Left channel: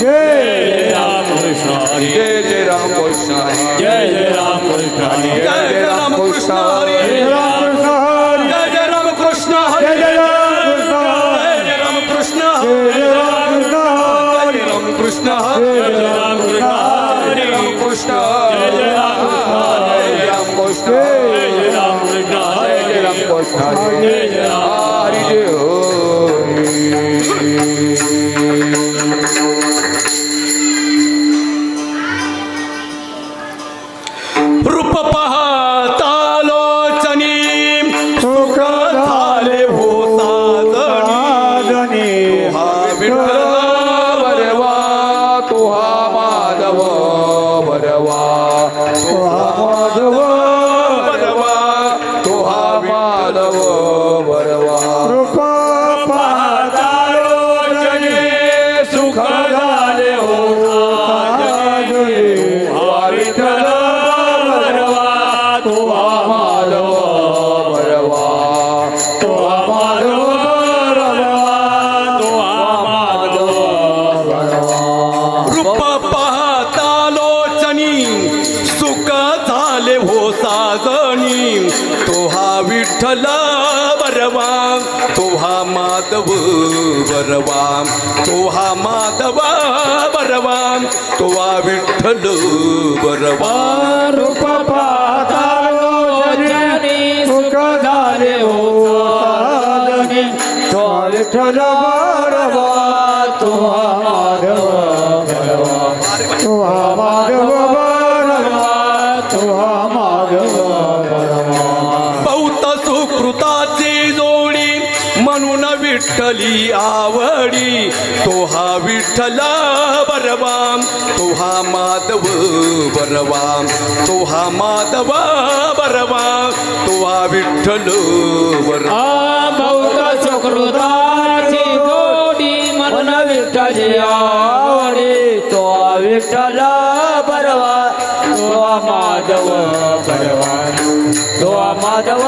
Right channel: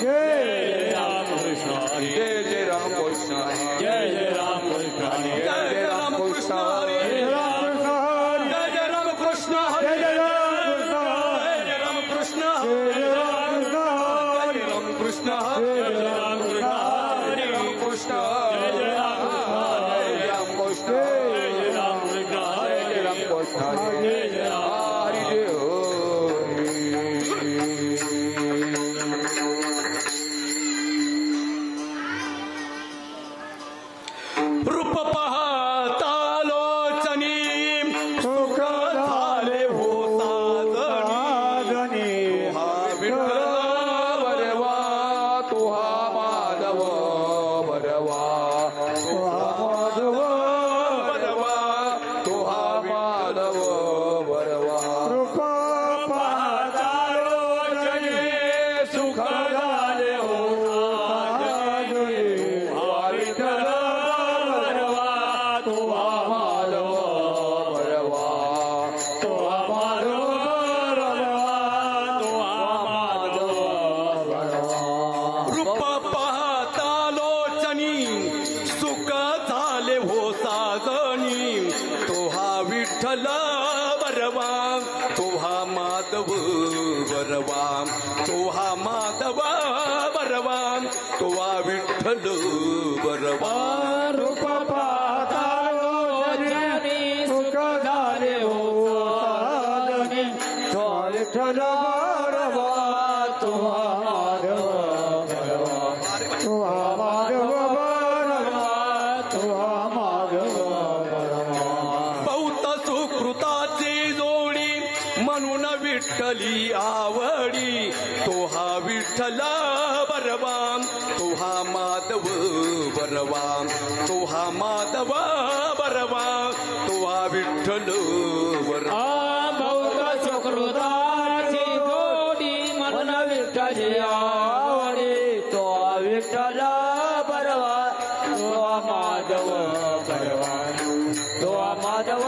जय राम कृष्ण हरी जय जय राम कृष्ण जय जय राम कृष्ण हरी जय जय राम कृष्ण हरी जय जय राम कृष्ण हरी जय जय राम कृष्ण जय राम कृष्ण हरे राम कृष्ण जय जय राम कृष्ण जय राम कृष्ण जय जय राम कृष्ण जय जय हरि जय रूप पाहतालोचनी सुख झाले हो साधनी हा विठ्ठल बरवा तुहा माधव बरवा तुहा माधव बरवा तुहा माधव बरवा रूप पाहतालोचनी सुख झाले हो साधनी हा विठ्ठल विठ्ठल बरवा तोहा माधव बरवा तोहा माधव बरवा तोहा विठ्ठल बरवा रूप पाहतालोचनी सुख झाले हो साधनी तोहा विठ्ठल बरवा तोहा माधव बरवा तोहा माधव बरवा तोहा माधव सुकृताची जोडी म्हणून विठ्ठली आवडी तोहा विठ्ठल बरवा तोहा माधव बरवा तोहा माधव बरवा तोहा विठ्ठल बरवा बहुत सुकृताची जोडी म्हणून विठ्ठली आवडी तोहा विठ्ठल बरवा तोहा माधव बरवा तोहा माधव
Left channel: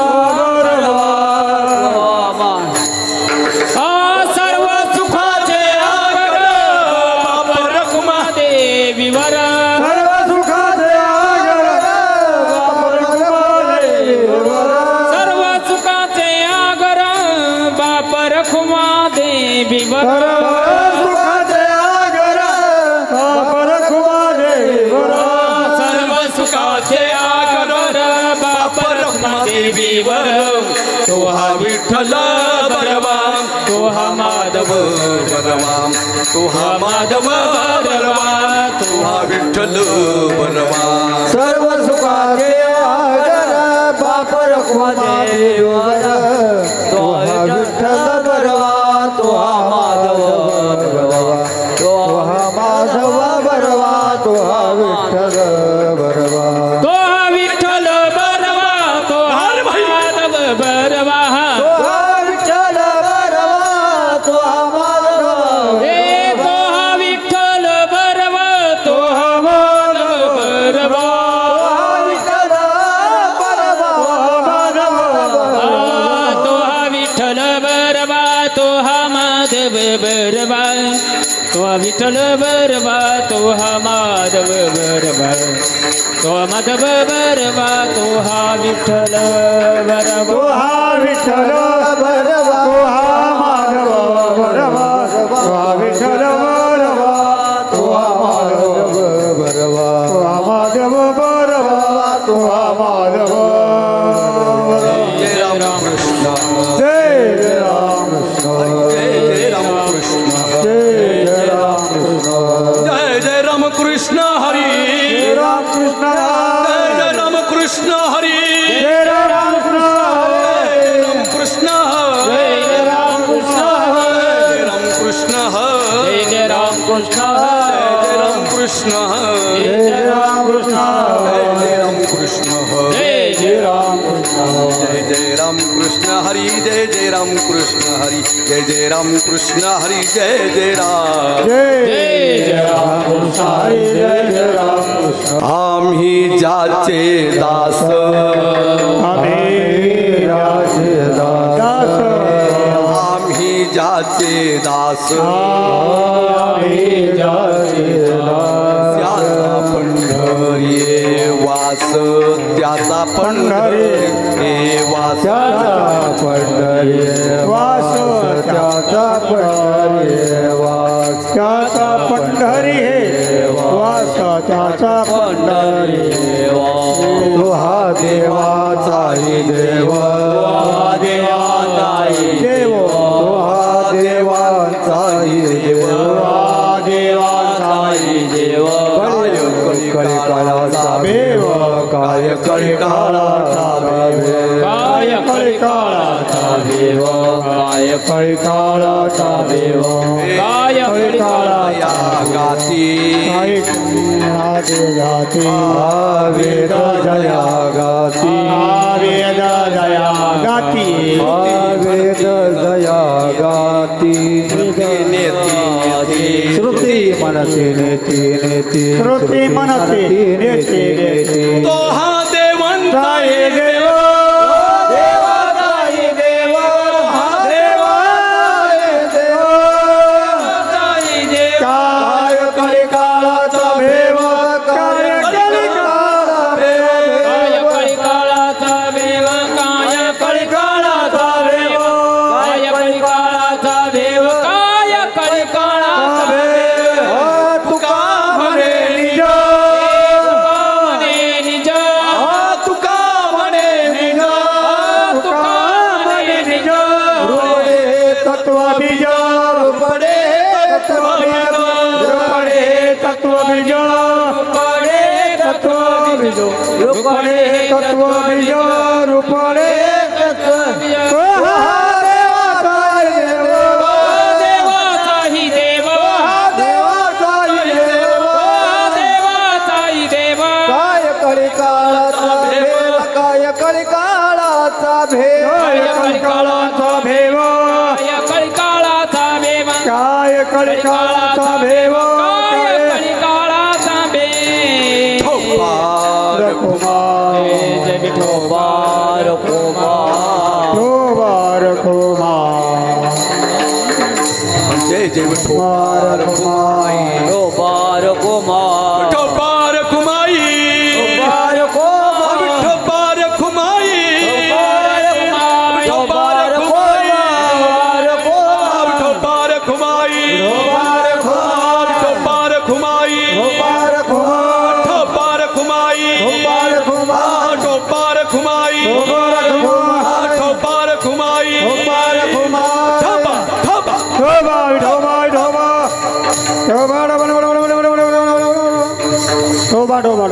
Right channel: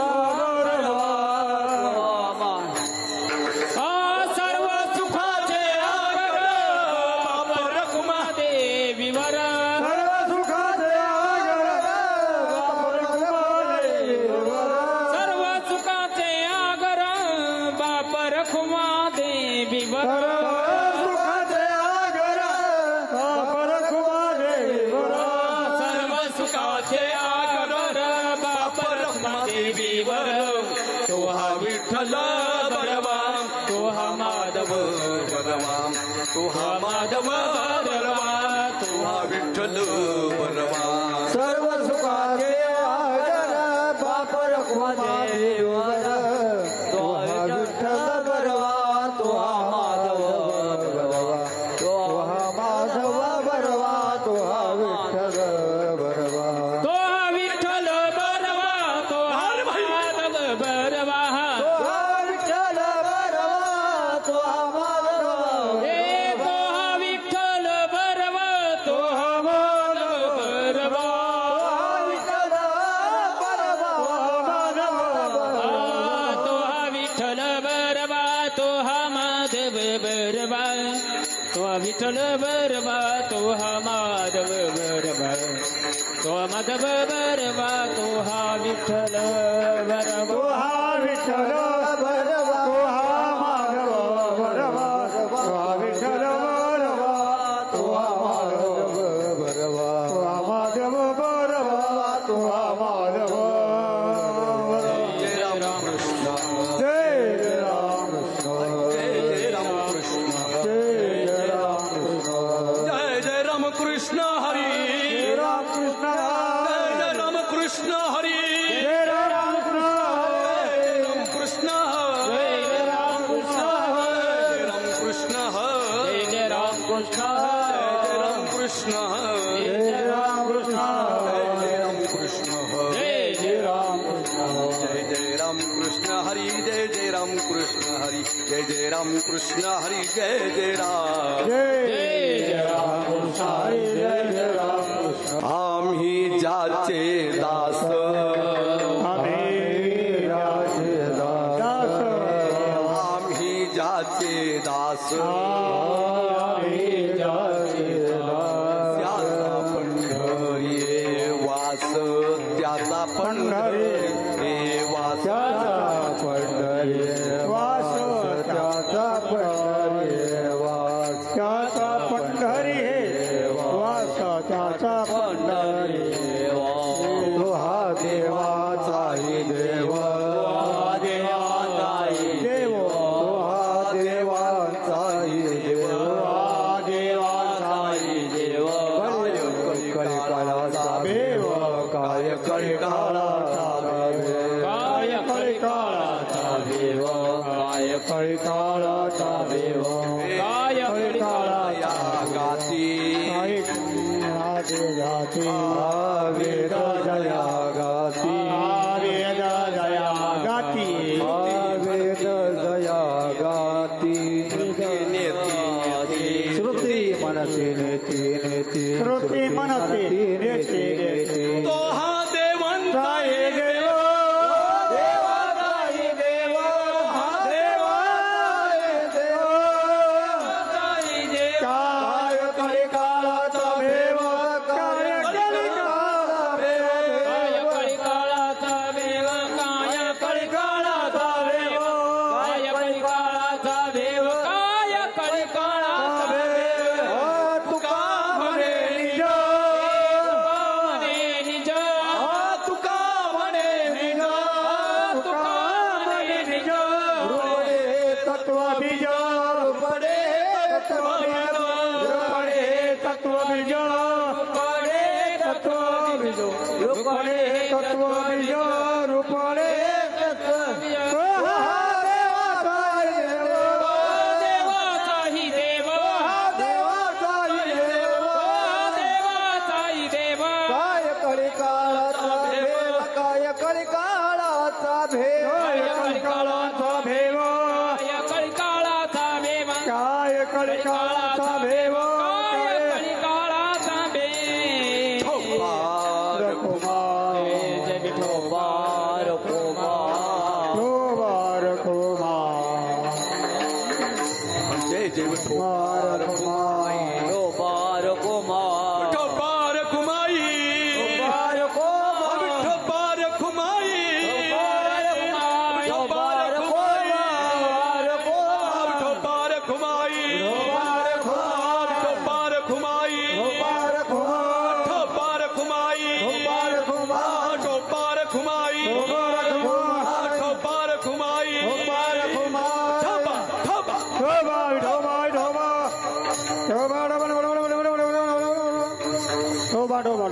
तोहा विठ्ठल बरवा तोहा माधव बरवा तोहा माधव बरवा तोहा विठ्ठल बरवा सर्व सुखाचे आगर बाप रखुमा देवर तोहा विठ्ठल बरवा तोहा माधव बरवा तोहा माधव बरवा तोहा विठ्ठल बरवा विठ्ठल बरवा तोहा माधव बरवा तोहा माधव बरवा तोहा विठ्ठल बरवा तोहा विठ्ठल बरवा तोहा माधव बरवा तोहा विठ्ठल बरवा तोहा माधव बरवा तोहा माधव बरवा तोहा माधव जय राम कृष्ण जय राम कृष्ण जय राम कृष्ण जय जय राम कृष्ण हरी जय राम कृष्ण जय जय राम कृष्ण हरी जय राम कृष्ण जय राम कृष्ण जय राम कृष्ण जय जय राम कृष्ण जय राम कृष्ण जय राम कृष्ण जय राम कृष्ण जय जय राम कृष्ण जय जय राम कृष्ण हरी जय जय राम कृष्ण हरी जय जय राम कृष्ण हरी जय जय राम कृष्ण हरी जय जय राम कृष्ण आम्ही जाचे दास आम्ही जाचे दास आम्ही जाचे दास आम्ही जाचे देव कलिकालाचा भेव काय कलिकालाचा भेव काय कलिकालाचा देव काय कलिकालाचा भेव काय कलिकालाचा गाती गाती वेद जया गाती वेद जया गाती वेद जया गाती श्रुती मनसी नेती नेती श्रुती मनसी नेती नेती तो हा देवंत साई देव देवाताई देव हा देवाताई देव साई देव काय कलिकालाचा भेव काय कलिकालाचा भेव काय कलिकालाचा देव काय कलिकालाचा देव काय कलिकालाचा देव काय कलिकालाचा देव तुका म्हणे निज निज तुका म्हणे निज तुका म्हणे निज रूपडे तत्व बीज रूपडे तत्व बीज रूपडे तत्व बीज रूपडे तत्व बीज रूपडे तत्व बीज रूपडे तत्व बीज देवाचाही देव देवाचाही देव देवाचाही देव काय कलिकालाचा भेव काय कलिकालाचा भेव कलिकालाचा भेव काय कलिकालाचा देव काय कलिकालाचा भेव काय कलिकालाचा देव कुमार कुमार जय विठोबार कुमार कुमार कुमार जय जय कुमार कुमार विठोबार कुमार विठोबार खुमाई विठोबार कुमार विठोबार खुमाई विठोबार कुमार विठोबार खुमाई विठोबार खुमाई कुमार कुमार विठोबार खुमाई कुमार कुमार विठोबार खुमाई कुमार कुमार विठोबार खुमाई कुमार कुमार ठोबा ठोबा ढोबा ढोबा ढोबा ढोबा ढोबा ढोबा ढोबा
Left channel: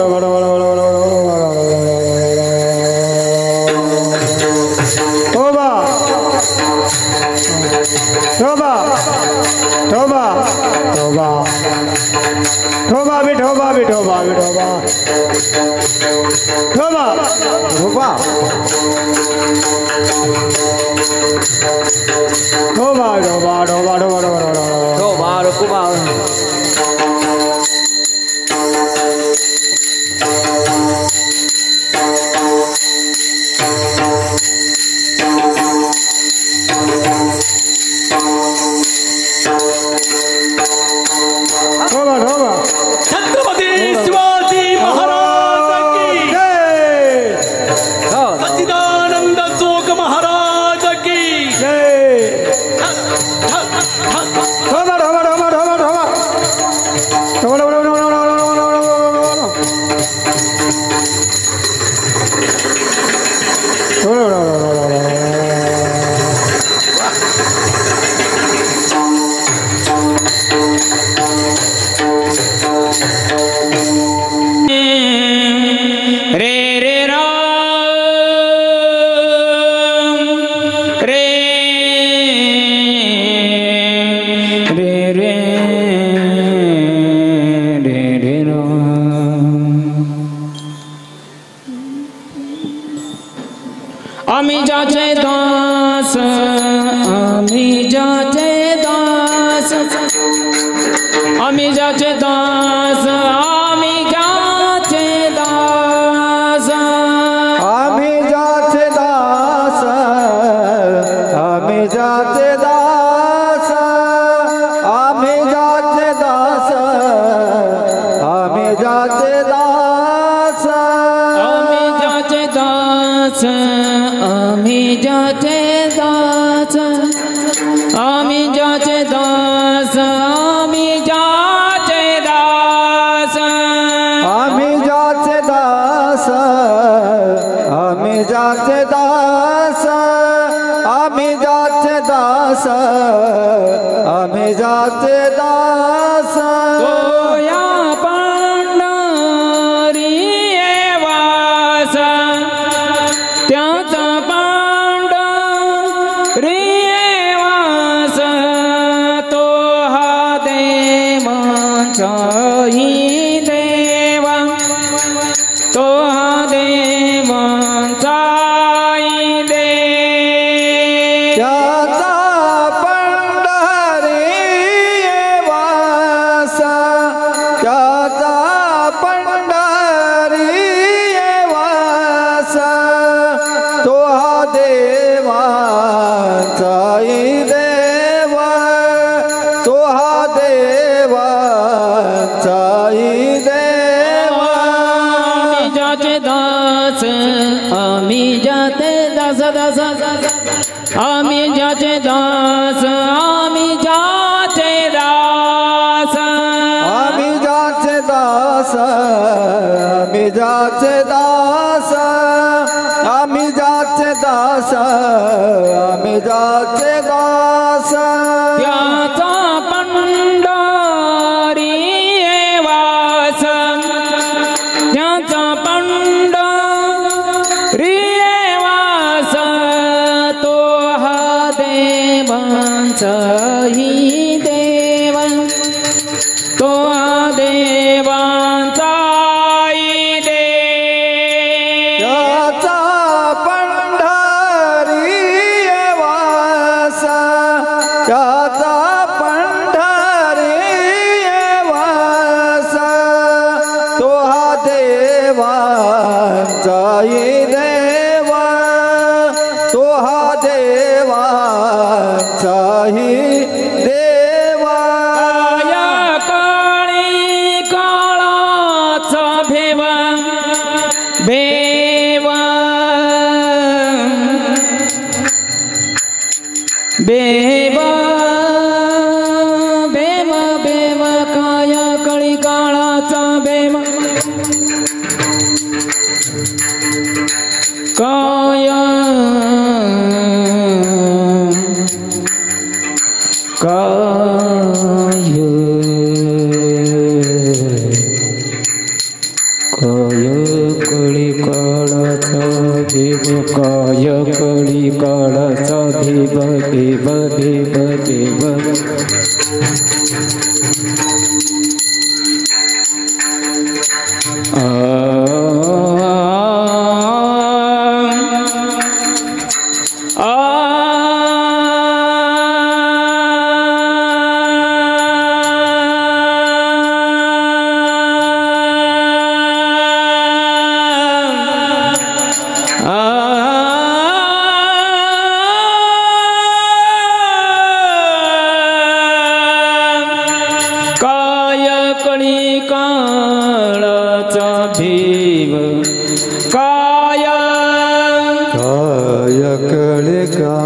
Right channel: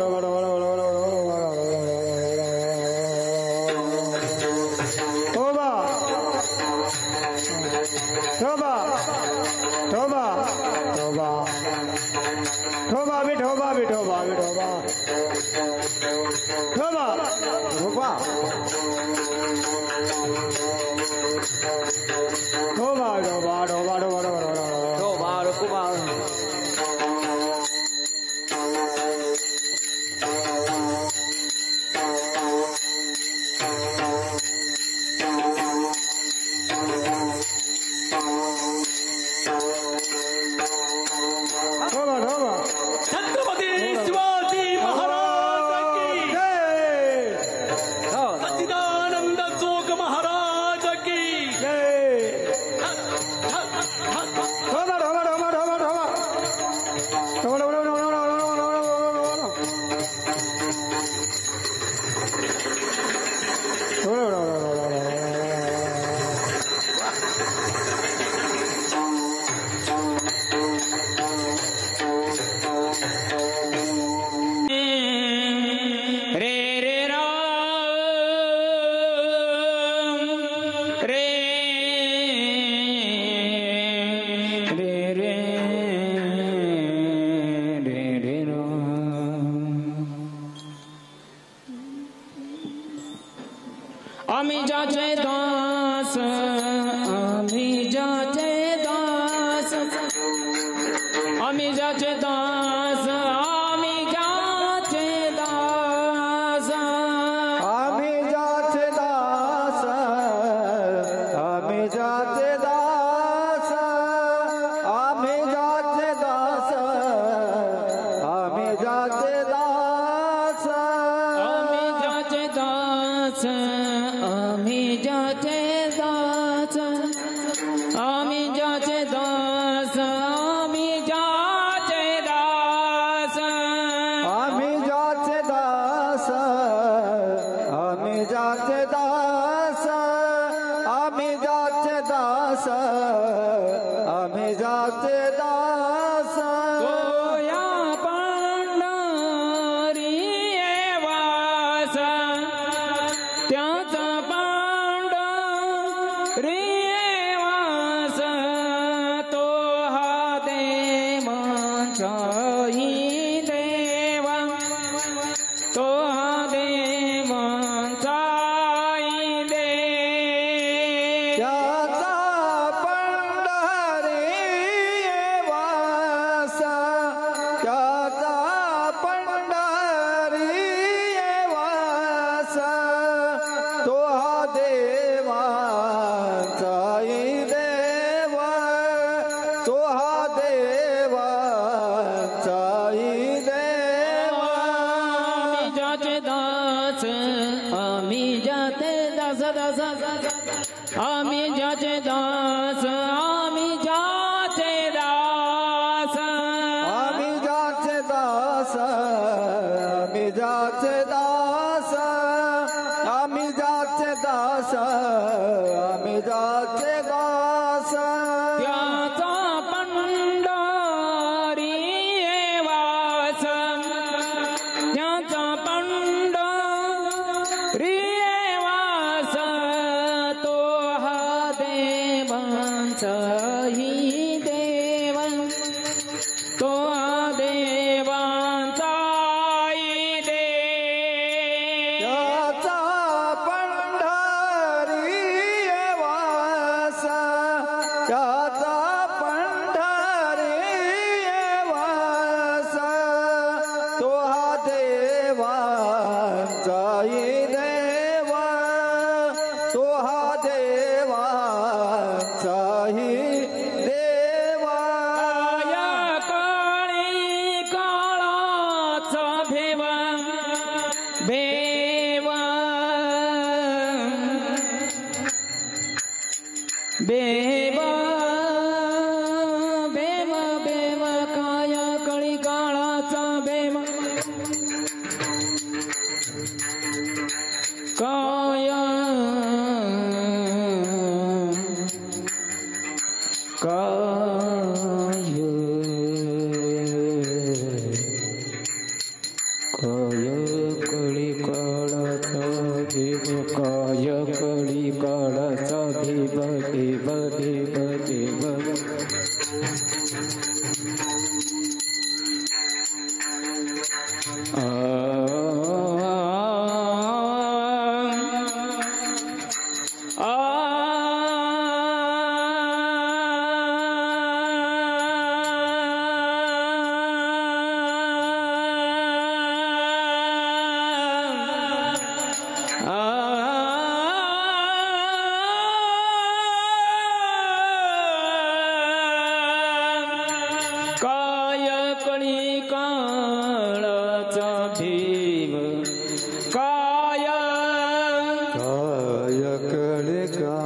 ढोबा ढोबा ढोबा ढोबा ढोबा भी ढोबा भी ढोबा भी ढोबा ढोबा ढोबा ढोबा ढोबा ढोबा ढोबा ढोबा विठोबार कुमार ढोबा ढोबा छत्रपती शिवाजी महाराज की जय सच्चिदानंद जोग महाराज की जय ढोबा ढोबा ढोबा ढोबा ढोबा ढोबा ढोबा ढोबा रे रे राम रे रे रे रे रे राम আমি যাচে দাস আমি যাচে দাস আমি যাচে দাস আমি যাচে দাস आम्ही जाते दास आम्ही जाते दास आम्ही जाते दास आम्ही जाते दास আমি যাচে দাস আমি যাচে দাস दास आम्ही ज्याचे दास आम्ही ज्याचे दास आम्ही ज्याचे दास आम्ही ज्याचे दास आम्ही ज्याचे दास आम्ही ज्याचे दास त्याचा पंढरी वास त्याचा पंढरी वास तो हा देवांचाही देव तो हा देवांचाही देव त्याचा पंढरी वास त्याचा पंढरी वास तो हा देवांचाही देव तो हा देवांचाही देवा या काळी काळाचा भेव भेव भेव भेव भेव काय काळी काळाचा भेव काय काय काय कळी काळाचा देव काय कळी काळाचा देव देव देव देव काय कळी काळाचा भेव काय काय कळी काळाचा भेव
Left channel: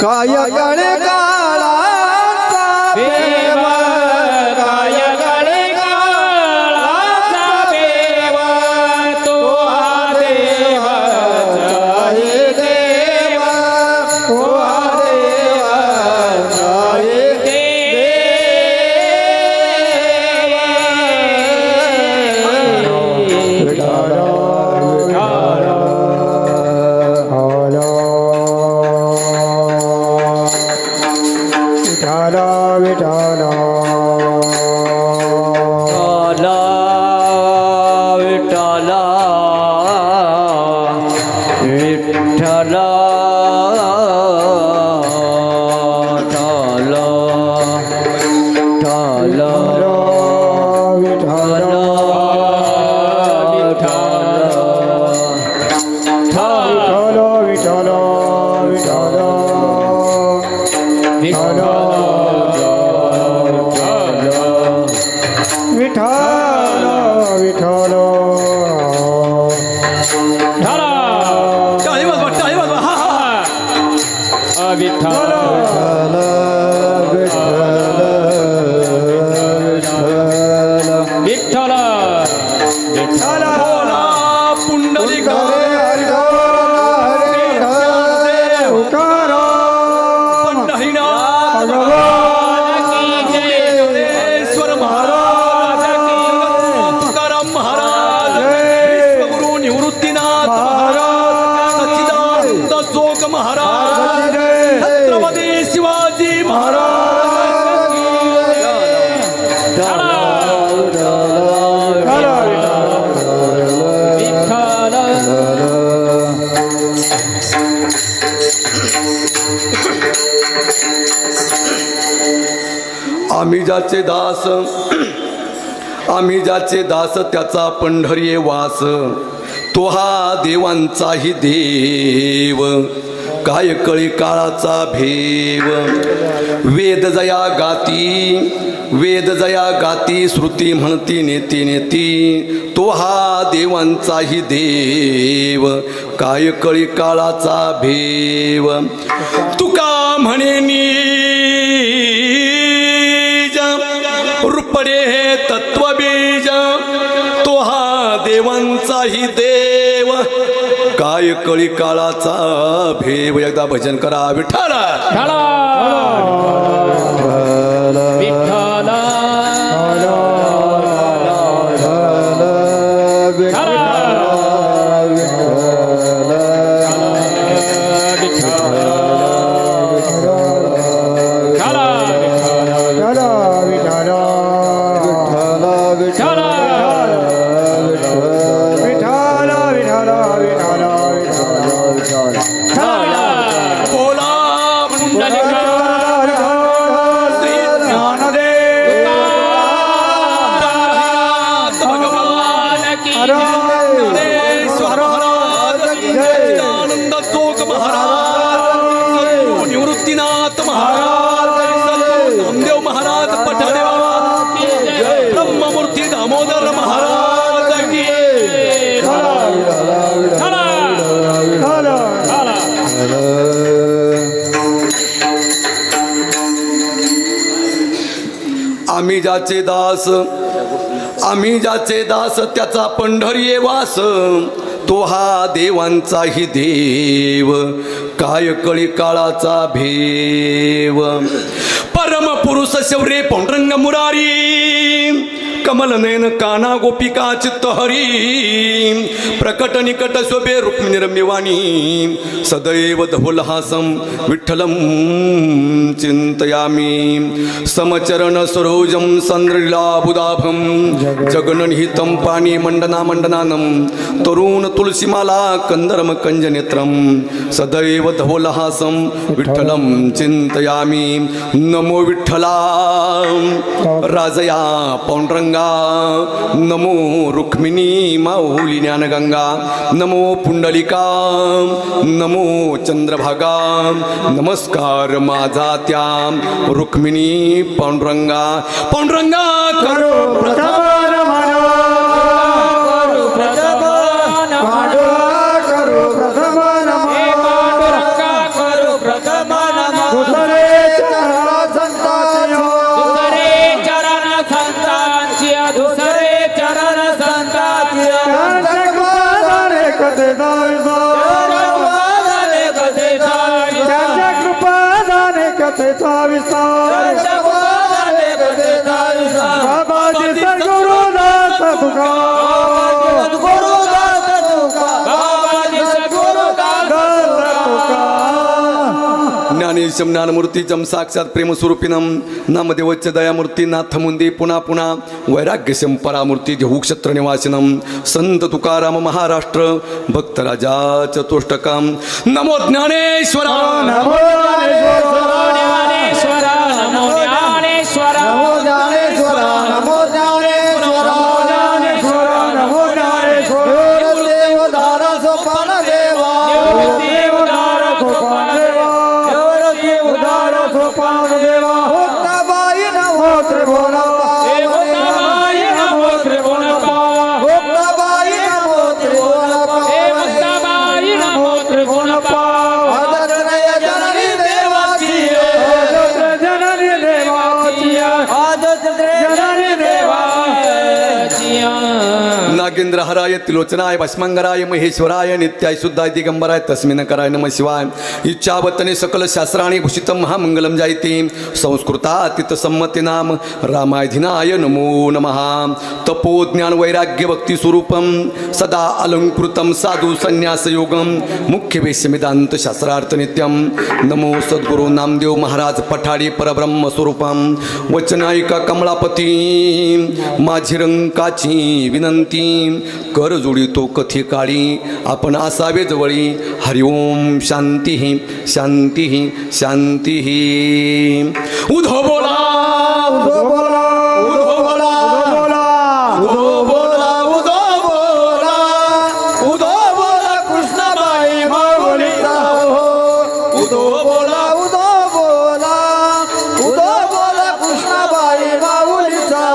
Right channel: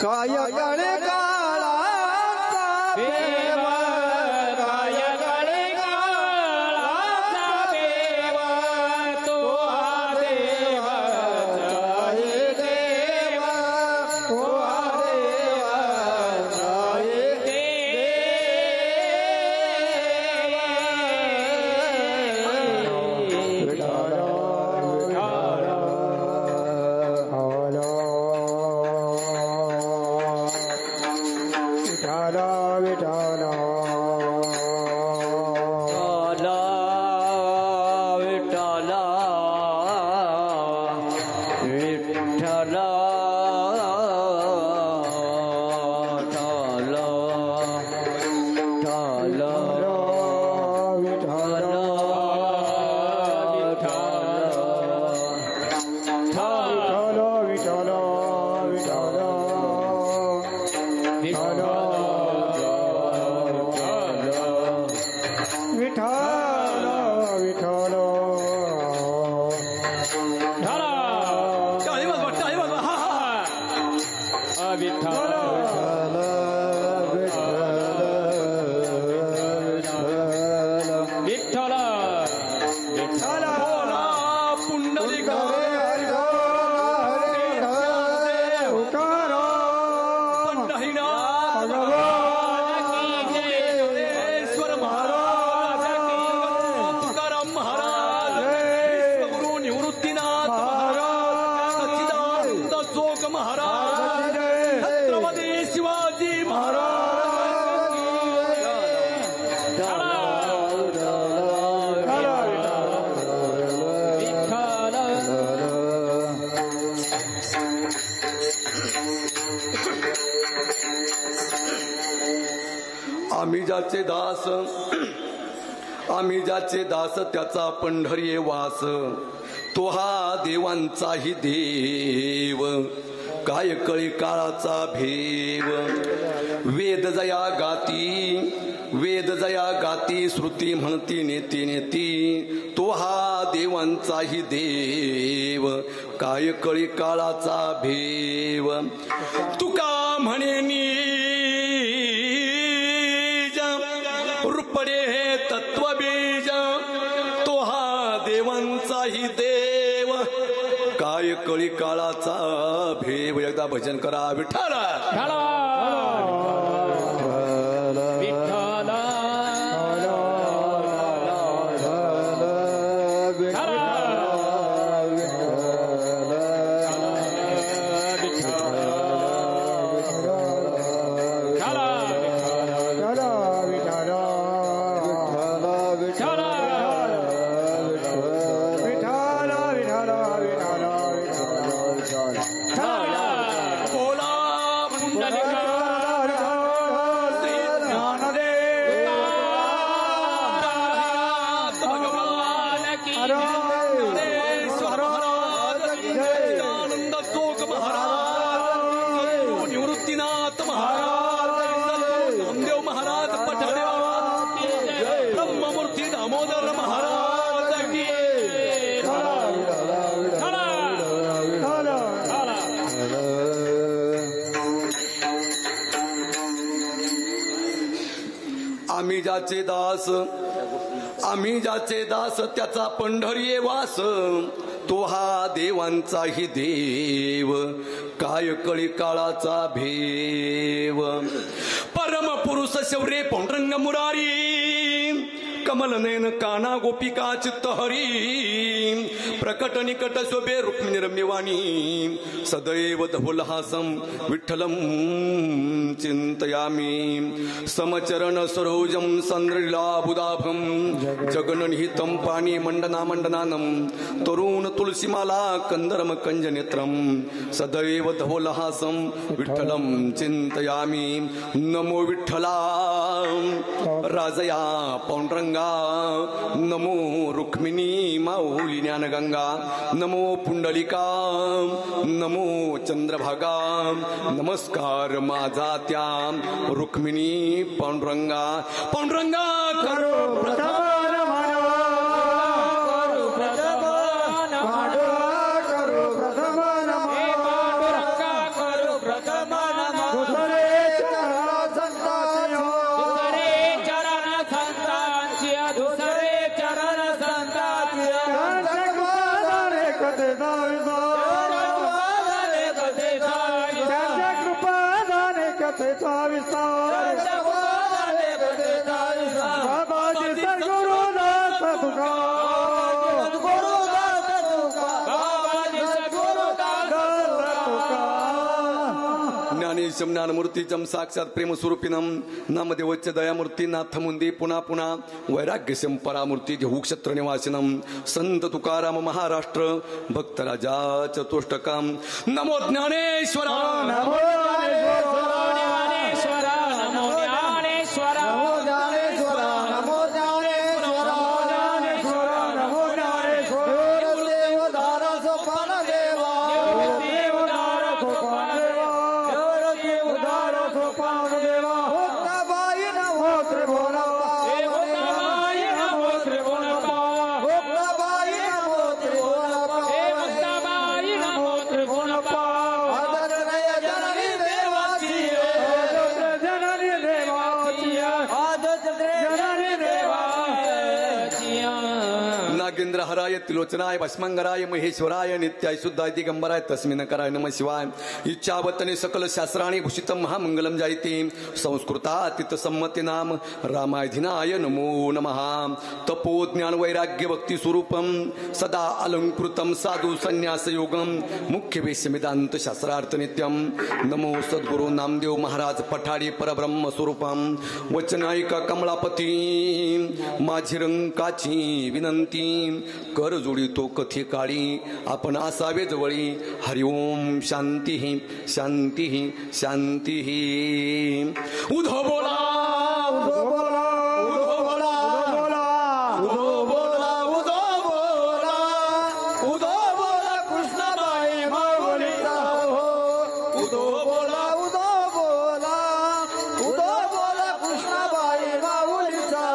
काय कळे काळाचा भेव काय कळी काळाचा भेव तो हा देवाचाही देव तो हा देवाचाही विठ्ठला आम्ही ज्याचे दास त्याचा पंढरी वास तो हा देवांचाही देव काय कळी काळाचा भेव वेद जया गाती श्रुती म्हणती नेती नेती तो हा देवांचाही देव काय कळी काळाचा भेव तुका म्हणे रूपडे हे तत्वबीज तो हा देवांचाही देव काय कळी काळाचा भेव एकदा भजन करा विठ्ठल आम्ही ज्याचे दास त्याचा पंढरी वास तो हा देवांचाही देव काय कळी काळाचा भेव परम पुरुष शौर्य पांडुरंग मुरारी कमल नयन काना गोपिका चित्तहरी प्रकट निकट शोभे रुक्मिणी रम्यवाणी सदैव धवलहासं विठ्ठलं चिंतयामि समचरण सरोजं संद्रलीलाबुदाभं जगन्निहितं पाणि मंडना मंडनानं तरुण तुलसीमाला कंदरम कंजनेत्रं सदैव धवलहासं विठ्ठलं चिंतयामि नमो विठ्ठला राजया पांडुरंगा नमो रुक्मिणी माऊली ज्ञानगंगा नमो पुंडलिका नमो चंद्रभागा नमस्कार माझा त्या रुक्मिणी पांडुरंगा पांडुरंगा करो ज्ञानमूर्तीचं साक्षात प्रेमस्वरूपिनं नामदेवच्च दयामूर्ती नाथमुंदे पुन्हा पुन्हा वैराग्यशं परामूर्ती देहू क्षेत्र निवासिनं संत तुकाराम महाराष्ट्र भक्तराजा चतुष्टकं नमो ज्ञानेश्वरा नमो ज्ञानेश्वरा नमो ज्ञानेश्वरा नमो ज्ञानेश्वरा नमो ज्ञानेश्वरा नमो ज्ञानेश्वरा देवदार सोपान देवा देवदार सोपान देवा पावन देवा भोक्ताबाई नमो त्रिभुवन भोक्ताबाई नमो त्रिभुवन पावन भोक्ताबाई नमो त्रिभुवन भोक्ताबाई नमो त्रिभुवन पावन आदरणीय जननी देवाची जननी देवाची जननी देवाची नागेंद्र हराय त्रिलोचनाय भस्मंगराय महेश्वराय नित्याय शुद्धाय दिगंबराय तस्मिन् कराय नमः शिवाय इच्छावतने सकल शास्त्राणि भूषितं महामंगलम जायते संस्कृतातीत संमति नाम रामाधिनाय नमो नमः तपो ज्ञान वैराग्य भक्ति स्वरूपम सदा अलंकृतं साधु संन्यास योगम मुख्य वेश्यमिदांत शास्त्रार्थ नित्यम नमो सद्गुरु नामदेव महाराज पठाडी परब्रह्म स्वरूपम वचनायिका कमलापती माझी रंकाची विनंती कर जोडितो कथी काळी आपण असावे जवळी हरिओम शांती शांती शांती उधो बोला उधो बोला उधो बोला उधो बोला उधो बोला उधो बोला कृष्णाबाई माऊलीचा उधो बोला उधो बोला उधो बोला कृष्णाबाई माऊलीचा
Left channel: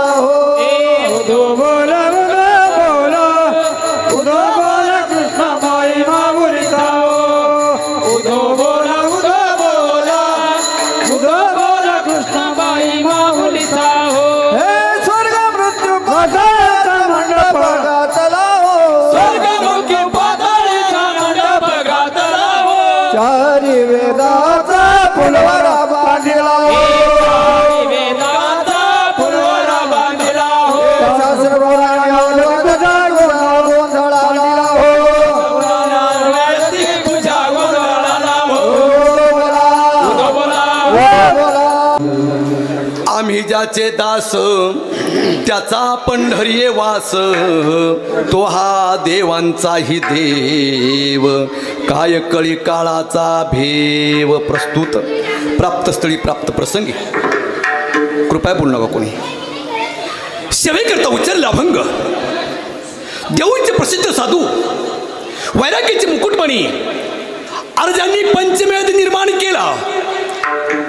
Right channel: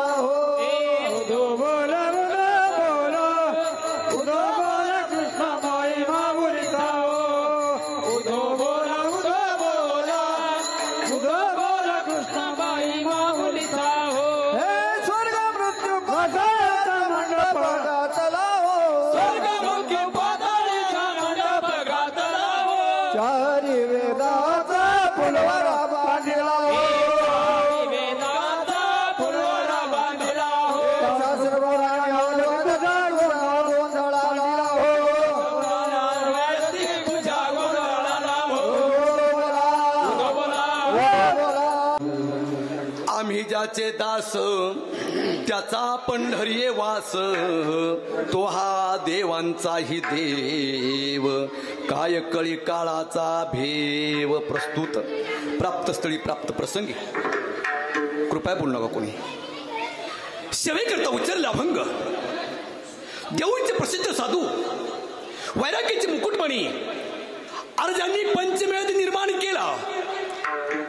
उधो बोला चारी वेदाचा फुलवरा बांधिला वेदांचा फुलवरा बांधिला शास्त्र आम्ही ज्याचे दास त्याचा पंढरीये वास तो हा देवांचाही देव काय कळी काळाचा भेव प्रस्तुत प्राप्तस्थळी प्राप्त प्रसंगी कृपया बोलू नका कोणी सेवेकरता उच्चारला अभंग देऊंचे प्रसिद्ध साधू वैराग्याचे मुकुटमणी अर्जांनी पंचमेध निर्माण केला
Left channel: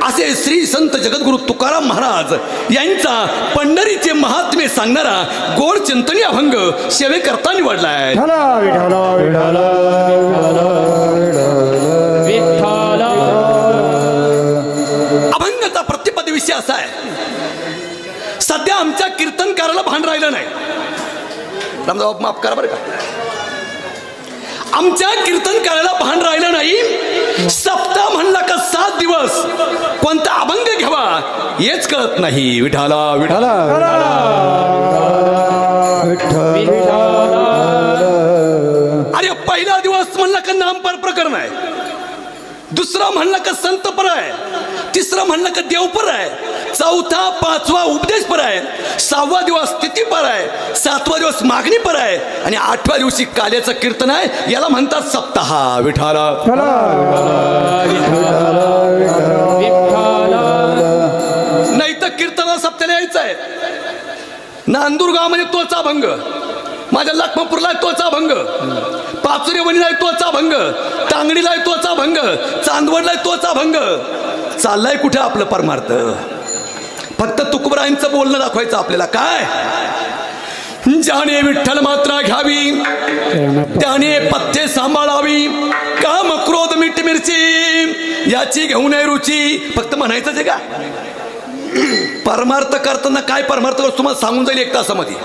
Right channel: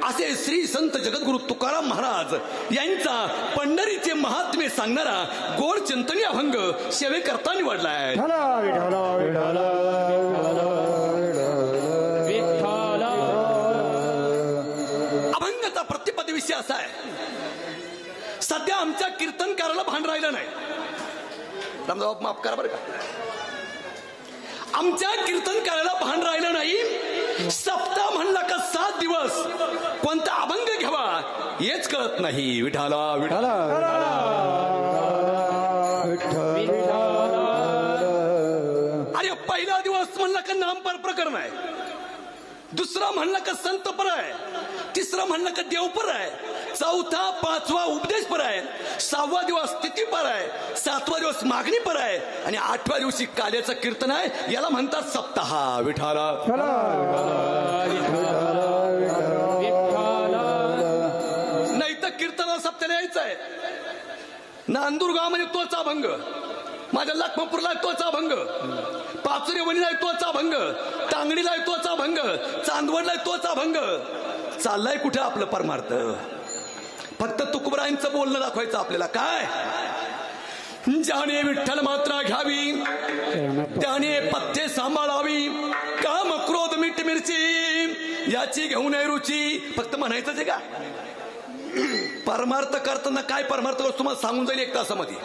असे श्री संत जगद्गुरु तुकाराम महाराज यांचा पंढरीचे महात्म्य सांगणारा गोड चिंतनी अभंग सेवेकरता निवडलाय. अभंगाचा प्रतिपद विषय असा आहे सध्या आमच्या कीर्तनकाराला भान राहिलं नाही. रामदाव माफ करा बरं का. आमच्या कीर्तनकाराला भान राहिलं नाही. सप्ताह म्हणला का 7 दिवस कोणता अभंग घ्यावा हेच कळत नाही. विठाला विठाला अरे पहिला दिवस म्हणला का नामपर प्रकरण आहे, दुसरा म्हणला का संतपर आहे, तिसरा म्हणला का देवपर आहे, चौथा पाचवा उपदेशपर आहे, 6वा दिवस स्थितीपर आहे, 7वा दिवस मागणीपर आहे आणि 8व्या दिवशी काल्याचं कीर्तन आहे. याला म्हणतात सप्ताह. विठाला नाही तर कीर्तनाला सप्त्याला यायचं आहे. नांदुरगाव म्हणजे तोचा भंग, माझ्या लखमापूरला तोचा भंग, पाचोरी वणीला तोचा भंग, तांगडीला तोचा भंग, चांदवडला तोचा भंग. चाललाय कुठे आपलं परमार्थ? फक्त तुकोबरायांचं बोलणं दाखवायचं आपल्याला. काय ज्याने विठ्ठल मात्रा घ्यावी त्याने पथ्ये सांभाळावी, काम क्रोध मीठ मिरची याची घेऊ नये रुची. फक्त म्हणायचंच आहे का? परमार्थ करताना काय परमार्थ करतो तुम्हाला सांगून जाईल 1 तासामध्ये.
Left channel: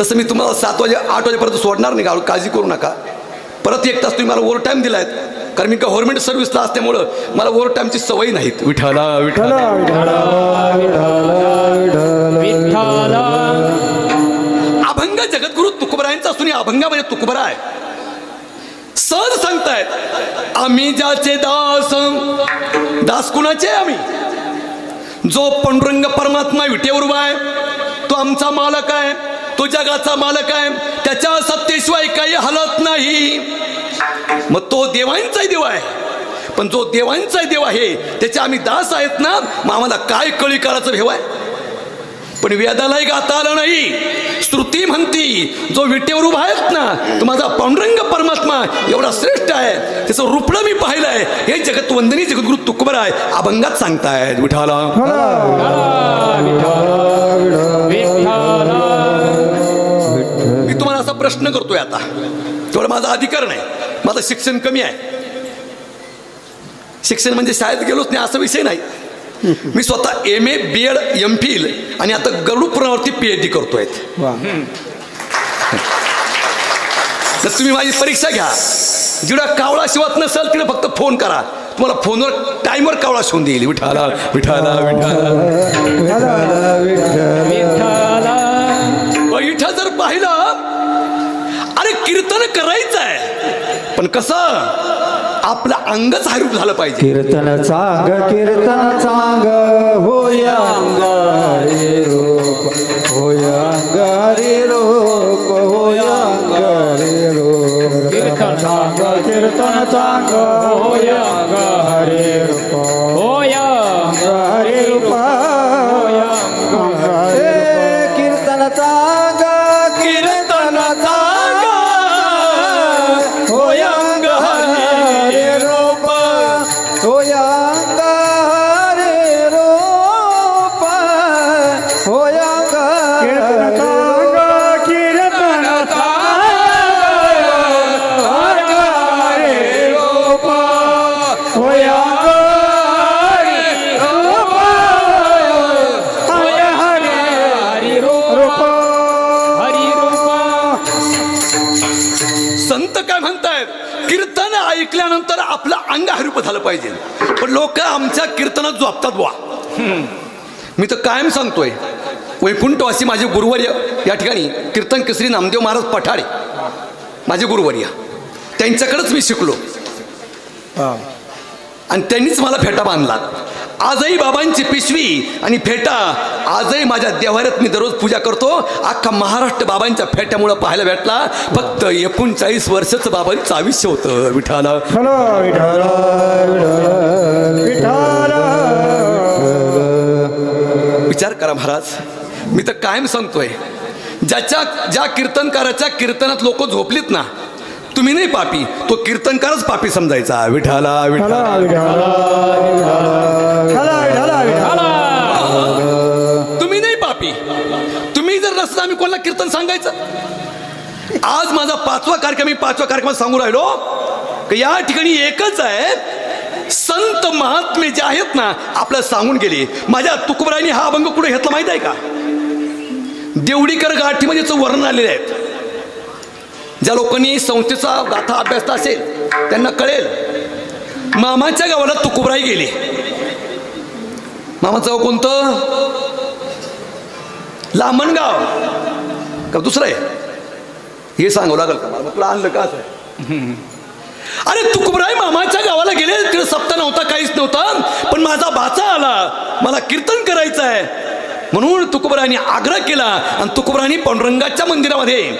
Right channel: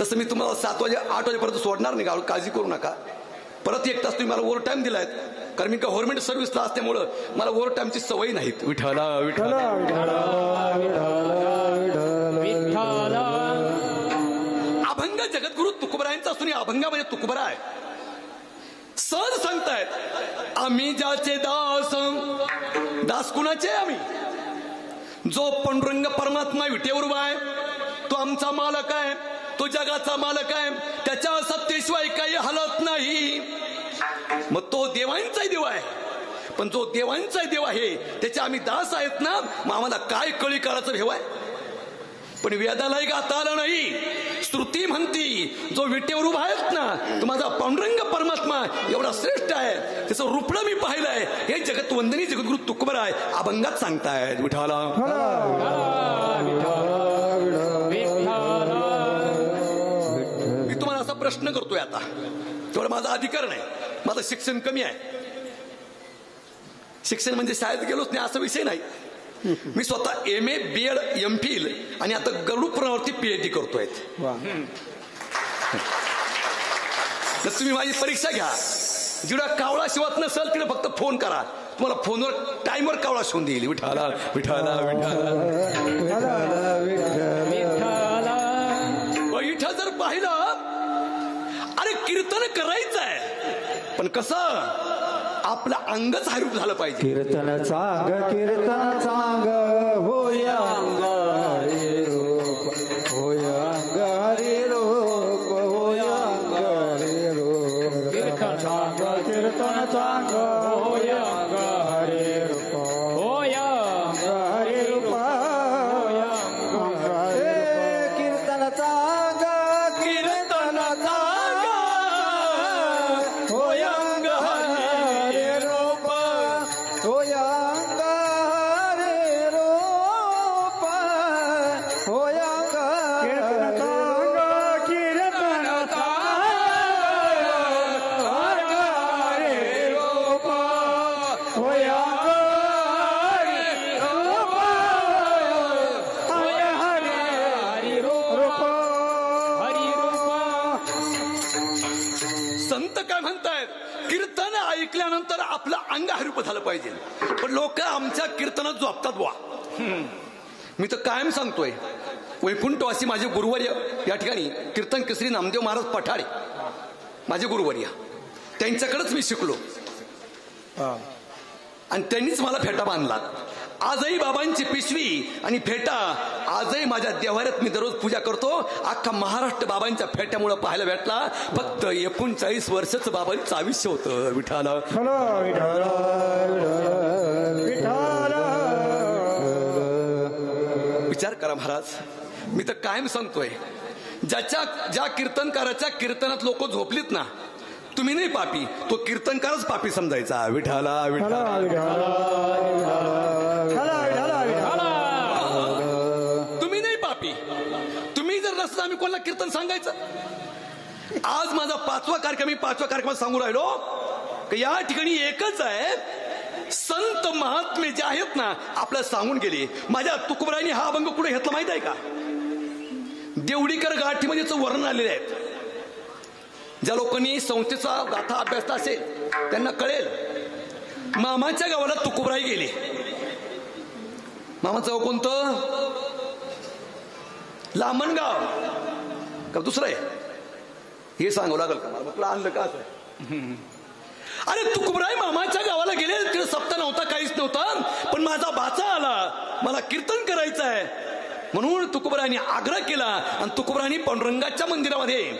तसं मी तुम्हाला 7 वाजे 8 वाजेपर्यंत सोडणार नाही, काळजी करू नका. परत 1 तास तुम्ही मला ओव्हर टाईम दिलायत, कारण मी गव्हर्नमेंट सर्व्हिसला असल्यामुळं मला ओव्हर टाईमची सवय नाहीत. विठाला विठाला अभंग जगद्गुरु तुकोबरायांचा असून अभंगामध्ये तुकोबरा आहे. सहज सांगतायत आम्ही ज्याचे दास. दास कुणाचे? आम्ही. जो पांडुरंग परमात्मा विटेवर उभा आहे तो आमचा मालक आहे, तो जगाचा मालक आहे, त्याच्या सत्तेशिवाय काही हलत नाही. मग तो देवांचाही देव आहे, पण जो देवांचाही देव आहे त्याचे आम्ही दास आहेत ना. मग आम्हाला काय कळी काळाचं भेव आहे? पण वेदालाही गाता आलं नाही. श्रुती म्हणती जो विटेवर उभा आहेत ना तो माझा पांडुरंग परमात्मा एवढा श्रेष्ठ आहे, त्याचं रूपडं मी पाहिलंय. हे जगतवंदनी जगद्गुरु तुकोबराय अभंगात सांगतायत. विठाला मी तुम्हाला असा प्रश्न करतोय आता, तेवढा माझा अधिकार नाही, माझं शिक्षण कमी आहे. शिक्षण म्हणजे शाळेत गेलोच नाही असा विषय नाही. मी स्वतः MA BEd MPhil आणि आता गरुड पुराणावरती PhD करतोय. तर तुम्ही माझी परीक्षा घ्या. जिकडं कावळा शिवत नसेल तिकडे फक्त फोन करा, तुम्हाला फोनवर टाइमवर कावळा शिवून देईल. विठाला विठाला विठाला इथं जर पाहिलं, अरे कीर्तन करायचं आहे पण कसं आपलं अंगच हरूप झालं पाहिजे. कीर्तन चांग होय अंग हरी रूप, होय अंग हरी रूप, होय अंग हरी रूप. कीर्तन चांग होय अंग हरी रूप, होय अंग हरी रूप, होय अंग हरी. कीर्तन चांग होय अंग हरी रूप, होय अंग हरी रूप, होय अंग संत काय म्हणतायत, कीर्तन ऐकल्यानंतर आपलं अंग हरूप झालं पाहिजे. पण लोक आमच्या कीर्तनात झोपतात बुवा. मी तर कायम सांगतोय, वैकुंठवासी माझे गुरुवर्य या ठिकाणी कीर्तन केसरी नामदेव महाराज पठारे माझे गुरुवर्य, त्यांच्याकडेच मी शिकलो आणि त्यांनीच मला फेटा बांधला. आजही बाबांची पिशवी आणि फेटा आजही माझ्या देवाऱ्यात मी दररोज पूजा करतो. अख्खा महाराष्ट्र बाबांच्या फेट्यामुळे पाहायला भेटला. फक्त 39 वर्षाचं बाबांचं आयुष्य होतं. विठाला विचार करा महाराज. मी तर कायम सांगतोय, ज्या कीर्तनकाराच्या कीर्तनात लोक झोपलीत ना, तुम्ही नाही पापी, तो कीर्तनकारच पापी समजायचा. विठाला विठाला तुम्ही नाही पापी. तुम्ही जर नसता आम्ही कोणाला कीर्तन सांगायचं. आज माझा 5वा कार्यक्रम, मी 5व्या कार्यक्रमात सांगू राहिलो की या ठिकाणी एकच आहे, संत महात्मे जे आहेत ना आपल्याला सांगून गेले. माझ्या तुकोबरायांनी हा अभंग कुठे घेतला माहित आहे का? देवडीकर गाठीमध्ये याचं वर्णन आलेले आहेत. ज्या लोकांनी संस्थेचा गाथा अभ्यासला असेल त्यांना कळेल. मामाच्या गावाला तुकोबराई गेले. मामाचं गाव कोणतं? लामणगाव का दुसरं आहे हे सांगावं लागेल का मला? म्हटलं आणलं का असं? अरे तुकोबराई मामाच्या गावाला गेले. तिकडे सप्ताह नव्हता, काहीच नव्हता. पण माझा भाचा आला, मला कीर्तन करायचं आहे म्हणून तुकोबरायांनी आग्रह केला. आणि तुकोबरायांनी पांडुरंगाच्या मंदिरामध्ये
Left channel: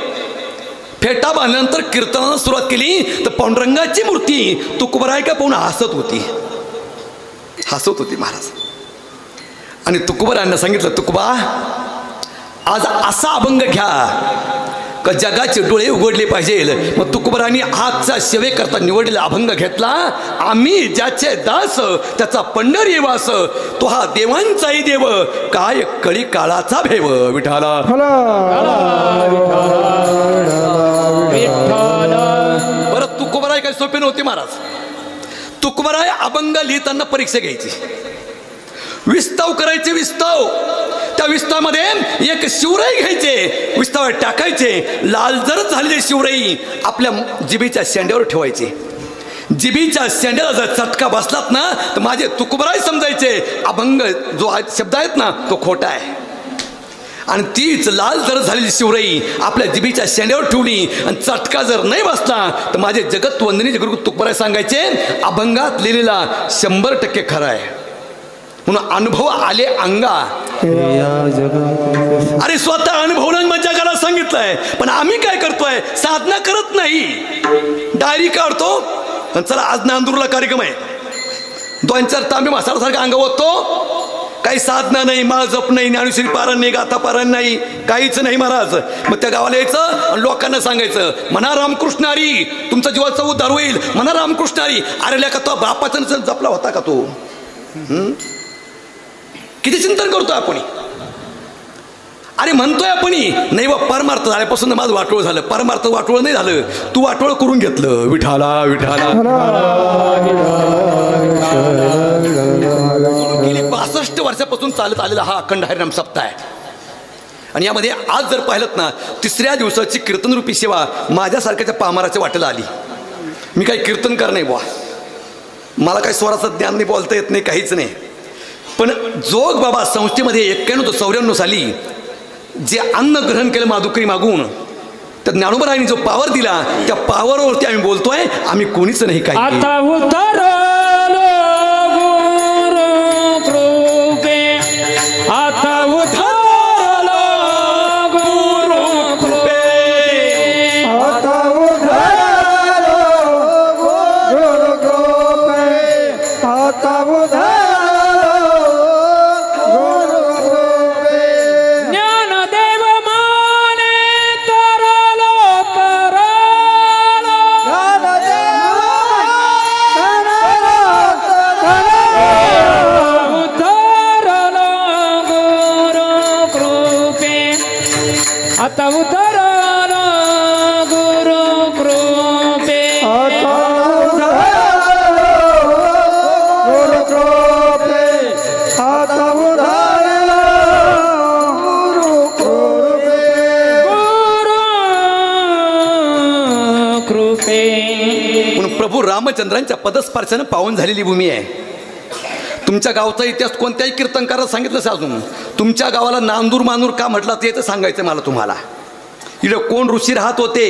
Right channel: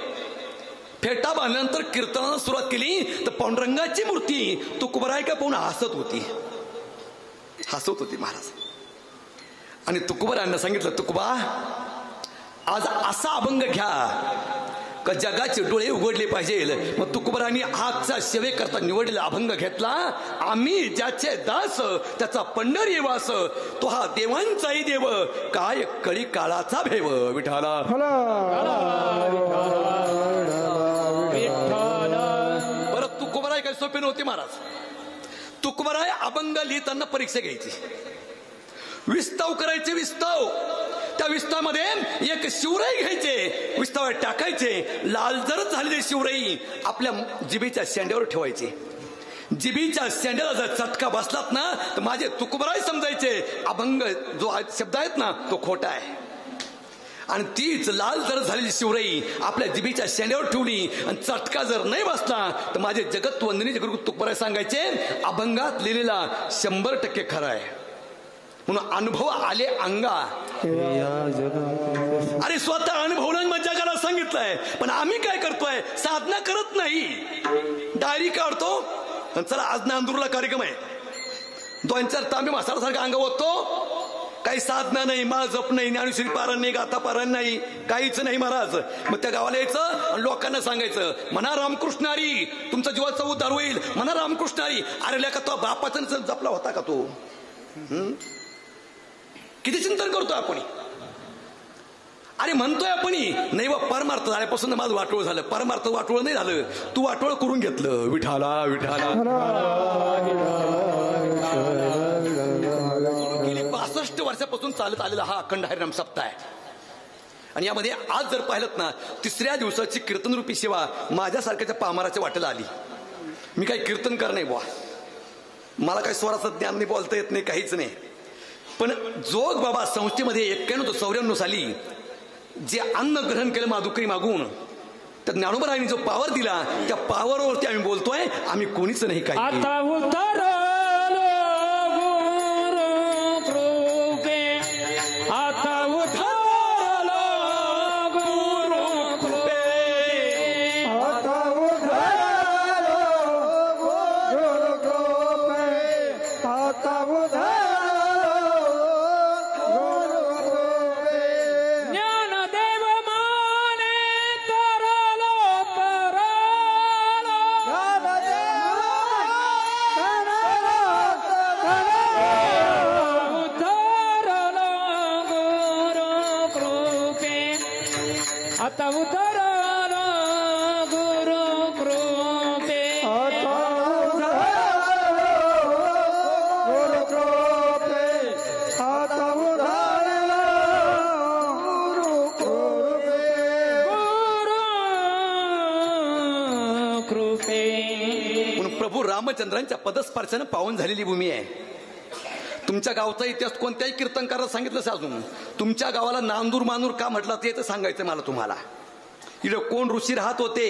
फेटा बांधल्यानंतर कीर्तनाला सुरुवात केली. तर पांडुरंगाची मूर्ती तुकोबराय का पाहून हसत होती महाराज. आणि तुकोबरायांना सांगितलं, तुकोबा आज असा अभंग घ्या का जगाचे डोळे उघडले पाहिजे. मग तुकोबरायांनी आजचा सेवेकरता निवडलेला अभंग घेतला. आम्ही ज्याचे दास त्याचा पंढरी वास, तो हा देवांचाही देव, काय कळी काळाचा भेव. विठाला बरं. तुकोबराय काही सोपे नव्हते महाराज. तुकोबराय अभंग लिहिताना परीक्षा घ्यायची, विस्ताव करायचे. विस्ताव, त्या विस्तावामध्ये एक शिवराई घ्यायचे, विस्तावर टाकायचे. लाल जर झालेली शिवराई आपल्या जिभेच्या शेंड्यावर ठेवायची. जिभेच्या शेंड्याला जर चटका बसलात ना तर माझे तुकोबराय समजायचे अभंग जो शब्द आहेत ना तो खोटा आहे. आणि तीच लाल जर झालेली शिवराई आपल्या जिभेच्या शेंड्यावर ठेवली आणि चटका जर नाही बसला तर माझे जगत वंदनी गुरु तुकोबराय सांगायचे अभंगात लिहिलेला 100% खरा आहे. म्हणून अनुभव आले अंगा. अरे स्वतः अनुभवला मग जगाला सांगितलंय. पण आम्ही काय करतोय, साधना करत नाही, डायरी काढतो आणि चला आज नांदूरला कार्यक्रम आहे, 2-4 तांबे मसाल्यासारखा अंग ओततो काही साधना नाही, माळ जप नाही, ज्ञानेश्वरी पारायण नाही, गाथा पारायण नाही, काहीच नाही महाराज. मग त्या गावाला यायचं आणि लोकांना सांगायचं म्हणा रामकृष्ण हरी, तुमचा जीवाचा उद्धार होईल, म्हणा रामकृष्ण हरी. अरे ल्या का तो बापाचा जपला होता का तो? किती चिंतन करतोय आपण. अरे म्हणतोय आपण नाही बा परमार्थ झाल्यापासून माझं वाटोळ झालं. परमार्थ वाटोळ नाही झालं, तू वाटोळ करून घेतलं. विठाला विठाला. गेली 62 वर्षापासून चालत आलेला हा अखंड हरिनाम सप्ताह आहे. आणि यामध्ये आज जर पाहिलं ना, 3ऱ्या दिवसाची कीर्तनरूपी सेवा माझ्यासारख्याच्या पामाराच्या वाटेला आली. मी काही कीर्तनकार नाही बुवा, मला काही स्वराचं ज्ञान नाही, बोलता येत नाही, काहीच नाही. पण जोग बाबा संस्थेमध्ये 91-94 साली जे अन्न ग्रहण केलं माधुकरी मागून, तर ज्ञानोबरायांनी जो पावर दिला, त्या पावरवरती आम्ही बोलतोय. आम्ही कोणीच नाही काही. आता उतरलो गुरु कृपे, आता उतरलो गुरु कृपे, आता उधळलो गुरु कृपे, आता उधळलो गुरु कृपे. ज्ञानदेव माने तरलो तरलो, उतरलो गुरु कृपे, आता उतरलो गुरु कृपे. आता उधळलो गुरु कृपे, आता उधळलो गुरु कृपे. गुरु कृपे. म्हणून प्रभू रामचंद्रांच्या पदस्पर्शानं पावन झालेली भूमी आहे. तुमच्या गावचा इतिहास कोणत्याही कीर्तनकाराला सांगितलं असेल अजून. तुमच्या गावाला नांदूर मानूर का म्हटलं ते तर सांगायचं मला तुम्हाला. इकडे कोण ऋषी राहत होते,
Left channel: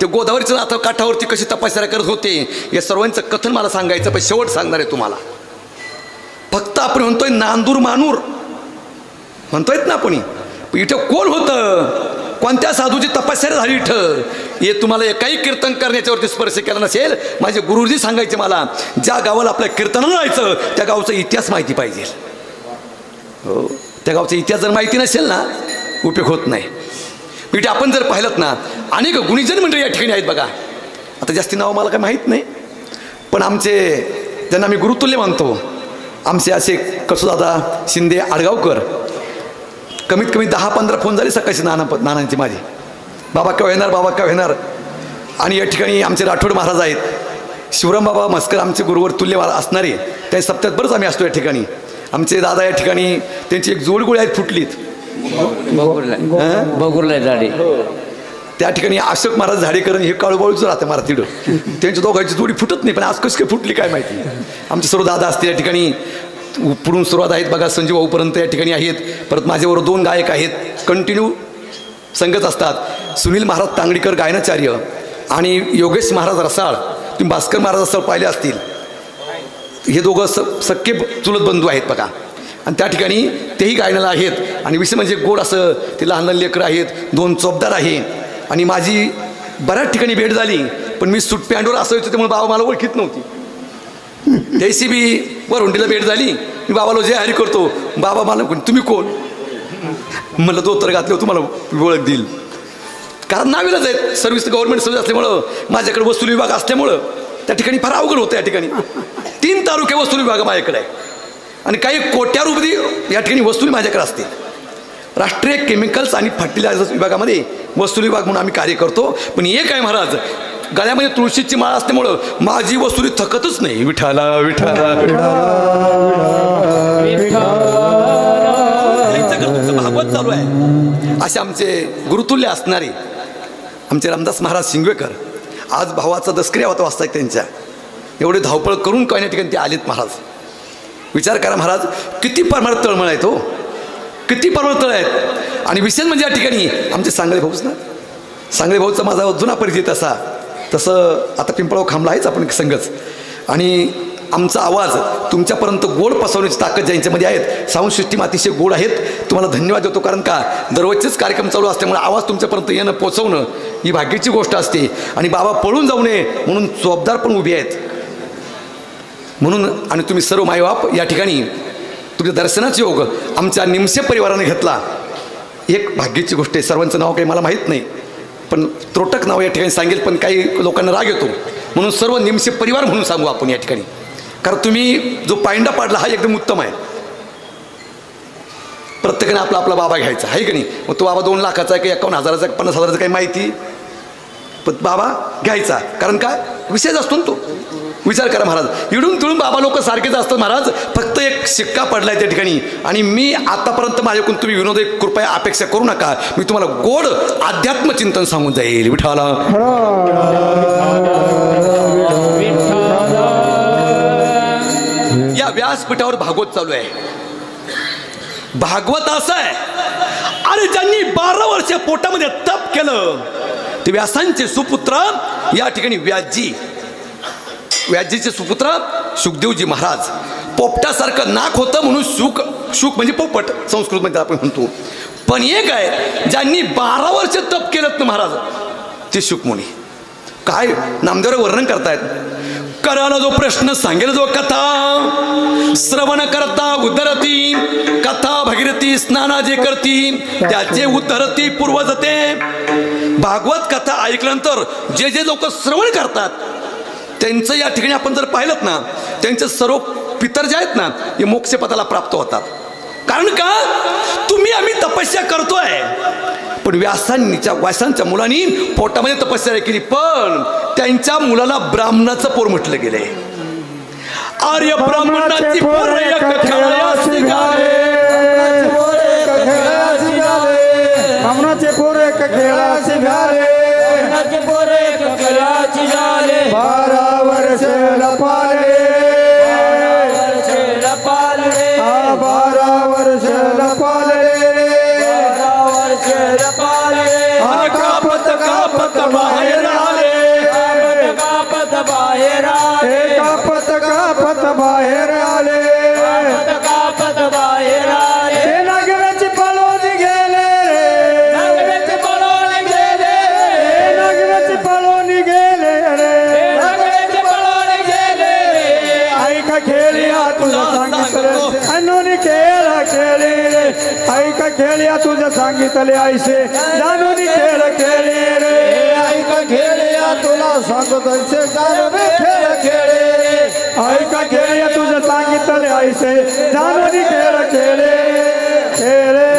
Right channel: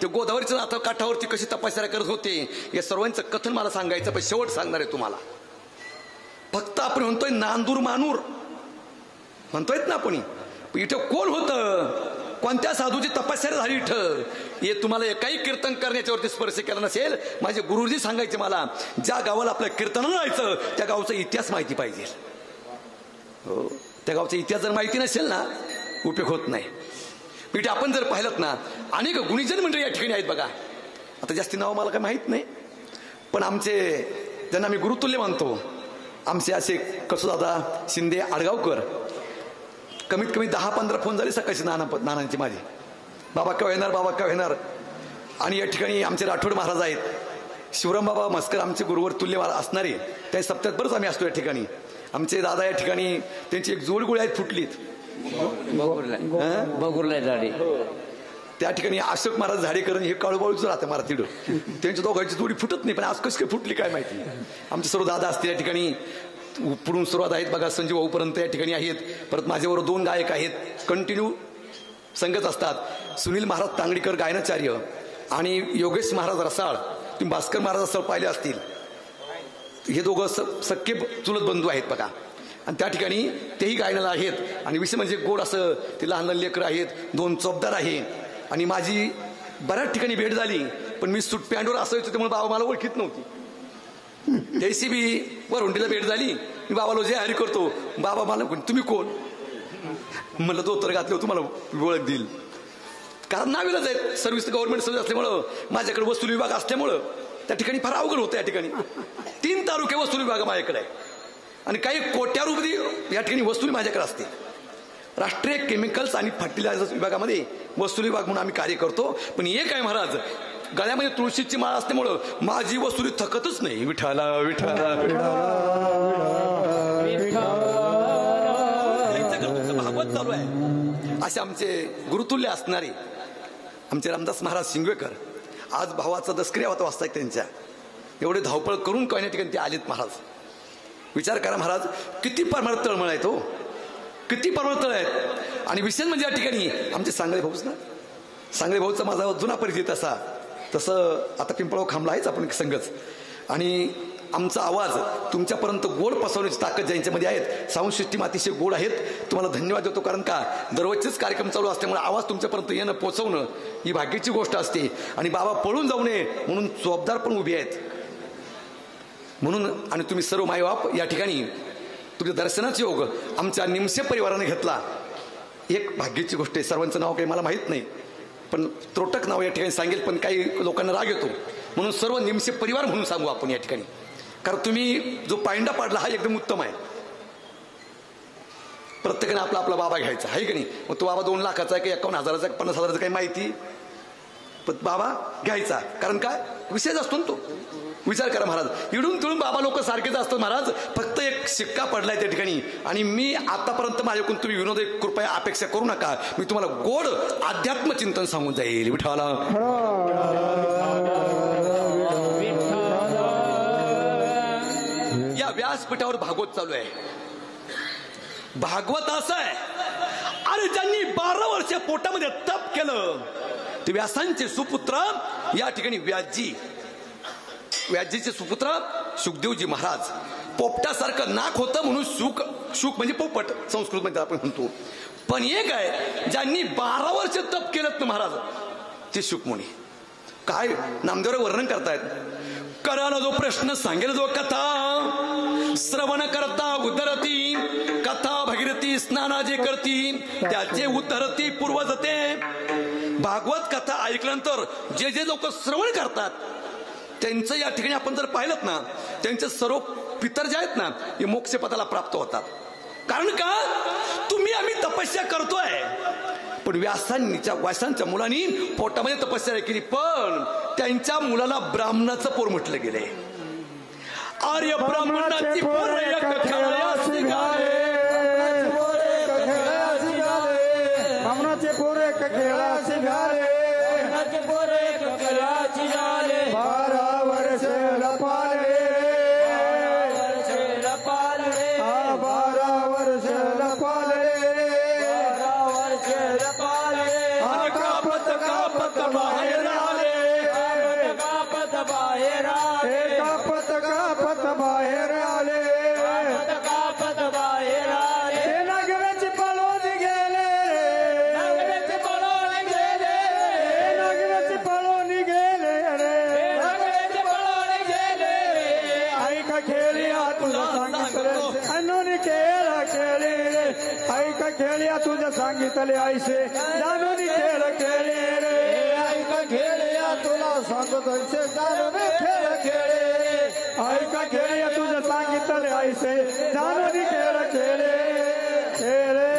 ते गोदावरीच्या नाथा काठावरती कशी तपस्या करत होते, या सर्वांचं कथन मला सांगायचं. पण शेवट सांगणार आहे तुम्हाला. फक्त आपण म्हणतोय नांदूर मानूर म्हणतोयत ना आपण. इथं कोण होतं, कोणत्या साधूची तपस्या झाली इथं, हे तुम्हाला एकाही कीर्तन करण्याच्यावरती स्पर्श केला नसेल. माझे गुरुजी सांगायचे मला, ज्या गावाला आपल्या कीर्तनाला जायचं त्या गावचा इतिहास माहिती पाहिजे. हो, त्या गावचा इतिहास जर माहिती नसेल ना, उपयोग होत नाही. इथे आपण जर पाहिलं ना, अनेक गुणीजन मंडळी या ठिकाणी आहेत बघा. आता जास्ती नावं मला काय माहीत नाही, पण आमचे ज्यांना आम्ही गुरुतुल्य मानतो, आमचे असे कसुदादा शिंदे आडगावकर, कमीत कमी 10-15 फोन झाले सकाळची नानांची माझी. बाबा केव्हा येणार, बाबा केव्हा येणार. आणि या ठिकाणी आमचे राठोड महाराज आहेत, शिवराम बाबा मस्कर आमचे गुरुवर तुल्य असणारे, त्या सप्त्यात बरंच आम्ही असतो या ठिकाणी. आमचे दादा या ठिकाणी त्यांची एक जोडगोळी आहेत फुटलीत बघुरला झाडे. त्या ठिकाणी अशोक महाराज झाडेकर हे काळूबाळूच राहते महाराज तिथं. त्यांच्या दोघांची जोडी फुटत नाही, पण आज कशी काय फुटली काय माहिती. आमचे सर्व दादा असते या ठिकाणी, पुढून सुरुवात आहेत बघा संजीव भाऊपर्यंत या ठिकाणी आहेत. परत माझ्याबरोबर 2 गायक आहेत, कंटिन्यू संगत असतात. सुनील महाराज तांगडीकर गायनाचार्य आणि योगेश महाराज रसाळ. तुम्ही भास्कर महाराज रसाळ पाहिले असतील, हे दोघं सख्खे चुलत बंधू आहेत बघा. आणि त्या ठिकाणी तेही गायनाला आहेत. आणि विषय म्हणजे गोड असं ते लहान लहान लेकरं आहेत, 2 चोपदार आहे. आणि माझी बऱ्याच ठिकाणी भेट झाली, पण मी सूट पॅन्टवर असायचो त्यामुळे बाबा मला ओळखीत नव्हती. त्याशी बी वरहुंडीला भेट झाली, मी बाबाला जय हरी करतो. बाबा मला तुम्ही कोण म्हणलं, धोतर घातलं तुम्हाला ओळख देईल. कारण नावीला जाईल, सर्व्हिस गव्हर्नमेंट सर्व्हिस असल्यामुळं, माझ्याकडे वसुली विभाग असल्यामुळं त्या ठिकाणी फार अवघड होतं. या ठिकाणी 3 तालुके वसुली विभाग माझ्याकडे आहे आणि काही कोट्या रुपये या ठिकाणी वसुली माझ्याकडे असते. राष्ट्रीय केमिकल्स आणि फर्टिलायझर्स विभागामध्ये वसुली विभाग म्हणून आम्ही कार्य करतो. पण हे काय महाराज, गळ्यामध्ये तुळशीची माळ असल्यामुळं माझी वसुली थकतच नाही. विठाला विठाला भागवत चालू आहे. असे आमचे गुरुतुल्य असणारे आमचे रामदास महाराज शिंगवेकर, आज भावाचा दसकरी होता वाजता त्यांच्या, एवढे धावपळ करून काही ठिकाणी ते आलेत महाराज. विचार करा महाराज, किती परमार्थ तळमळ आहेत हो, किती परमार्थ तळ आहेत. आणि विशेष म्हणजे या ठिकाणी आमचे सांगळे भाऊच ना, सांगळे भाऊचा माझा जुना परिचय तसा, तसं आता पिंपळाव खांबला आहेच आपण संघच. आणि आमचा आवाज तुमच्यापर्यंत गोड पसरवण्याची ताकद ज्यांच्यामध्ये आहेत, साऊंड सिस्टीम अतिशय गोड आहेत. तुम्हाला धन्यवाद देतो, कारण का दररोजचेच कार्यक्रम चालू असल्यामुळे आवाज तुमच्यापर्यंत येणं पोचवणं ही भाग्याची गोष्ट असते. आणि बाबा पळून जाऊ नये म्हणून जबाबदार पण उभे आहेत म्हणून. आणि तुम्ही सर्व मायबाप या ठिकाणी तुझ्या दर्शनाचा योग आमच्या निमसे परिवाराने घेतला. एक भाग्याची गोष्ट आहे. सर्वांचं नाव काही मला माहीत नाही, पण त्रोटक नाव या ठिकाणी सांगेल, पण काही लोकांना राग येतो म्हणून सर्व निमसे परिवार म्हणून सांगू आपण या ठिकाणी. कारण तुम्ही जो पायंडा पाडला हा एकदम उत्तम आहे. प्रत्येकाने आपला आपला बाबा घ्यायचा आहे की नाही. मग तो बाबा 2 लाखाचा आहे, काही 51,000चा, 50,000चा काही माहिती, पण बाबा घ्यायचा. कारण का विषयच असतो ना तो. विचार करा महाराज, इडून तिळून बाबा लोक सारखेच असतात महाराज. फक्त एक शिक्का पडलाय त्या ठिकाणी. आणि मी आतापर्यंत माझ्याकडून तुम्ही विनोद कृपया अपेक्षा करू नका. मी तुम्हाला गोड अध्यात्म चिंतन सांगून जाईल. विठाला या व्यासपीठावर भागवत चालू आहे. भागवत असं आहे, अरे ज्यांनी 12 वर्ष पोटामध्ये तप केलं ते व्यासांचे सुपुत्र या ठिकाणी व्यासजीचे सुपुत्र शुकदेवजी महाराज. पोपटासारखं नाक होतं म्हणून शुक म्हणजे पोपट संस्कृतमध्ये आपण म्हणतो. पण एक आहे ज्यांनी 12 वर्ष तप केलं ना महाराज, ते शुकमुनी. काय नामदेव वर्णन करतायत. कराला जो प्रश्न सांगेल जो कथा श्रवण करता उद्धरती, कथा भगीरथी स्नाना जे करती त्याचे उद्धरती पूर्वजते. भागवत कथा ऐकल्यानंतर जे जे लोक श्रवण करतात त्यांचं या ठिकाणी आपण जर पाहिलं ना, त्यांचे सर्व पितर जे आहेत ना हे मोक्षपदाला प्राप्त होतात. कारण का तुम्ही आम्ही तपस्या करतोय, पण व्यासांच्या मुलांनी पोटामध्ये तपस्या केली, पण त्यांच्या मुलाला ब्राह्मणाचं पोर म्हटलं गेलंय. आर्य ब्राह्मणाची पोर एक खेळायास निघाले, ब्राह्मणाचे पोर एक खेळास निघाले, 12 वर्ष लपाले, 12 वर्ष लपाले, कापत कापत बाहेर आले, कापत बाहेर आले, कापत कापत बाहेर आले, कापत बाहेर आले. ते नागवेची पळून गेले, नागवेची पळून गेले, नागवेची पळून गेले रे, नागवेची पळून गेले. ऐका खेळिया तुझं सांगितलं, अनोनी खेळ खेळी रे. ऐका खेळिया तुझं सांगितले ऐसे, जानोनी खेळ खेळी रे. ऐका खेळिया तुला सांगत ऐसे, जानोनी खेळ खेळे रे. ऐका खेळिया तुझं सांगितले ऐसे, जानोनी खेळ खेळे खेळे.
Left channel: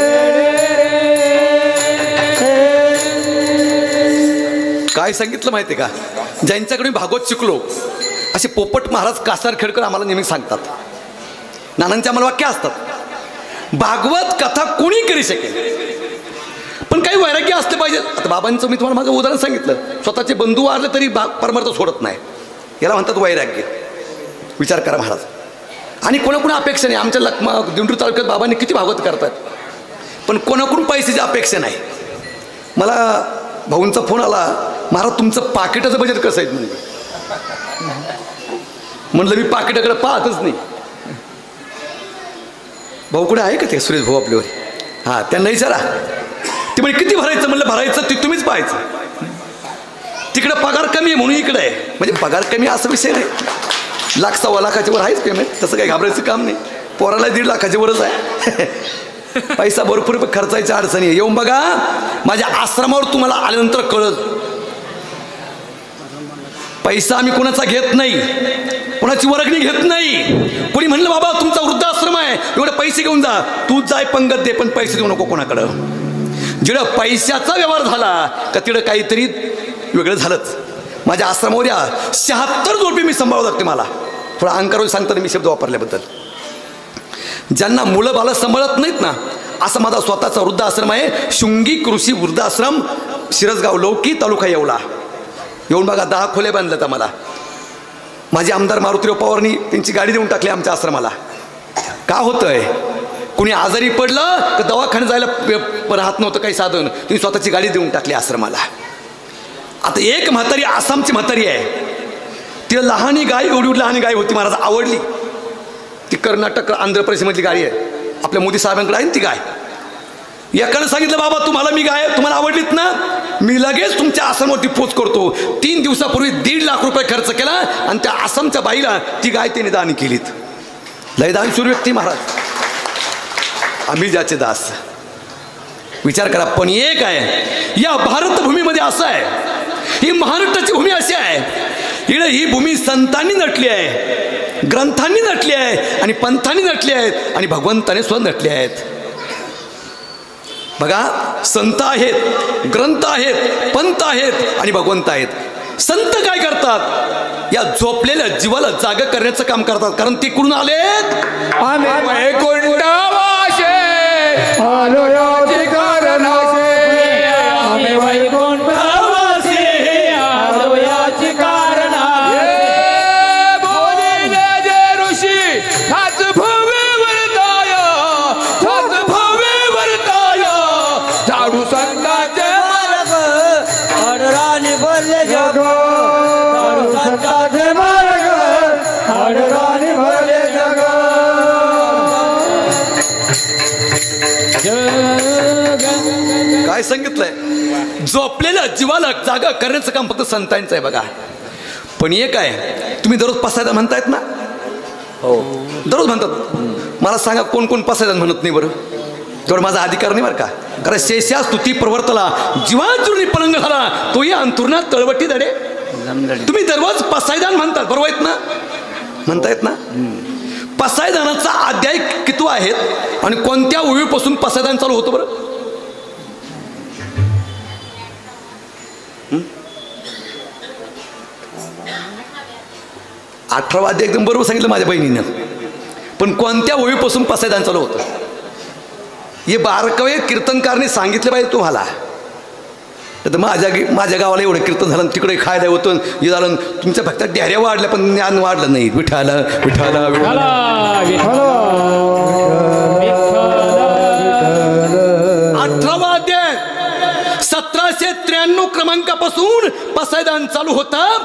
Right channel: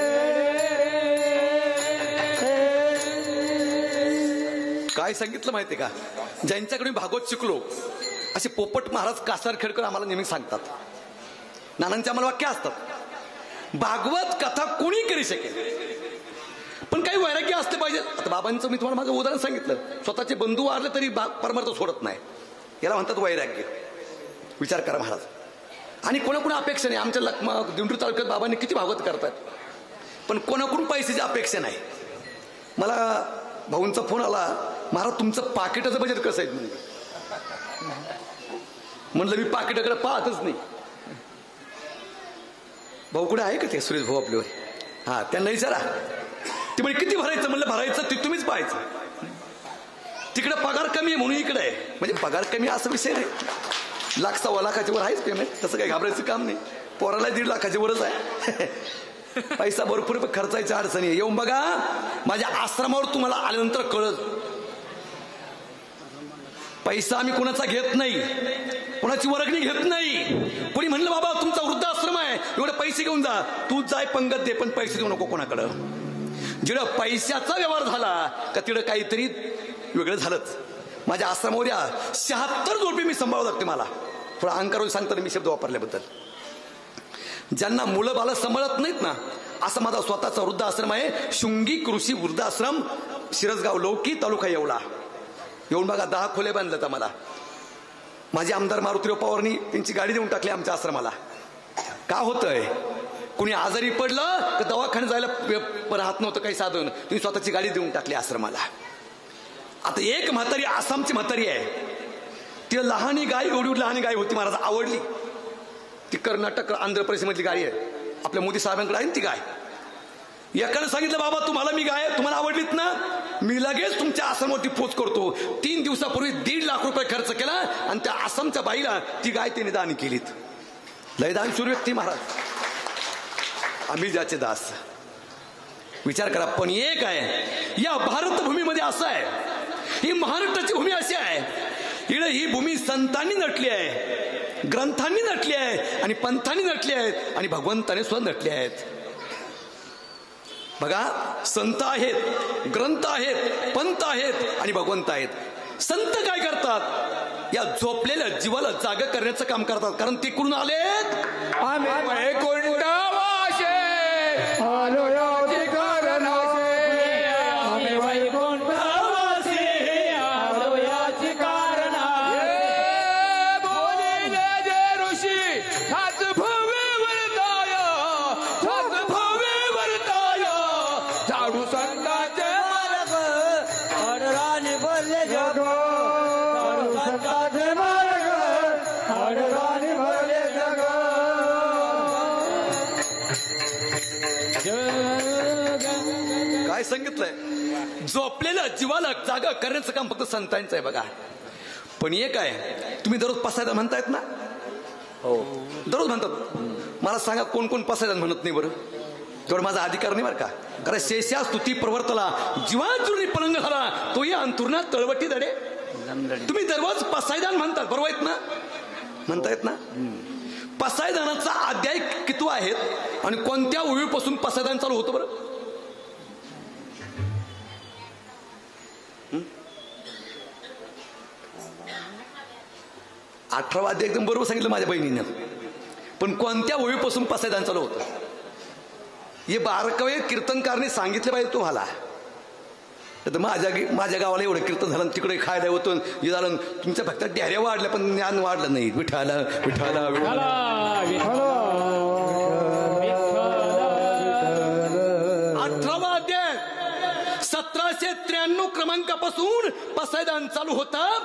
काय सांगितलं माहिती का, ज्यांच्याकडे भागवत शिकलो असे पोपट महाराज कासार खेडकर आम्हाला नेहमी सांगतात. नानांचे आम्हाला वाक्य असतात, भागवत कथा कोणी करू शकेल, पण काही वैराग्य असले पाहिजे. आता बाबांचं मी तुम्हाला माझं उदाहरण सांगितलं, स्वतःचे बंधू वारले तरी परमार्थ सोडत नाही, याला म्हणतात वैराग्य. विचार करा महाराज. आणि कोणाकोणा अपेक्षा नाही. आमच्या दिंडोरी तालुक्यात बाबांनी किती भागवत करतात, पण कोणाकडून पैशाची अपेक्षा नाही. मला भाऊंचा फोन आला, महाराज तुमचं पाकिटाचं बजेट कसं आहे म्हणलं मी पाकिटाकडे पाहतच नाही. भाऊ कुठे आहे का ते सुरेश भाऊ आपल्यावर? हां, त्यांना विचारा. ते म्हणजे किती भरायचं म्हणलं, भरायचं ते तुम्हीच पाहायचं. तिकडे पगार कमी आहे म्हणून इकडे आहे. म्हणजे पगार कमी असा विषय नाही, 1,00,000 सव्वा लाखाच्या वर आहेच पेमेंट, तसं काही घाबरायचं काम नाही. पोराला 1.5 लाखाच्या वरच आहे. पैसा भरपूर खर्चायच्या अडचणी. येऊन बघा माझ्या आश्रमावर, तुम्हाला आल्यानंतर कळत. पैसा आम्ही कोणाचा घेत नाही, कोणाची वर्गणी घेत नाही. कोणी म्हणलं बाबा तुमचा वृद्धाश्रम आहे, एवढे पैसे घेऊन जा, तू जाय पंगत दे, पण पैसे देऊ नको कोणाकडं. जिकडं पैशाचा व्यवहार झाला का तिकडं काहीतरी वेगळं झालंच. माझ्या आश्रमावर या 76 जोडपे मी सांभाळू लागते. मला थोडा अहंकार सांगताना मी शब्द वापरल्याबद्दल. ज्यांना मुलं बालं सांभाळत नाहीत ना, असा माझा स्वतःचा वृद्धाश्रम आहे. शृंगी कृषी वृद्धाश्रम, शिरसगाव लौकी, तालुका येवला. येऊन बघा 10 खोल्या बांधल्यात आम्हाला. माझे आमदार मारुतीराव पवारनी त्यांची गाडी देऊन टाकली आमच्या आश्रमाला. का होतंय, कुणी आजारी पडलं तर दवाखान्यात जायला राहत नव्हतं काही साधन, त्यांनी स्वतःची गाडी देऊन टाकली आश्रमाला. आता एक म्हातारी, आसामची म्हातारी आहे, तिला लहानी गाय, एवढी लहानी गाय होती महाराज, आवडली. ती कर्नाटक आंध्र प्रदेशमधली गाय आहे, आपल्या मोदी साहेबांकडे आहे ती गाय. एकानं सांगितलं बाबा तुम्हाला मी गाय तुम्हाला आवडलीत ना, मी लगेच तुमच्या आसामवरती पोच करतो. 3 दिवसापूर्वी 1.5 लाख रुपये खर्च केला आणि त्या आसामच्या बाईला ती गाय त्याने दान केलीत. लय दानशूर व्यक्ती महाराज. आम्ही ज्याचे दास. विचार करा. पण एक आहे या भारत भूमीमध्ये असं आहे, ही महाराष्ट्राची भूमी अशी आहे, इकडे ही भूमी संतांनी नटली आहे, ग्रंथांनी नटली आहे आणि पंथांनी नटली आहेत आणि भगवंताने स्वतः नटली आहेत. बघा, संत आहेत, ग्रंथ आहेत, पंथ आहेत आणि भगवंत आहेत. संत काय करतात? या झोपलेल्या जीवाला जागा करण्याचं काम करतात. कारण ते कुठून आलेत? आम्ही वैकुंठवासी आलो याचे कारणासे. आम्ही वैकुंठवासी आलो याचे कारणासे. बोलिले जे ऋषी हाच भवे वरताय, हाच भवे वरताय. झाडू संतांचे मार्ग आडराणी भरले जग. झाडू संतांचे मार्ग आडराणी भरले जग. काय सांगितलंय? झोपलेल्या जीवाला जागा करण्याचं काम फक्त संतांचं आहे. बघा, पण एक आहे, तुम्ही दररोज पसायदान म्हणतायत ना? हो, दररोज म्हणतात. मला सांगा कोण कोण पसायदान म्हणत नाही बरं? तेवढं माझा अधिकार नाही बरं का. कारण शेषा स्तुती प्रवर्तला जीवाचुर्णी पलंग झाला, तोही अंथुरणात तळवटी दडे. तुम्ही दररोज पसायदान म्हणतात, बरोबर आहेत ना? म्हणतायत ना? पसायदानाचा अध्याय किती आहेत आणि कोणत्या ओळीपासून पसायदान चालू होतं बरं? अठरावा अध्याय एकदम बरोबर सांगितलं माझ्या बहिणीनं. पण कोणत्या ओळीपासून पसायदान चालू होतं हे बारकावे कीर्तनकारने सांगितले पाहिजे तुम्हाला. तर माझ्या गावाला एवढं कीर्तन झालं, तिकडे खायला होतं, हे झालं. तुमच्या फक्त ढ्याऱ्या वाढल्या पण ज्ञान वाढलं नाही. विठाला विठाला विठाला. 18वा अध्याय 1793 क्रमांकापासून पसायदान चालू होतं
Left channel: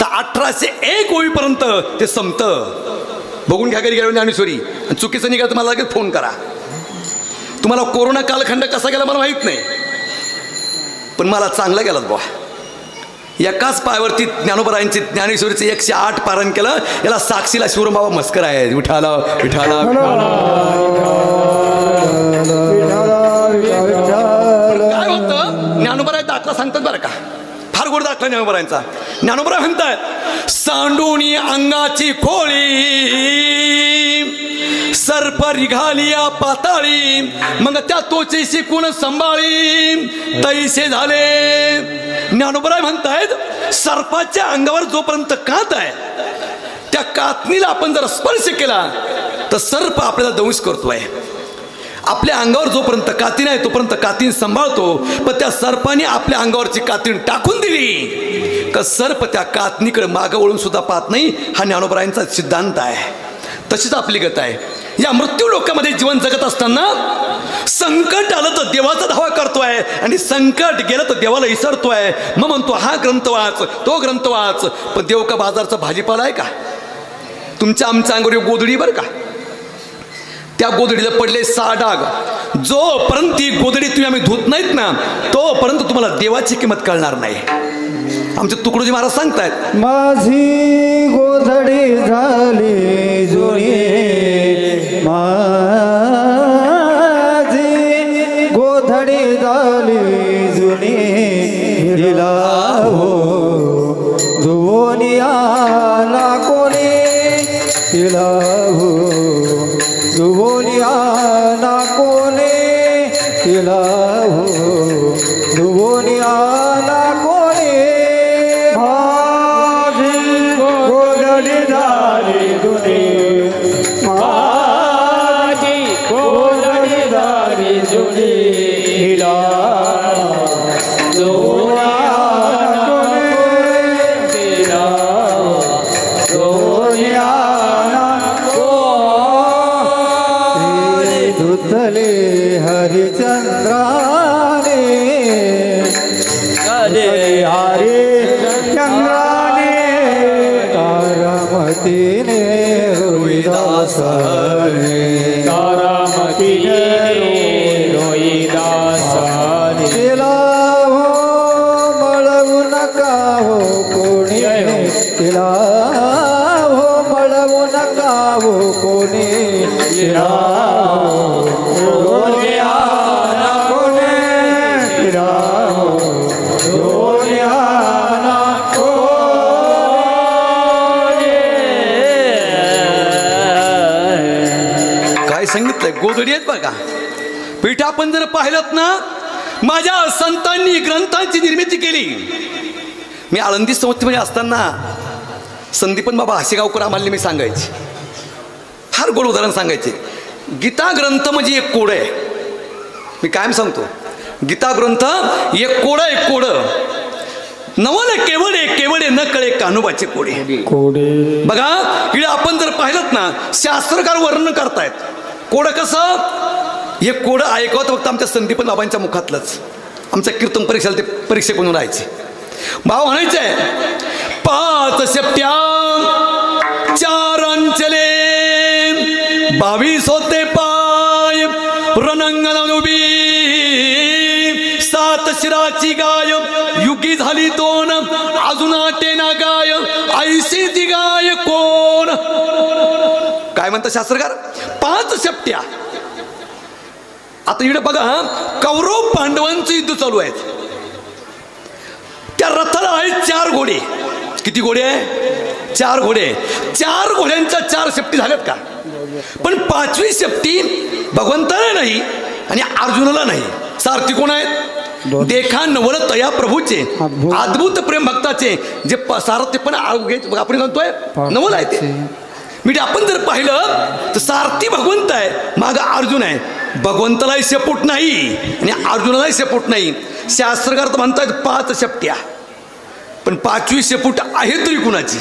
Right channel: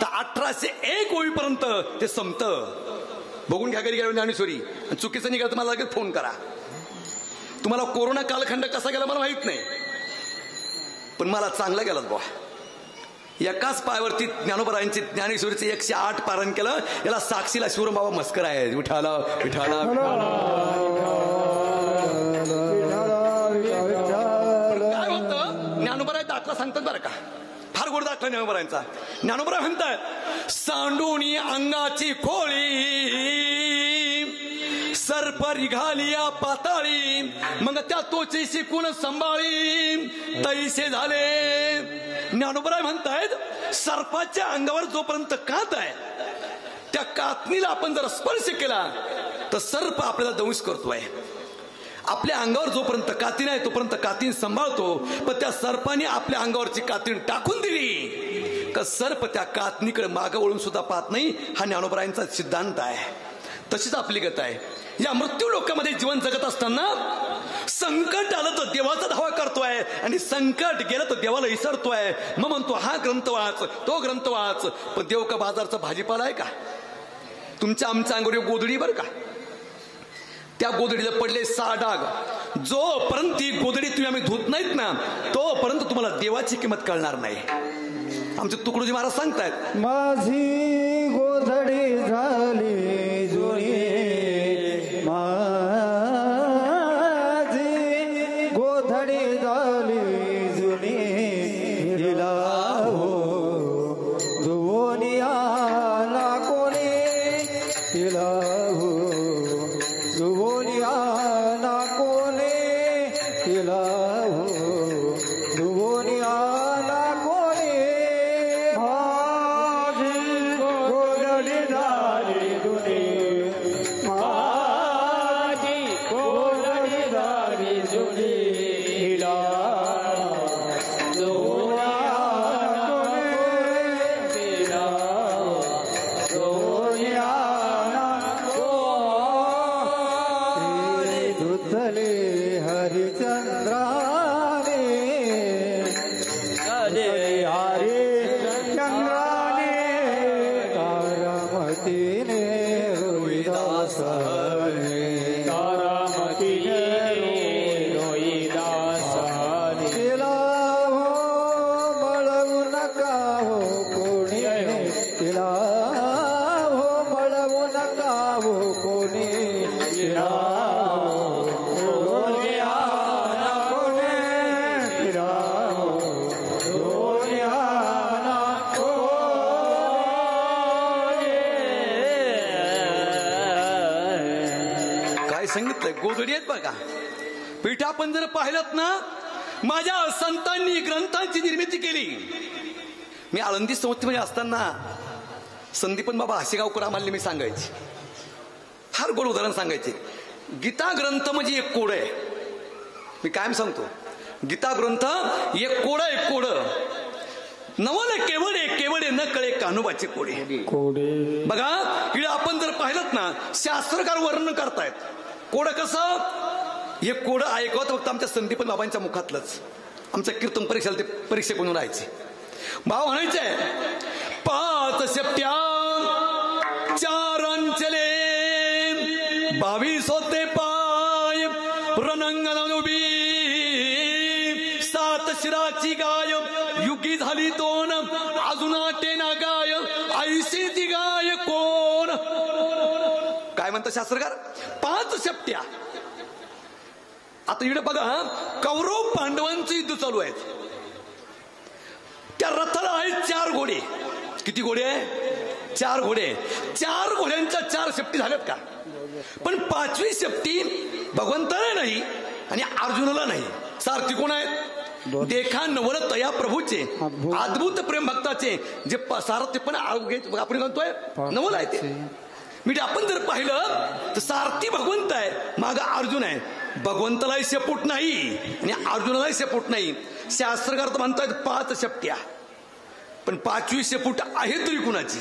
तर 1801 होईपर्यंत ते संपतं. बघून घ्या घरी गेल्यावर ज्ञानेश्वरी. चुकीचं निघालं तर मला लगेच फोन करा. तुम्हाला कोरोना कालखंड कसा गेला मला माहित नाही, पण मला चांगला गेलात बुवा. एकाच पायावरती ज्ञानोबरायांची ज्ञानेश्वरीचे 108 पारायण केलं. याला साक्षीला शिवराम बाबा मस्कर आहे. विठाला विठाला. काय होतं? ज्ञानोबराय दाखला सांगतात बरं का, फार गोड दाखला ज्ञानोबरायांचा. ज्ञानोबराय म्हणतात, सांडूनी अंगाची खोळी सर्प रिघालिया पाताळी, मग त्या तोचेशी कोण संभाळी तैसे झाले. ज्ञानोबराय म्हणतायत, सर्पाच्या अंगावर जोपर्यंत कात आहे त्या कातणीला आपण जर स्पर्श केला तर सर्प आपल्याला दंश करतोय. आपल्या अंगावर जोपर्यंत कातीन आहे तोपर्यंत कातीन सांभाळतो, पण त्या सर्पाने आपल्या अंगावरची कातीन टाकून दिली का सर्प त्या कातणीकडे मागं वळून सुद्धा पाहत नाही. हा ज्ञानोबरायांचा सिद्धांत आहे. तशीच आपली गत आहे. या मृत्यू लोकांमध्ये जीवन जगत असताना संकट आलं तर देवाचा धावा करतोय आणि संकट गेलं तर देवाला विसरतोय. मग म्हणतो हा ग्रंथ वाच, तो ग्रंथ वाच. पण देव का बाजारचा भाजीपाला आहे का? तुमच्या आमच्या अंगावर गोधडी बरं का, त्या गोधडीला पडले 6 डाग. जोपर्यंत ती गोधडी तुम्ही आम्ही धुत नाहीत ना तोपर्यंत तुम्हाला देवाची किंमत कळणार नाही. आमचे तुकडोजी महाराज सांगतायत, माझी गोधडी झाली जुनी, माझी गोधडी झाली जुनी. हिला हो धुवोनिया ना कोणी, हिला हो धुवोनिया ना कोणी, हिला हो धुवोनिया ना कोणी. माझी गोधडी झाली जुनी, माझी गोधडी झाली जुनी. हिला धुवोनिया ना कोणी, हिला धुवोनिया ना कोणी. धुतले हरिचंद्राने, हरिचंद्राने, तारामतीने रोहिदासाने, तारामतीने रोहिदासाने. तिला हो मळवू नका हो कोणी, तिला हो मळवू नका हो कोणी. तिला सांगितलंय गोधडी आहेत बघा. पीठ आपण जर पाहिलं ना, माझ्या संतांनी ग्रंथांची निर्मिती केली. मी आळंदी संस्थेमध्ये असताना संदीपन बाबा हासेगावकर आम्हाला मी सांगायचे, फार गोड उदाहरण सांगायचे. गीता ग्रंथ म्हणजे एक कोड आहे. मी कायम सांगतो, गीता ग्रंथ एक कोड आहे. कोड नवल केवळे केवळे न कळे कान्होबाचे कोडे. बघा इकडे आपण जर पाहिलं ना, शास्त्रकार वर्णन करतायत. कोड कसं, हे कोड ऐकवत फक्त आमच्या संदीपन बाबांच्या मुखातलंच. आमच्या कीर्तन परीक्षेला ते परीक्षक म्हणून राहायचे. भाव म्हणायचंय, 5 शेपट्या 4 अंचले 22 होते पाय रणंगण उभी 7 शिराची गाय युगी झाली 2 अजून आटेना गाय ऐशी ती गाय कोण. काय म्हणतात शास्त्रकार, 5 शेपट्या. आता इकडे बघा, कौरव पांडवांचं युद्ध चालू आहे. त्या रथाला आहेत 4 घोडे. किती घोडे आहे? 4 घोडे. 4 घोड्यांच्या 4 शेपटी झाल्यात का? पण 5वी शेपटी भगवंताला नाही आणि अर्जुनाला नाही. सारथी कोण आहेत? देखा नवल तया प्रभूचे अद्भुत प्रेम भक्ताचे जे सारथी पण आपण म्हणतोय नवल आहे ते. म्हणजे आपण जर पाहिलं तर सारथी भगवंत आहे, माग अर्जुन आहे. भगवंतालाही शेपूट नाही आणि अर्जुनालाही शेपूट नाही. शास्त्रकार तर म्हणतात 5 शेपट्या, पण 5वी शेपूट आहे तरी कुणाची?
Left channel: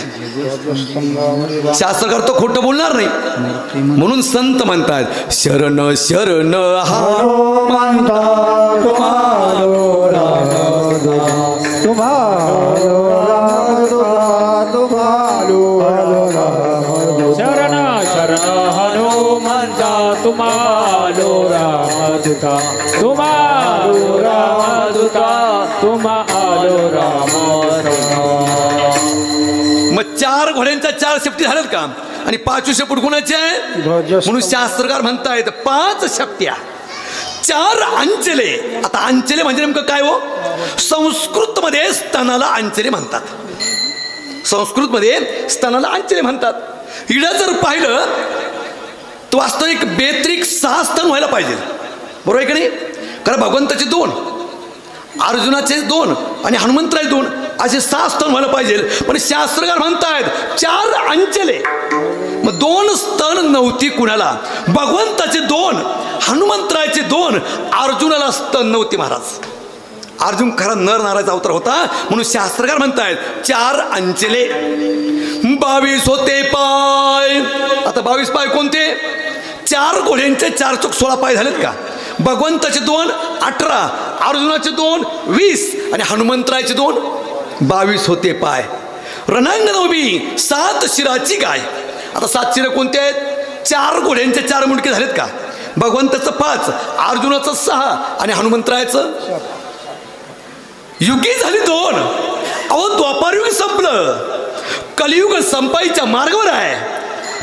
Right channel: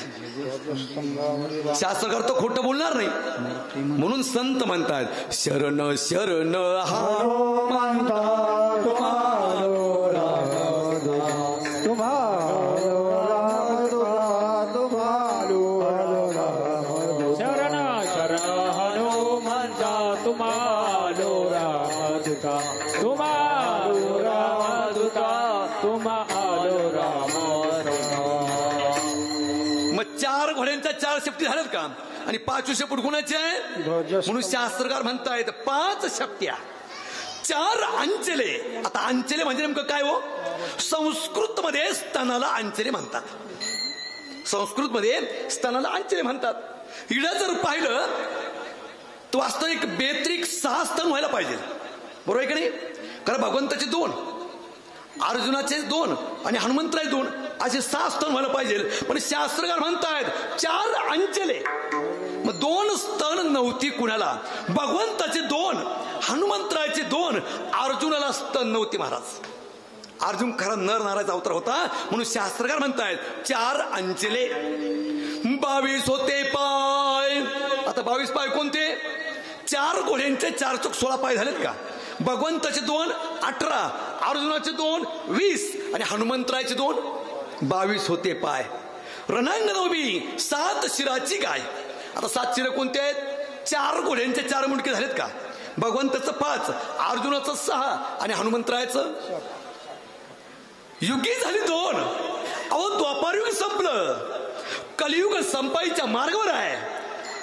शास्त्रकार तो खोटं बोलणार नाही. म्हणून संत म्हणतात, शरण शरण मग 4 घोड्यांच्या 4 शेपटी झाल्यात का? आणि 5वी शेपूट कुणाची आहे? म्हणून शास्त्रकार म्हणतायत 5 शेपट्या 4 अंचले. आता अंचले म्हणजे नेमकं काय हो? संस्कृत मध्ये स्तनाला अंचले म्हणतात. संस्कृत मध्ये स्तनाला अंचले म्हणतात. इकडे जर पाहिलं तर वास्तविक बेत्रिक 6 स्तन व्हायला पाहिजे, बरोबर आहे की नाही? कारण भगवंताचे 2, अर्जुनाचे 2 आणि हनुमंतराचे 2 असे 6 स्तन व्हायला पाहिजे. पण शास्त्रकार म्हणतायत 4 अंचले. मग 2 स्तन नव्हती कुणाला? भगवंताचे 2, हनुमंतराचे 2, अर्जुनाला स्तन नव्हती महाराज. अर्जुन खरा नर नारायचा अवतार होता. म्हणून शास्त्रकार म्हणतायत 4 अंचले 22 होते पाय. आता 22 पाय कोणते? 4 घोड्यांचे 4 चूक 16 पाय झालेत का? भगवंताचे 2 18, अर्जुनाचे 2 20 आणि हनुमंतराचे 2 22 होते पाय. रणांगण उभी 7 शिराची गाय. आता 7 शिर कोणते आहेत? 4 घोड्यांचे 4 मुंडके झालेत का? भगवंताचं 5, अर्जुनाचं 6 आणि हनुमंतरायचं युगी झाली 2. अहो द्वापारयुग संपलं, कलियुग संपायच्या मार्गावर आहे.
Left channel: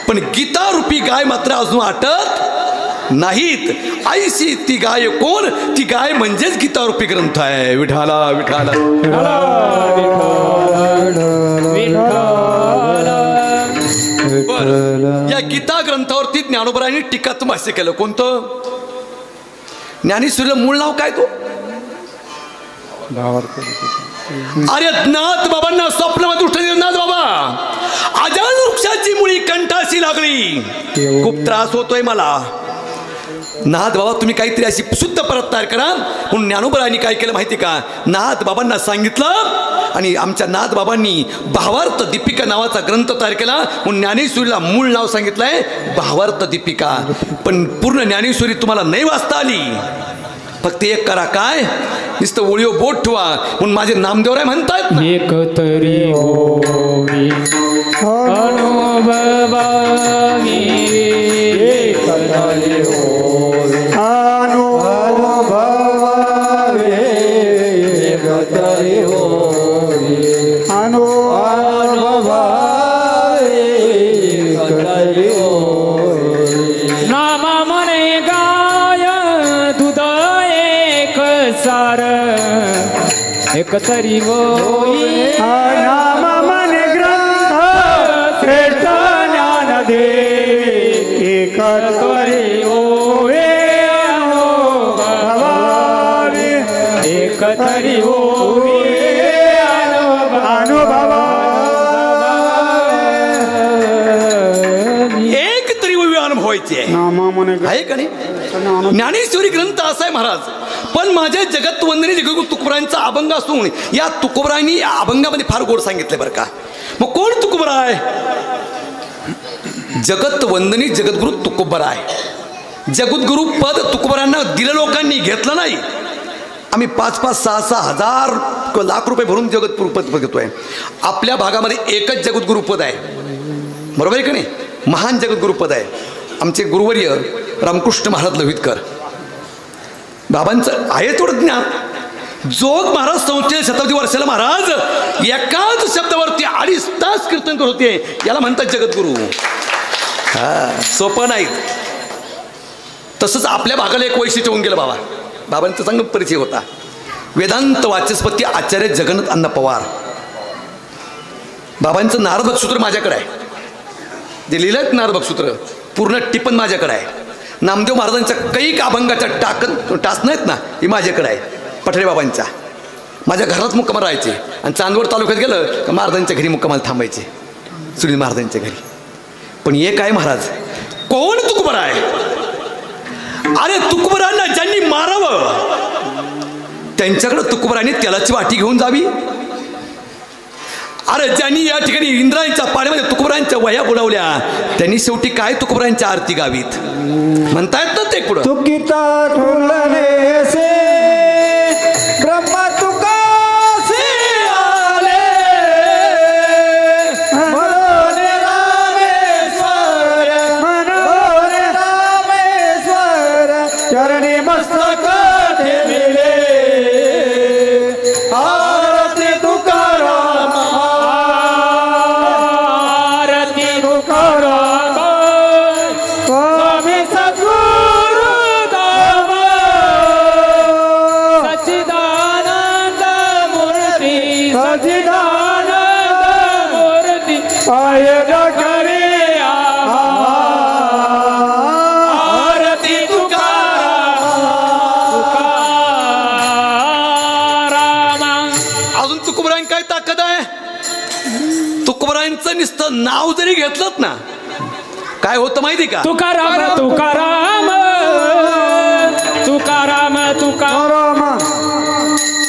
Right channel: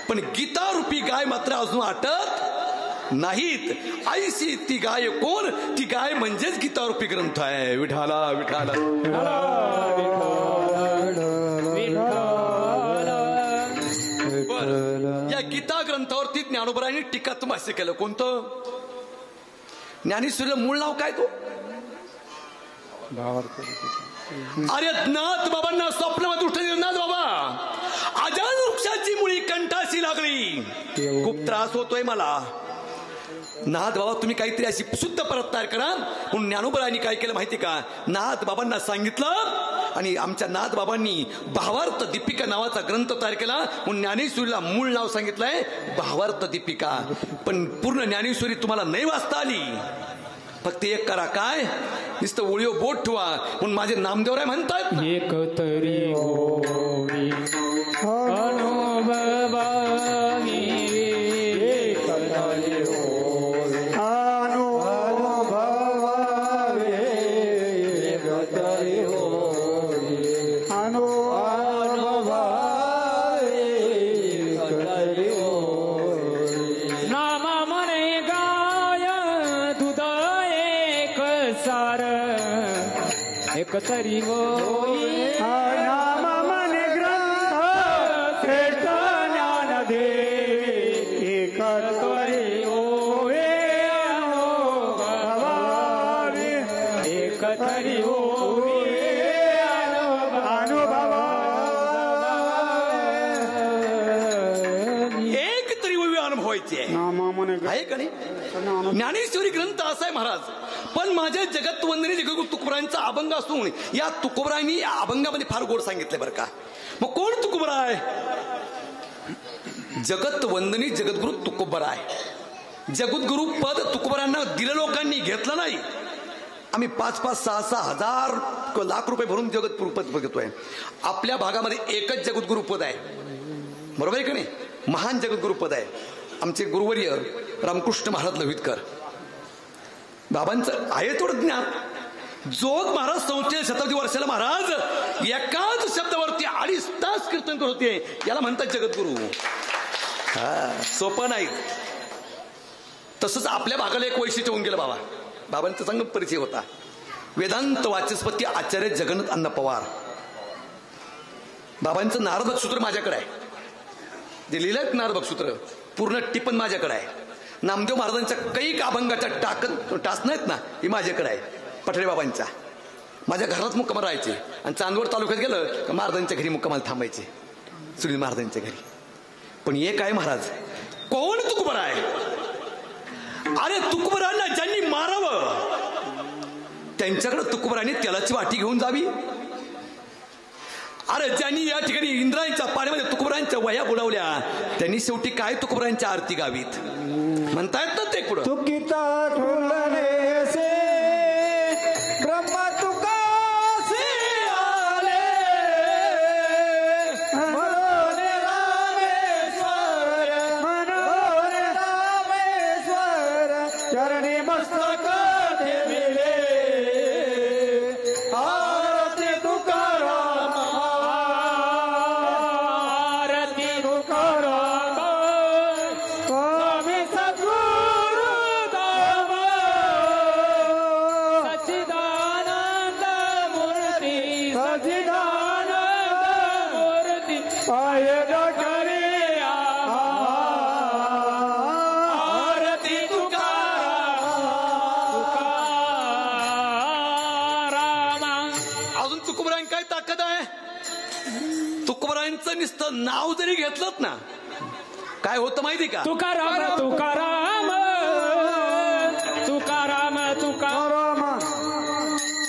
पण गीता रूपी गाय मात्र अजून आटत नाहीत. ऐशी ती गाय कोण? ती गाय म्हणजेच गीता रूपी ग्रंथ आहे. विठाला विठाला या गीता ग्रंथावरती ज्ञानोबरांनी टीकात्मक भाष्य केलं. कोणतं? ज्ञानेश्वरीला मूळ नाव काय? तो अरे नाथ बाबांना स्वप्नामध्ये उठले. नाथ बाबा, अजान वृक्षाची मुळी कंठाशी लागली, खूप त्रास होतोय मला. नाथ बाबा तुम्ही काहीतरी अशी शुद्ध परत तयार करा. म्हणून ज्ञानोबरांनी काय केलं माहिती का? नाथ बाबांना सांगितलं आणि आमच्या नाथ बाबांनी भावार्थ दीपिका नावाचा ग्रंथ तयार केला. म्हणून ज्ञानेश्वरीला मूळ नाव सांगितलंय भावार्थ दीपिका. पण पूर्ण ज्ञानेश्वरी तुम्हाला नाही वाचता आली. फक्त एक करा, काय? नुसतं ओळीव बोट ठेवा. म्हणून माझे नामदेवराय म्हणतात एक तरी होवी अनुभवावी, एक तरी होवी अनुभवावी, एक तरी होवी अनुभवावी, एक तरी होवी. नाम म्हणे गाय दूध एक सार, एक तरी होई. नाम मन ग्रंथ श्रेष्ठ ज्ञान देवी, एक तरी होई. एकतरी होवी अनुभव एक तरी होवी अनुभव व्हायचे आहे का नाही? ज्ञानेश्वरी ग्रंथ असा आहे महाराज. पण माझ्या जगतवंदनी जगद्गुरू तुकोबरायांचा अभंग असून या तुकोबरायांनी या अभंगामध्ये फार गोड सांगितले बरं का. मग कोण तुकोबराय? जगतवंदनी जगद्गुरू तुकोबराय. जगद्गुरू पद तुकोबरायांना दिलं, लोकांनी घेतलं नाही. आम्ही 5-5, 6-6 हजार लाख रुपये भरून जगद्गुरू पद घेतोय. आपल्या भागामध्ये एकच जगद्गुरू पद आहे, बरोबर आहे का नाही? महान जगद्गुरू पद आहे. आमचे गुरुवर्य रामकृष्ण महाराज लोहितकर बाबांचं आहे थोडं ज्ञान. जोग महाराज संस्थेच्या शताब्दी वर्षाला महाराज एकाच शब्दावरती 2.5 तास कीर्तन करत होते. याला म्हणतात जगद्गुरू. सोपं नाही. तसंच आपल्या भागाला एक वैशिष्ट्य होऊन गेलं. बाबांचा चांगला परिचय होता. वेदांत वाचस्पती आचार्य जगन्नाथ अण्णा पवार. बाबांचं नारद बक्षसूत्र माझ्याकडे आहे, जे लिहिलं नारद बक्षसूत्र पूर्ण टिपण माझ्याकडे आहे. नामदेव महाराजांच्या कैक अभंगाच्या टास नाहीत ना, ही माझ्याकडे आहे. पठरे बाबांच्या माझ्या घरात मुक्काम राहायचे आणि चांदवड तालुक्यात गेलं का महाराजांच्या घरी मुक्कामाला थांबायचे, सुनील महाराजांच्या घरी. पण एक आहे महाराज, कोण तुकोबरा आहे? अरे तुकोबरांना ज्यांनी मारावं त्यांच्याकडे तुकोबरांनी तेलाची वाटी घेऊन जावी. अरे ज्यांनी या ठिकाणी इंद्रायणच्या पाण्यामध्ये तुकोबरांच्या वह्या बुडवल्या त्यांनी शेवटी काय तुकोबरांच्या आरती गावीत म्हणतायत ना ते पुढं. तुकिता ठुलने से ब्रह्मा तुकासे आले मनोरे रामेश्वर मनोरे रामेश्वर चरणी मस्तक ठेविले आरती तुकाराम आरती तुकाराम स्वामी सद्गुरु धाम सच्चिदानंद मूर्ती सच्चिदानंद मूर्ती पाय डोकरी आरती तुकाराम. अजून तुकोबरांची काय ताकद आहे? तुकोबरांचं नुसतं नाव जरी घेतलं ना काय होतं माहिती का? तुकाराम तुकाराम तुकाराम तुकाराम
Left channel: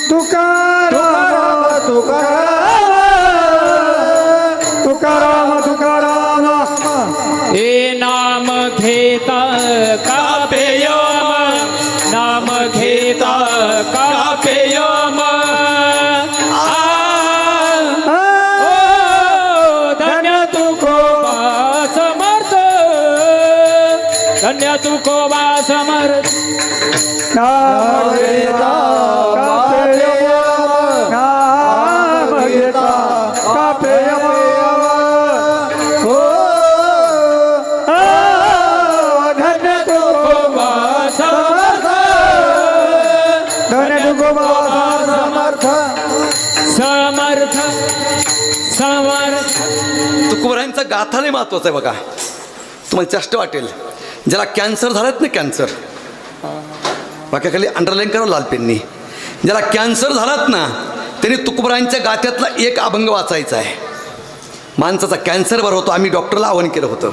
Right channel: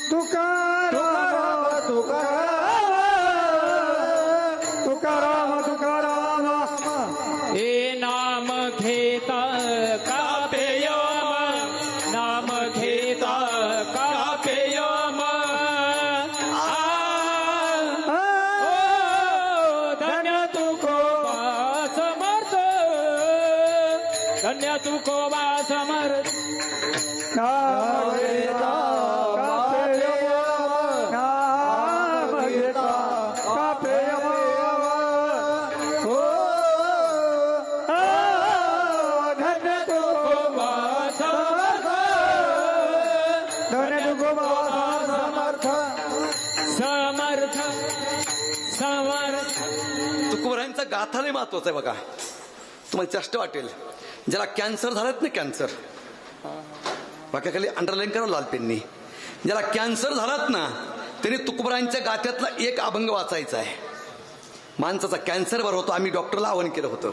तुकाराम तुकाराम तुकाराम तुकाराम हे नाम घेता कापेयम नाम घेता कापेयम धन्य तुकोबा समर्थ धन्य तुकोबा समर्थ. नाम घेता कापेयम नाम घेता कापेयम हो धन्य तुकोबा समर्थ धन्य तुकोबा समर्थ समर्थ समर्थ. तुकोबरांचा गाथा लय महत्वाचा आहे बघा. तुम्हाला चष्ट वाटेल. ज्याला कॅन्सर झालात ना, कॅन्सर वाक्याखाली अंडरलाईन करा लाल पेननी. ज्याला कॅन्सर झालात ना त्यांनी तुकोबरांच्या गाथ्यातला एक अभंग वाचायचा आहे. माणसाचा कॅन्सर बरा होतो. आम्ही डॉक्टरला आवाहन केलं होतं.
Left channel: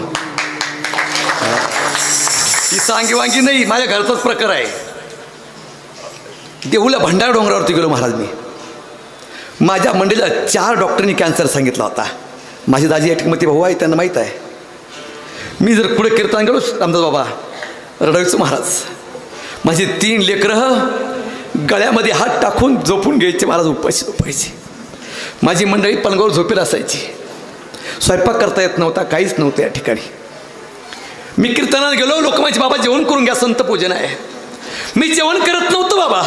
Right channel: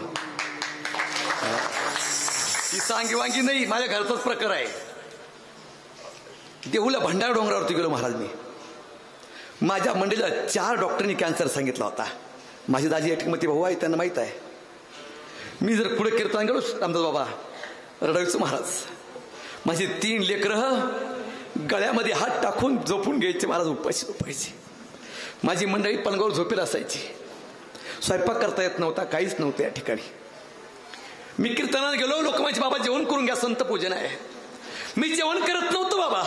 ही सांगीवांगी नाही, माझ्या घरचाच प्रकार आहे. देहूला भंडारा डोंगरावरती गेलो महाराज मी. माझ्या मंडळीला 4 डॉक्टरांनी कॅन्सर सांगितला होता. माझे दाजी एकमती भाऊ आहे, त्यांना माहीत आहे. मी जर पुढे कीर्तन गेलो रामदास बाबा रडवीचं महाराज, माझी 3 लेकरं गळ्यामध्ये हात टाकून झोपून घ्यायचे महाराज, उपाशी झोपायचे. माझी मंडळी पलंगावर झोपेला असायची. स्वयंपाक करता येत नव्हता, काहीच नव्हतं या ठिकाणी. मी कीर्तनाला गेलो, लोक माझे बाबा जेवण करून घ्या, संत पूजन आहे. मी जेवण करत नव्हतं बाबा.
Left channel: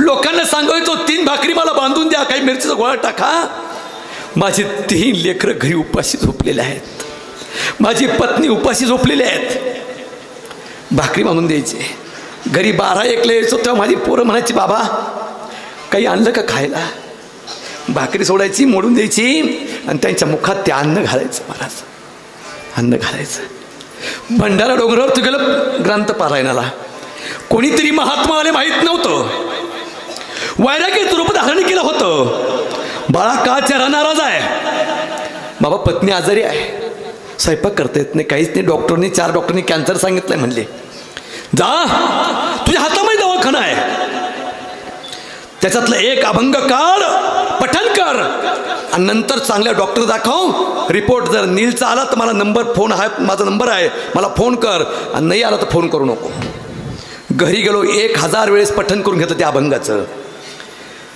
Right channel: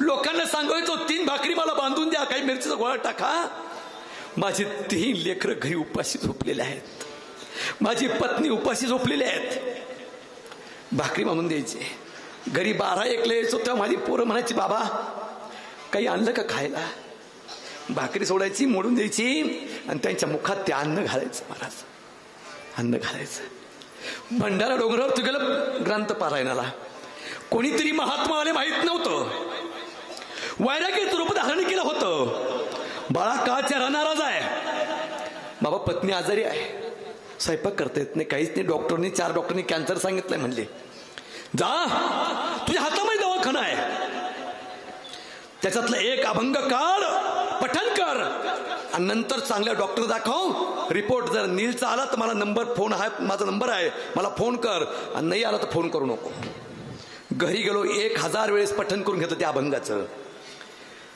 लोकांना सांगायचो 3 भाकरी मला बांधून द्या, काही मिरचीचा गोळा टाका. माझे 3 लेकरं घरी उपाशी झोपलेले आहेत. माझी पत्नी उपाशी झोपलेली आहेत. भाकरी बांधून द्यायची. घरी 12-1ला यायचो तेव्हा माझी पोरं म्हणायची बाबा काही आणलं का खायला. भाकरी सोडायची, मोडून द्यायची आणि त्यांच्या मुखात ते अन्न घालायचं महाराज, अन्न घालायचं. भंडारा डोंगरावर तू गेलं ग्रंथ पारायणाला. कोणीतरी महात्मा आले माहीत नव्हतं. वैराग्याचं रूप धारण केलं होतं. बाळा का चेहरा नाराज आहे? बाबा पत्नी आजारी आहे, स्वयंपाक करता येत नाही, काहीच नाही. डॉक्टरनी 4 डॉक्टरनी कॅन्सर सांगितलंय म्हणले. जा तुझ्या हातामध्ये दवाखाना आहे, त्याच्यातलं एक अभंग काढ, पठण कर आणि नंतर चांगल्या डॉक्टर दाखव. रिपोर्ट जर नीलचा आला तर मला फोन आहे, माझा नंबर आहे, मला फोन कर. आणि नाही आला तर फोन करू नको. घरी गेलो, 1000 वेळेस पठण करून घेतलं त्या अभंगाचं.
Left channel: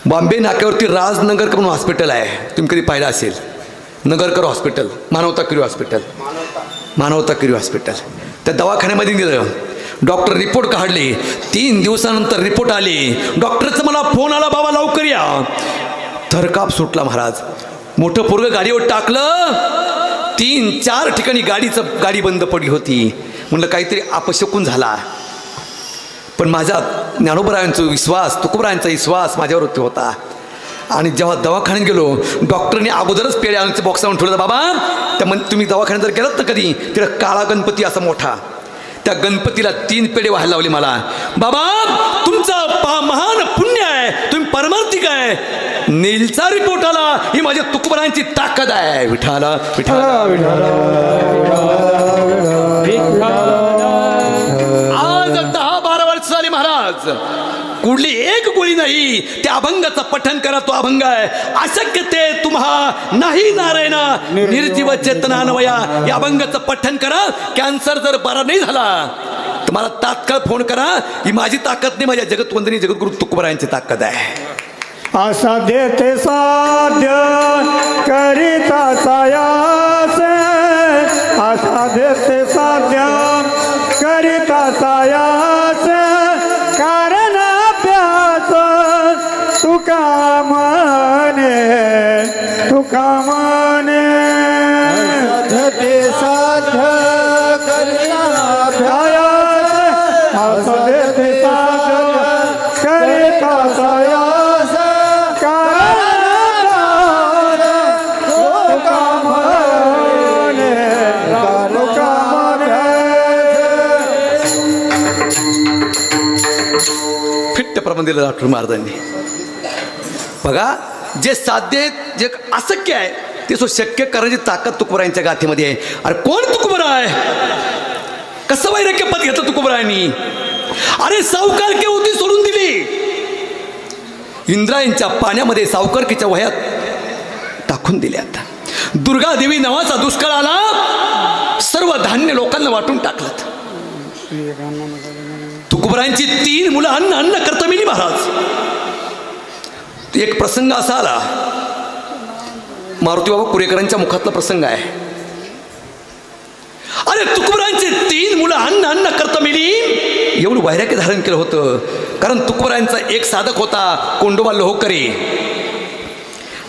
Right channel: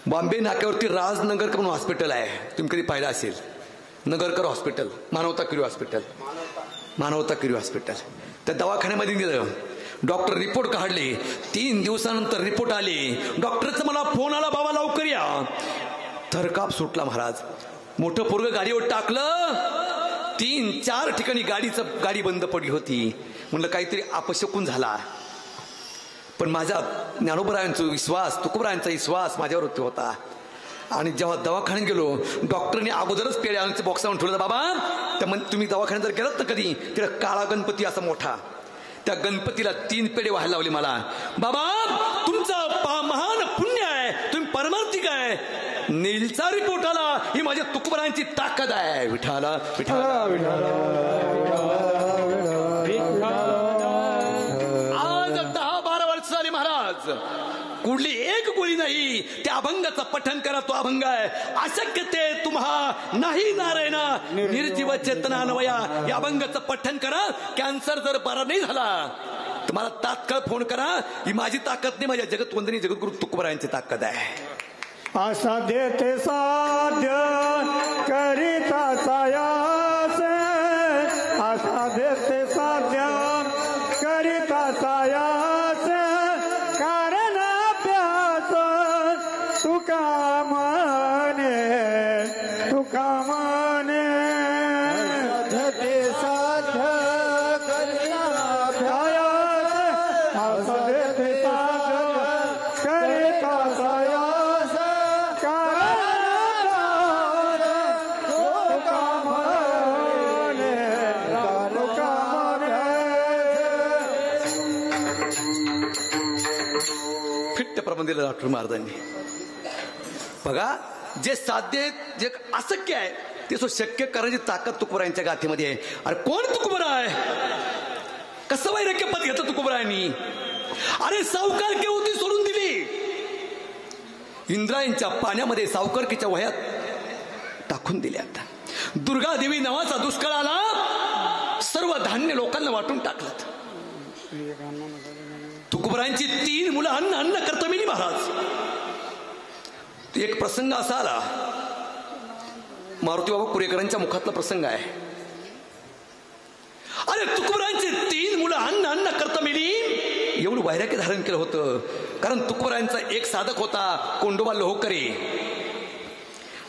बॉम्बे नाक्यावरती राजनगरकर म्हणून हॉस्पिटल आहे, तुम्ही कधी पाहिलं असेल. नगरकर हॉस्पिटल, मानवता किरी हॉस्पिटल, मानवता किरी हॉस्पिटल. त्या दवाखान्यामध्ये दिलं. डॉक्टर रिपोर्ट काढले. 3 दिवसानंतर रिपोर्ट आली. डॉक्टरचा मला फोन आला, बाबा लवकर या. थरकाप सुटला महाराज. मोठं पोरगं गाडीवर टाकलं. 3-4 ठिकाणी गाडी बंद पडली होती. म्हणलं काहीतरी अपशकुन झाला. पण माझा ज्ञानोबरायांचा विश्वास, तुकोबरायांचा विश्वास माझ्यावरती होता. आणि जेव्हा दवाखान्यात गेलो, डॉक्टरने अगोदरच पेढे आणून बॉक्स आणून ठेवलं. बाबा त्या तुम्ही दवाखान्यात जर गेलात ना कधी, तिला काळा गणपती असा मोठा, त्या गणपतीला 3 पेढे व्हायला लावले मला. बाबा तुमचं महान पुण्य आहे, तुम्ही परमार्थिक आहे. नीलचा रिपोर्ट आला, ही माझ्या तुकोबरायांची ताकद आहे. विठाला विठाला विठाला. आज 10-12 वर्ष झाली महाराज, कुठली एक गोळी नाही. त्या अभंगाचं पठण करा, तो अभंग आहे. अशक्य ते तुम्हा नाही नारायणा निर्जीव चेतनान्वया. या अभंगाचं पठण करा. कॅन्सर जर बरा नाही झाला तर मला तात्काळ फोन करा. ही माझी ताकद नाही, माझ्या जगतवंदनी जगद्गुरु तुकोबरायांची ताकद आहे. असाध्य ते साध्य करिता सायास, असाध्य ते साध्य करिता सायास. कारण अभ्यास तुका म्हणे, तुका म्हणे. असाध्य ते साध्य करिता सायास, असाध्य ते साध्य करिता सायास. प्रबंध दिलं डॉक्टर महाराजांनी. बघा जे साध्य आहे, जे अशक्य आहे ते शक्य करण्याची ताकद तुकोबरायांच्या गाथेमध्ये आहे. अरे कोण तुकोबरा आहे? कसं वैराग्य पद घेतलं तुकोबरायांनी? अरे सावकारकी होती सोडून दिली. इंद्रायणच्या पाण्यामध्ये सावकारकीच्या वह्यात टाकून दिल्यात. दुर्गा देवी नावाचा दुष्काळ आला, सर्व धान्य लोकांना वाटून टाकलं. तुकोबरायांची 3 मुलं अन्न करता मिली महाराज. एक प्रसंग असा आला, मारुती बाबा कुरेकरांच्या मुखातला प्रसंग आहे. अरे तुकोबरायांची 3 मुलं अन्न करता मिली. एवढं वैराग्य धारण केलं होतं. कारण तुकोबरायांचा एक साधक होता, कोंडोबा लोहकरे.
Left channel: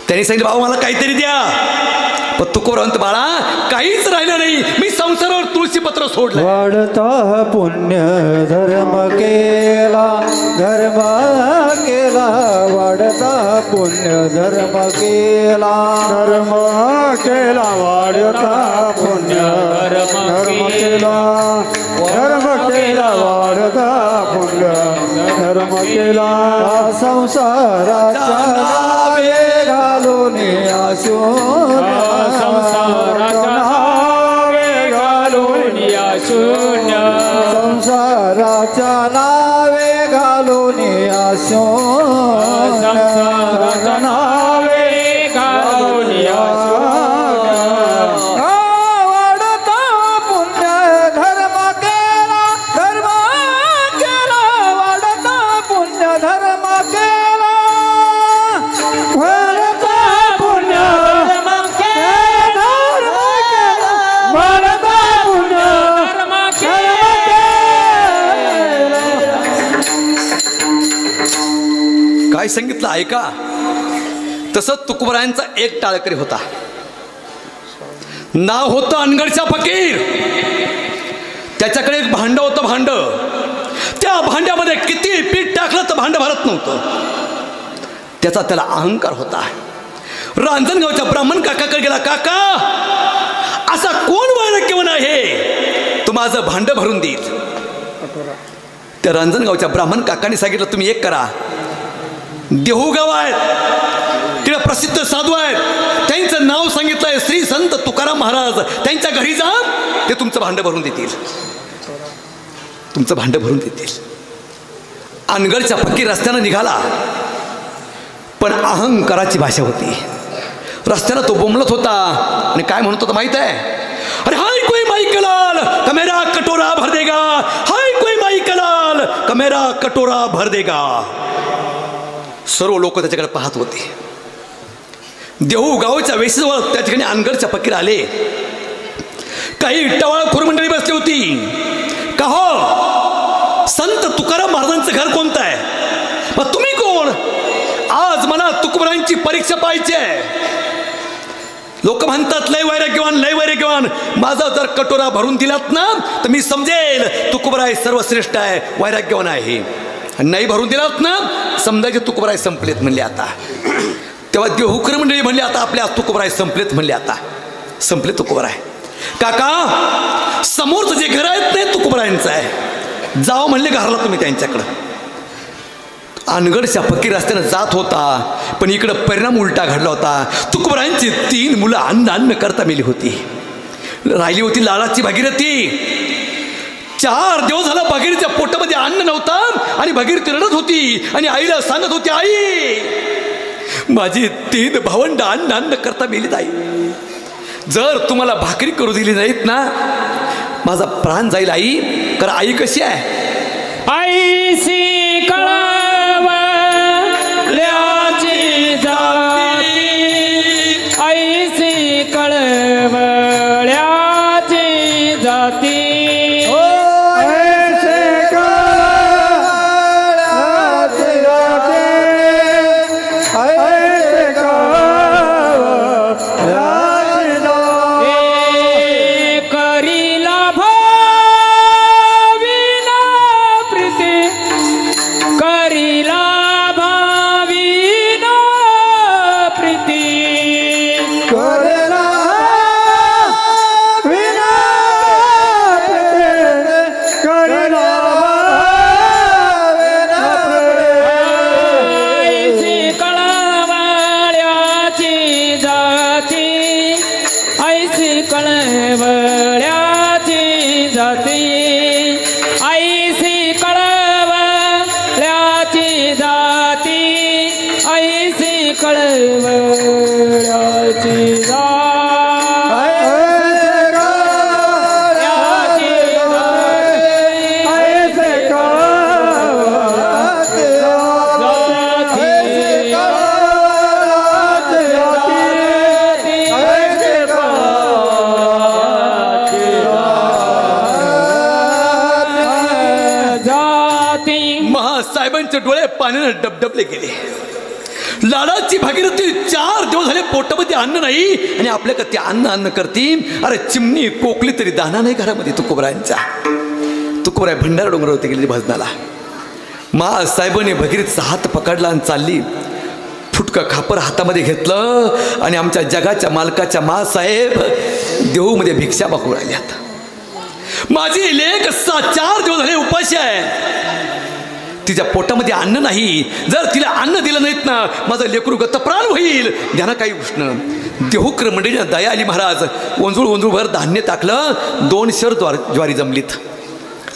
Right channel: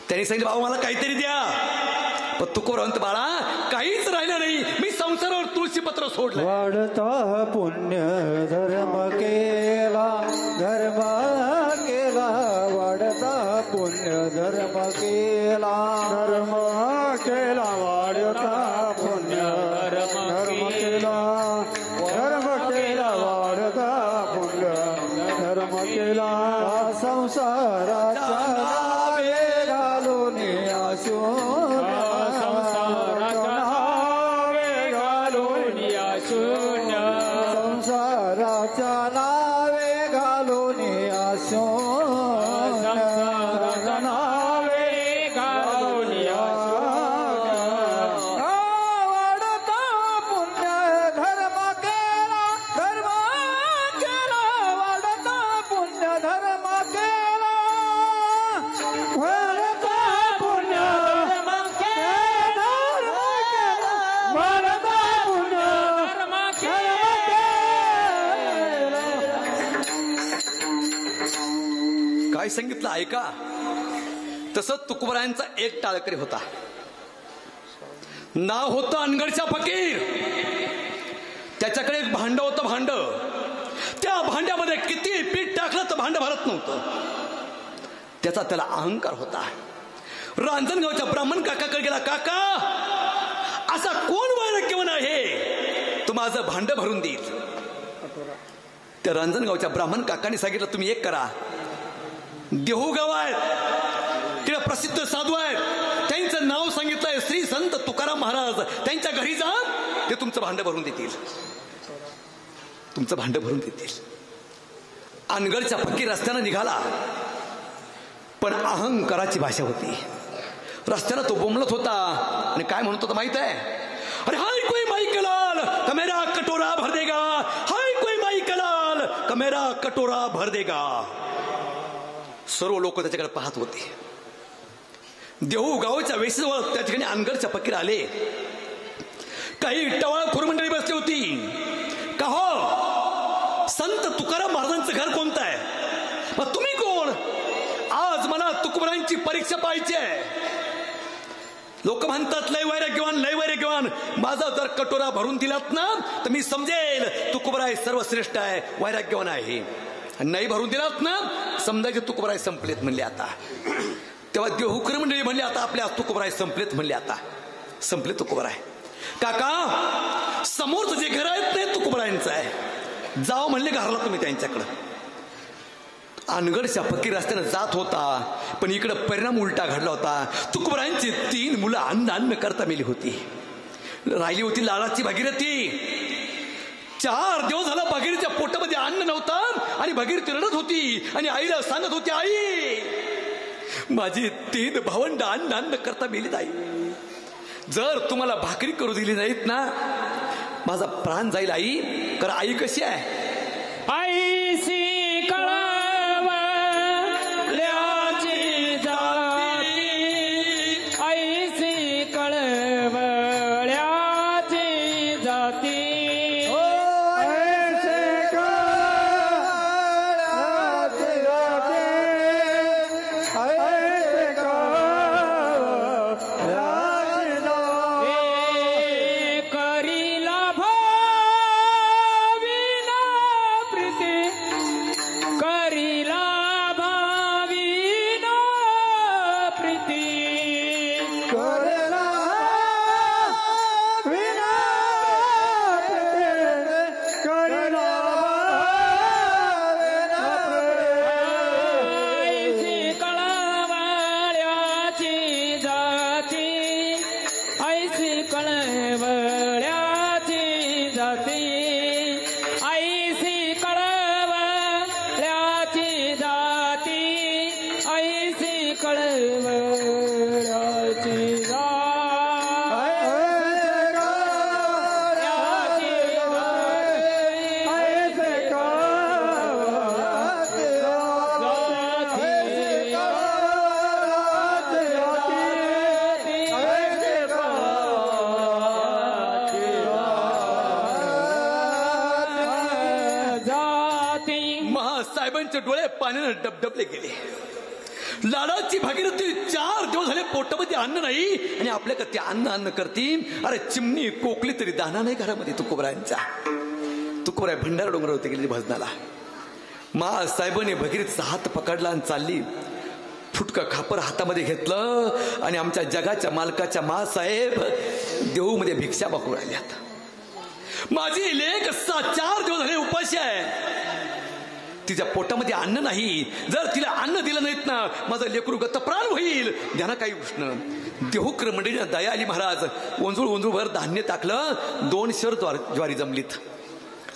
त्यांनी सांगितलं बाबा मला काहीतरी द्या. पण तुकोबरा म्हणतो बाळा काहीच राहिलं नाही, मी संसारावर तुळशीपत्र सोडलं. वाढता पुण्य धर्म केला, धर्म केला. वाढता पुण्य धर्म केला, धर्म केला. वाढता पुण्य धर्म केला, धर्म केला. वाढता पुण्य धर्म केला. संसाराच्या नावे घालून आशून, संसाराच्या नावे घालून आशून, संसाराच्या नावे घालून वाढता पुण्य धर्म केला, धर्म केला. वाढता पुण्य धर्म केला, वाढता पुण्य धर्म केला, वाढता पुण्य धर्म केला. काय सांगितलं ऐका. तसंच तुकोबरायांचा एक टाळकरी होता, नाव होतं अनगडचा फकीर. त्याच्याकडे एक भांड होतं. भांड, त्या भांड्यामध्ये किती पीठ टाकलं तर भांड भरत नव्हतं. त्याला अहंकार होता. रांजणगावच्या ब्राह्मण काकाकडे गेला. काका असा कोण वैराग्यवान आहे तो माझं भांड भरून देईल. त्या रांजणगावच्या ब्राह्मण काकांनी सांगितलं तुम्ही एक करा, देहू गाव आहेत, तिकडे प्रसिद्ध साधू आहेत, त्यांचं नाव सांगितलंय श्री संत तुकाराम महाराज. त्यांच्या घरी जा, ते तुमचं भांडं भरून देतील, तुमचं भांडं भरून देतील. अनगडच्या पक्की रस्त्यानं निघाला, पण अहंकाराची भाषा होती. रस्त्यानं तो बोंबलत होता आणि काय म्हणत होता माहित आहे? अरे हाय कोई माई कलाल का मेरा कटोरा भर देगा, हाय कोई माई कलाल का मेरा कटोरा भर देगा. सर्व लोक त्याच्याकडे पाहत होते. देहू गावच्या वेशीजवळ त्या ठिकाणी अनगडच्या फकीर आले. काही टवाळखोर मंडळी बसली होती. का हो, संत तुकाराम महाराजांचं घर कोणतं आहे? मग तुम्ही कोण? आज मला तुकोबरायांची परीक्षा पाहायची आहे. लोक म्हणतात लय वैराग्यवान, लय वैराग्यवान. माझा जर कटोरा भरून दिलात ना तर मी समजेल तुकोबराय सर्वश्रेष्ठ आहे, वैराग्यवान आहे. नाही भरून दिलात ना समजायचे तुकोबराय संपलेत म्हणले. आता तेव्हा देहूकर मंडळी म्हणले आता आपल्या तुकोबराय संपलेत म्हणले. आता संपले तुकोबराय. काका समोरचं जे घर आहेत ते तुकोबरायांचं आहे, जावं म्हणले घरला तुम्ही त्यांच्याकडं. अनगडच्या फकीर रस्त्यानं जात होता, पण इकडं परिणाम उलटा घडला होता. तुकोबरायांची 3 मुलं अन्न करता मेली होती. राहिली होती लाडाची भागीरथी. 4 दिवस झाला भागीरथीच्या पोटामध्ये अन्न नव्हतं आणि भागीरथी रडत होती आणि आईला सांगत होती, आई माझी 3 भावंड अन्न करता मेलीत. आई जर तुम्हाला भाकरी करू दिली नाहीत ना माझा प्राण जाईल. आई कारण आई कशी आहे? आईसी डोळे पाण्याने डबडबले गेले. लाडाची भागीरथी 4 दिवस झाले पोटामध्ये अन्न नाही आणि आपल्याकडे ते अन्न करती. अरे चिमणी कोकली तरी दाना नाही घरामध्ये तुकोबरायांच्या. तुकोबराय भंडारा डोंगरावरती गेली भजनाला. साहेबांनी भगीरथीचा हात पकडला आणि चालली. फुटकं खापर हातामध्ये घेतलं आणि आमच्या जगाच्या मालकाच्या साहेब देहूमध्ये भिक्षा मागू राहिल्यात. माझी लेक 4 दिवस झाले उपाशी आहे. तिच्या पोटामध्ये अन्न नाही. जर तिला अन्न दिलं नाहीत ना माझं लेकरू गतप्राण होईल. ध्याना काही उष्ण. देहूकर मंडळीला दया आली. महाराज वंजूळभर धान्य टाकलं. 2 शर ज्वारी जमलीत,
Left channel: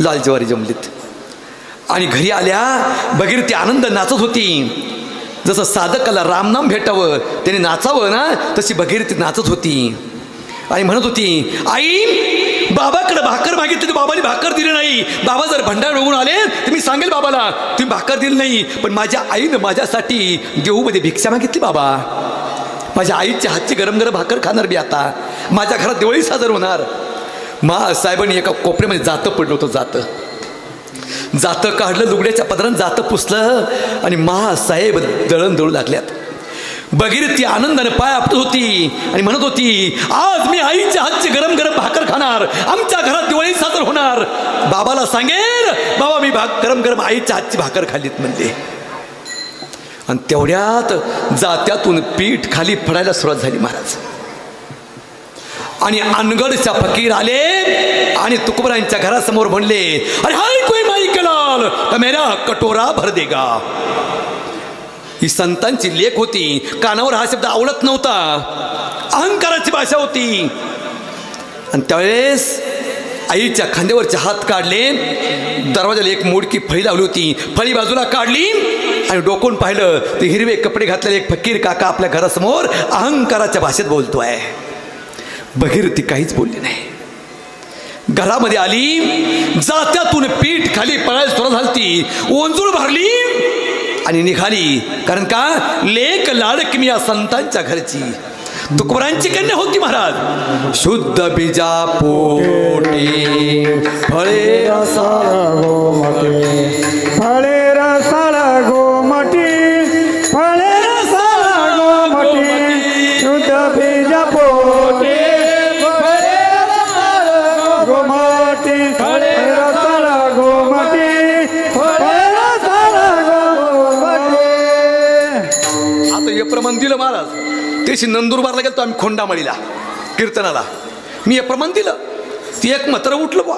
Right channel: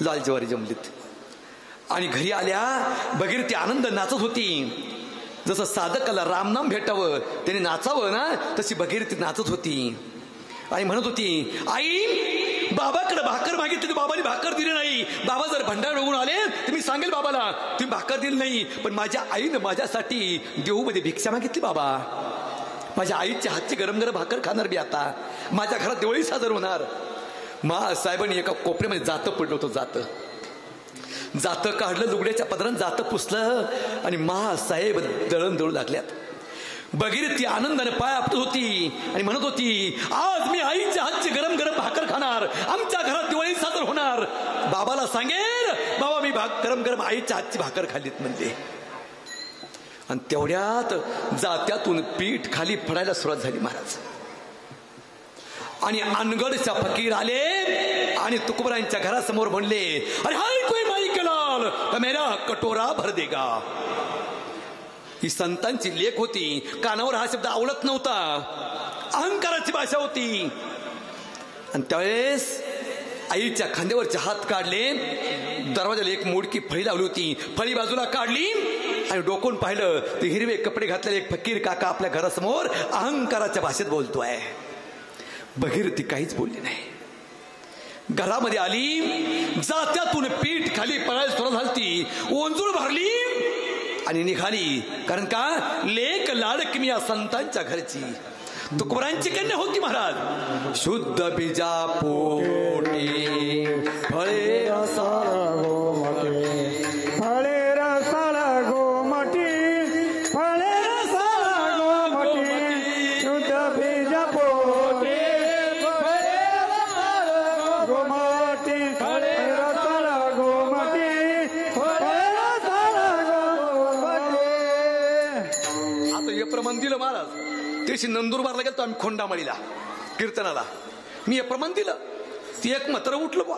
लाल ज्वारी जमलीत. आणि घरी आल्या भगीरथी आनंद नाचत होती. जसं साधकाला रामनाम भेटावं त्याने नाचावं ना तशी भगीरथी नाचत होती आणि म्हणत होती, आई बाबाकडे भाकर मागितली तर बाबाने भाकर दिली नाही. बाबा जर भंडार डोंगून आले तर मी सांगेल बाबाला तुम्ही भाकर दिली नाही. पण माझ्या आईनं माझ्यासाठी देहूमध्ये भिक्षा मागितली. बाबा माझ्या आईच्या हातची गरम गरम भाकर खाणार मी. आता माझ्या घरात दिवाळी साजर होणार. साहेबांनी एका कोपऱ्यामध्ये जातं पडलं होतं. जातं काढलं, लुगड्याच्या पदरानं जातं पुसलं आणि साहेब दळण दळू लागल्यात. भगीरथी आनंदाने पाय आपटत होती आणि म्हणत होती, आज मी आईच्या हातची गरम गरम भाकर खाणार. आमच्या घरात दिवाळी साजर होणार. बाबाला सांगेल बाबा मी गरम गरम आईच्या हातची भाकर खाल्लीत म्हणले. आणि तेवढ्यात जात्यातून पीठ खाली पडायला सुरुवात झाली महाराज. आणि अनगडच्या फकीर आले आणि तुकोबरायांच्या घरासमोर म्हणले, अरे हाय कोई माई कलाल तर मेरा कटोरा भर देगा. ही संतांची लेख होती. कानावर हा शब्द आवडत नव्हता. अहंकाराची भाषा होती. आणि त्यावेळेस आईच्या खांद्यावरचे हात काढले. दरवाजाला एक मोडकी फळी लावली होती. फळी बाजूला काढली आणि डोकून पाहिलं ते हिरवे कपडे घातलेले एक फकीर काका आपल्या घरासमोर अहंकाराच्या भाषेत बोलतोय. भगीरथी काहीच बोलली नाही. घरामध्ये आली. जात्यातून पीठ खाली पळायला सुरुवात झाली. ओंजूळ भरली आणि निघाली. कारण का लेक लाडकी या संतांच्या घरची तुकोबरांची कन्या होती महाराज. शुद्ध बीजा पोटी फळे रसाळ गोमटी फळे रसाळ गोमटी फळे रसाळ गोमटी शुद्ध बीज पोटी फळे रसाळ गोमटी फळे रसाळ गोमटी फळे रसाळ गोमटी. आता हे प्रमाण दिलं महाराज. त्याशी नंदुरबारला गेलो आम्ही खोंडामळीला कीर्तनाला. मी हे प्रमाण दिलं. ती एक मात्र उठलं बा.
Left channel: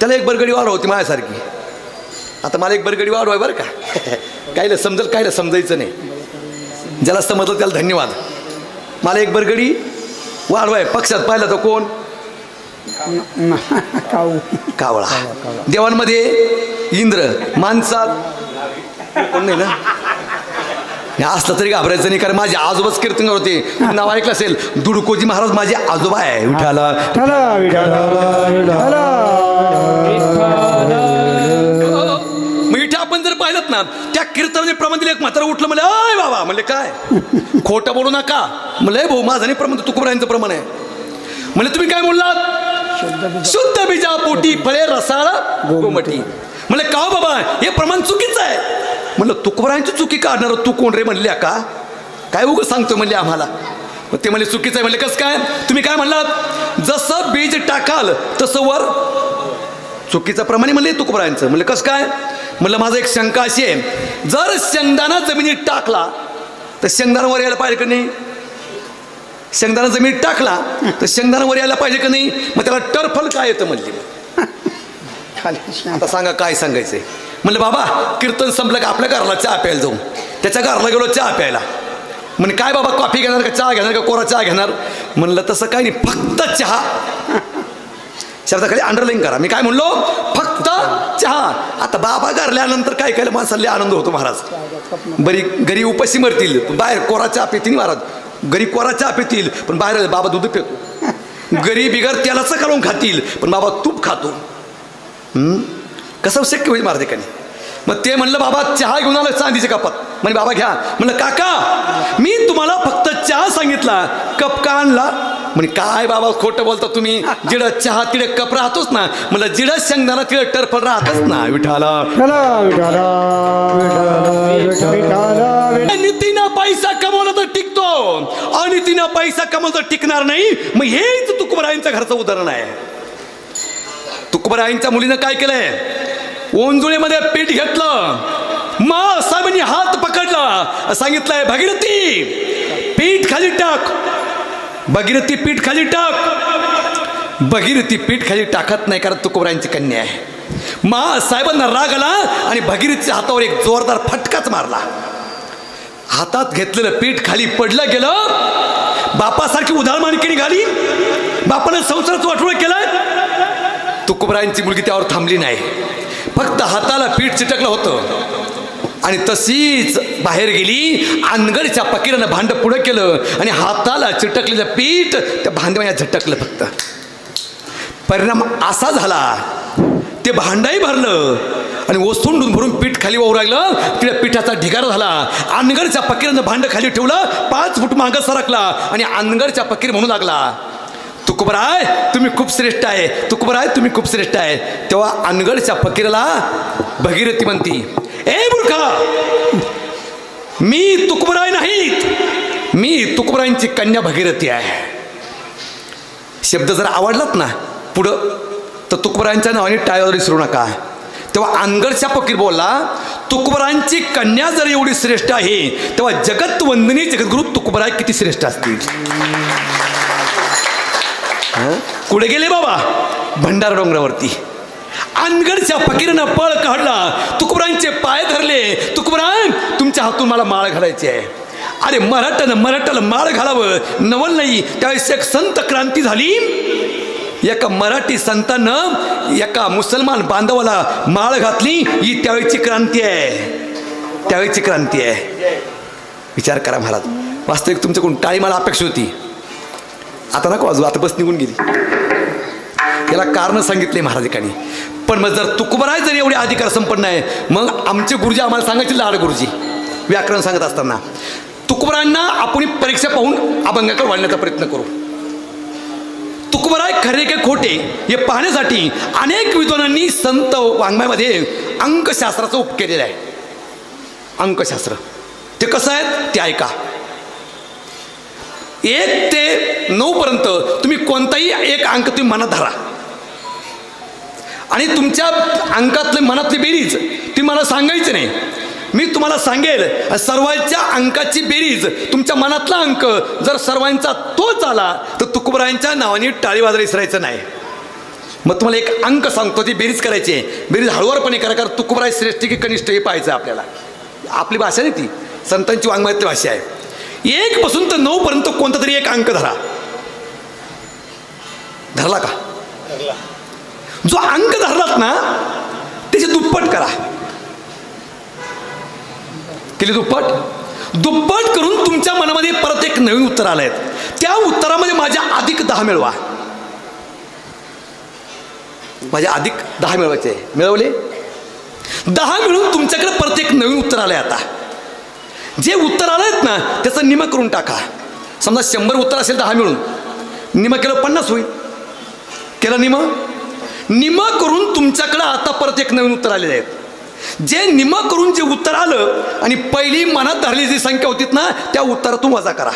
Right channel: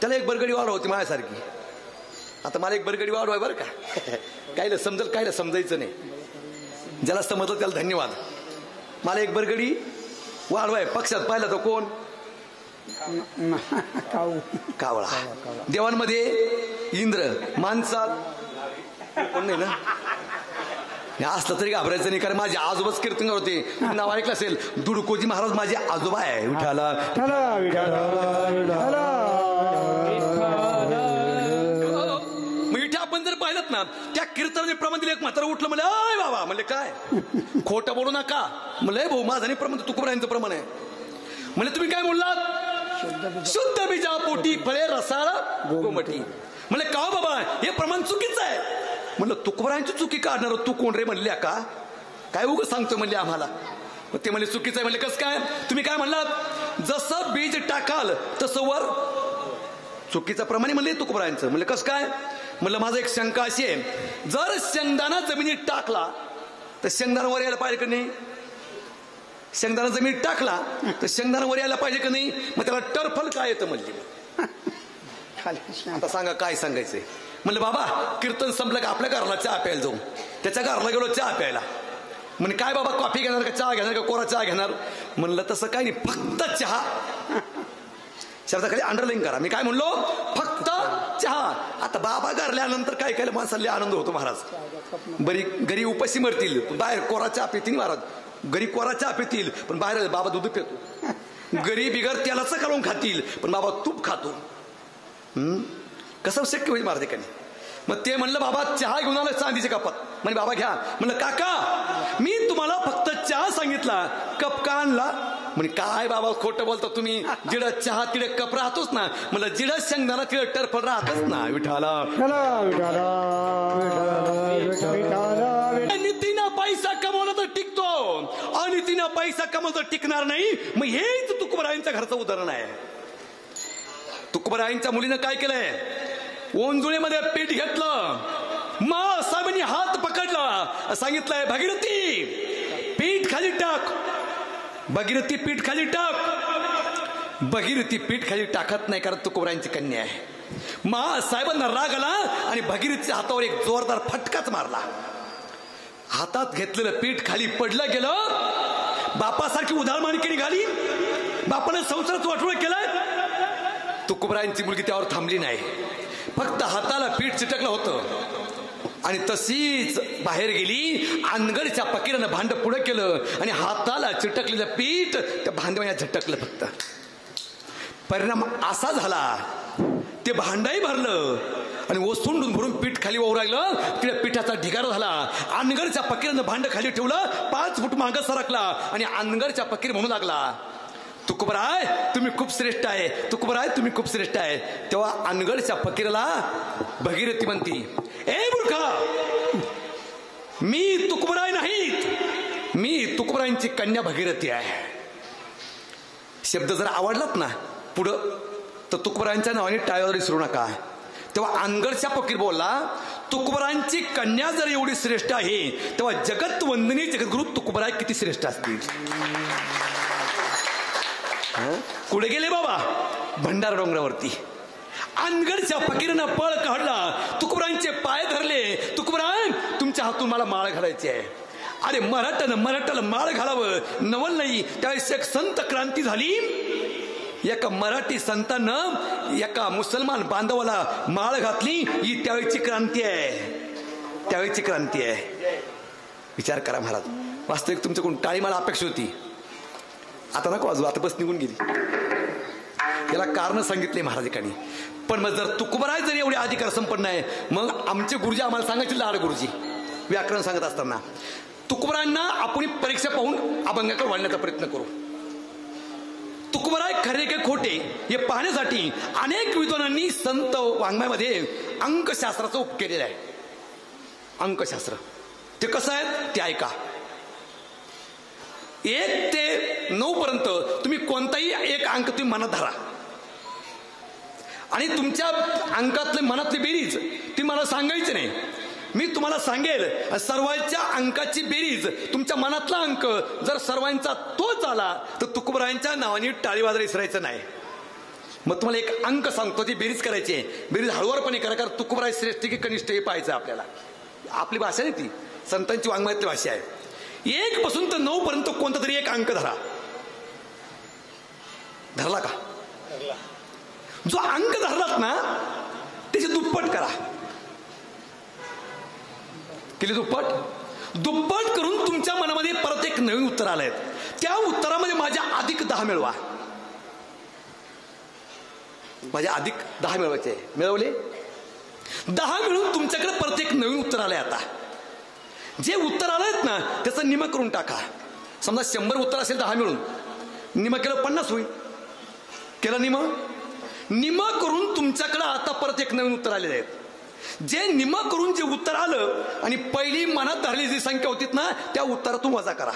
त्याला एक बरगडी वाढ होती माझ्यासारखी. आता मला एक बरगडी वाढ आहे बरं का. कायला समजेल कायला समजायचं नाही. ज्याला समजलं त्याला धन्यवाद. मला एक बरगडी वाढवाय. पक्षात पाहिलं तर कोण कावळा. देवांमध्ये इंद्र. माणसात कोण नाही ना. असलं तरी घाबरायचं नाही. कारण माझे आजोबाच कीर्तन होते. नाव ऐकलं असेल दुडकोजी महाराज माझे आजोबा आहे. विठाला मिठा आपण जर पाहिलं ना त्या कीर्तनाने प्रमाण दिले. एक मात्र उठलं म्हणले अय बाबा. म्हणले काय खोटं बोलू नका. म्हणलं भाऊ माझं नाही प्रमाण तुकोबरायांचं प्रमाण आहे. म्हणले तुम्ही काय बोललात. शुद्ध बीजा पोटी फळे रसाळ गोमटी. म्हणले का बाबा हे प्रमाण चुकीचं आहे. म्हणलं तुकोबरायांची चुकी काढणार तू कोण रे म्हणल्या का. काय उगं सांगतो म्हणले आम्हाला. ते म्हणले चुकीचं आहे. म्हणले कसं काय. तुम्ही काय म्हणलात जसं बीज टाकाल तसं वर. चुकीचं प्रमाणे म्हणले तुकोबरायांचं. म्हणलं कसं काय. म्हणलं माझं एक शंका अशी आहे. जर शेंगदाणा जमिनीत टाकला तर शेंगदाणा वर यायला पाहिजे का नाही. शेंगदाणा जमिनीत टाकला तर शेंगदाणा वर यायला पाहिजे का नाही. मग त्याला टरफल काय येतं म्हणली. आता सांगा काय सांगायचंय. म्हणलं बाबा कीर्तन संपलं का आपल्या घराला चहा प्यायला जाऊ. त्याच्या घराला गेलो चहा प्यायला. म्हणजे काय बाबा कॉफी घेणार का चहा घेणार का कोरा चहा घेणार. म्हणलं तसं काय नाही फक्त चहा. शब्दाखाली अंडरलाईन करा. मी काय म्हणलो फक्त चहा. आता बाबा घरल्यानंतर काय केलं माणसाला आनंद होतो महाराज. बरी घरी उपाशी मरतील बाहेर कोरा चहा पितील महाराज. घरी कोरा चहा पितील पण बाहेर बाबा दूध पितो. घरी बिगर तेलाचं काढून खातील पण बाबा तूप खातो. कसं शक्य होईल महाराजांनी. मग ते म्हणलं बाबा चहा घेऊन आलं चांदीचे कपात. म्हणजे बाबा घ्या. म्हणलं काका मी तुम्हाला फक्त चहा सांगितला कप का आणला. म्हणजे काय बाबा खोटं बोलता तुम्ही. जिडं चहा तिडे कप राहतोच ना. म्हणलं जिडं शेंगदाणा तिडे टरफल राहतच ना. विठाला नीतीनं पैसा कमवलं तर टिकतो आणि तिनं पैसा कमवलं तर टिकणार नाही. मग हेच तुकोबरायांच्या घरचं उदाहरण आहे. तुकोबरायांच्या मुलीनं काय केलंय ओंजुळीमध्ये पीठ घेतलं. मग साहेबांनी हात पकडला. सांगितलंय भगीरथी पीठ खाली टाक. भगीरथी पीठ खाली टाक. भगीरथी पीठ खाली टाकत नाही कारण तुकोबरायांची कन्या आहे. मग साहेबांना राग आला आणि भगीरथीच्या हातावर एक जोरदार फटकाच मारला. हातात घेतलेलं पीठ खाली पडलं गेलं. बापासारखी उधारमानकी निघाली. बापानं संसाराचं वाटोळं केलं. तुकोबरायांची मुलगी त्यावर थांबली नाही. फक्त हाताला पीठ चिटकलं होतं आणि तशीच बाहेर गेली. अनगडच्या फकीरानं भांड पुढं केलं आणि हाताला चिटकलेलं पीठ त्या भांड्यामध्ये झटकलं. फक्त परिणाम असा झाला ते भांडाही भरलं आणि ओसंडून भरून पीठ खाली वाहू राहिलं. तिकडे पिठाचा ढिगारा झाला. अनगडच्या फकीरानं भांड खाली ठेवलं. 5 फूट मागं सरकला आणि अनगडच्या फकीर म्हणू लागला तुकोबराय तुम्ही खूप श्रेष्ठ आहे. तुकोबराय तुम्ही खूप श्रेष्ठ आहे. तेव्हा अनगडच्या फकीराला भगीरथी म्हणती ए मूर्खा मी तुकोबराय नाहीत. मी तुकोबरायांची कन्या भगीरथी आहे. शब्द जर आवडलात ना पुढं तर तुकोबरायांच्या नावाने टाळ्यावर विसरू नका. तेव्हा अनगडच्या फकीर बोलला तुकोबरायांची कन्या जर एवढी श्रेष्ठ आहे तेव्हा जगत वंदनी जगद्गुरु तुकोबराय किती श्रेष्ठ असतील. कुठे गेले बाबा भंडारा डोंगरावरती. अनगडच्या फकीरानं पळ काढला. तुकोबरायांचे पाय धरले. तुकोबराय तुमच्या तुझ्या हातून मला माळ घालायची आहे. अरे मराठाला माळ घालावं नवल नाही. त्यावेळेस एक संत क्रांती झाली. एका मराठी संतानं एका मुसलमान बांधवाला माळ घातली. ही त्यावेळेची क्रांती आहे, त्यावेळेची क्रांती आहे. विचार करा महाराज. वास्तविक तुमच्याकडून टाळी मला अपेक्षा होती. आता नको वाजू, आता बस निघून गेली. याला कारण सांगितले महाराजांनी. पण मग जर तुकोबराय जर एवढे अधिकार संपन्न आहे, मग आमचे गुरुजी आम्हाला सांगायचे लाड गुरुजी व्याकरण सांगत असताना तुकोबरायांना आपण परीक्षा पाहून अभंगाकडे वाढण्याचा प्रयत्न करू. तुकोबराय खरे के खोटे हे पाहण्यासाठी अनेक विद्वानांनी संत वाङ्मयामध्ये अंकशास्त्राचा उप केलेला आहे. अंकशास्त्र ते कसं आहे ते ऐका. 1 ते 9 पर्यंत तुम्ही कोणताही एक अंक तुम्ही मनात धरा आणि तुमच्या अंकातले मनातली बेरीज तुम्ही मला सांगायची नाही. मी तुम्हाला सांगेल सर्वांच्या अंकाची बेरीज तुमच्या मनातला अंक जर सर्वांचा तोच आला तर तुकोबरायांच्या नावाने टाळी वाजवायला विसरायचं नाही. मग तुम्हाला एक अंक सांगतो, ती बेरीज करायची आहे. बेरीज हळूवारपणे करा, कारण तुकोबराय श्रेष्ठ की कनिष्ठ हे पाहायचं आपल्याला. आपली भाषा नाही ती, संतांची वाङ्मयातली भाषा आहे. 1 पासून तर 9 पर्यंत कोणता तरी एक अंक धरा. धरला का? जो अंक धरलात ना त्याची दुप्पट करा. केली दुप्पट करून तुमच्या मनामध्ये परत एक नवीन उत्तर आलंय. त्या उत्तरामध्ये माझ्या अधिक 10 मिळवा. माझ्या अधिक 10 मिळवायचे. मिळवले 10 मिळून तुमच्याकडे परत एक नवीन उत्तर आलंय. आता जे उत्तर आलंयत ना त्याचं निम करून टाका. समजा 100 उत्तर असेल 10 मिळून, निम केलं 50 होईल. केलं निम करून तुमच्याकडे आता परत एक नवीन उत्तर आलेले आहेत. जे निम करून जे उत्तर आलं आणि पहिली मनात धरलेली जी संख्या होती ना त्या उत्तरातून वजा करा.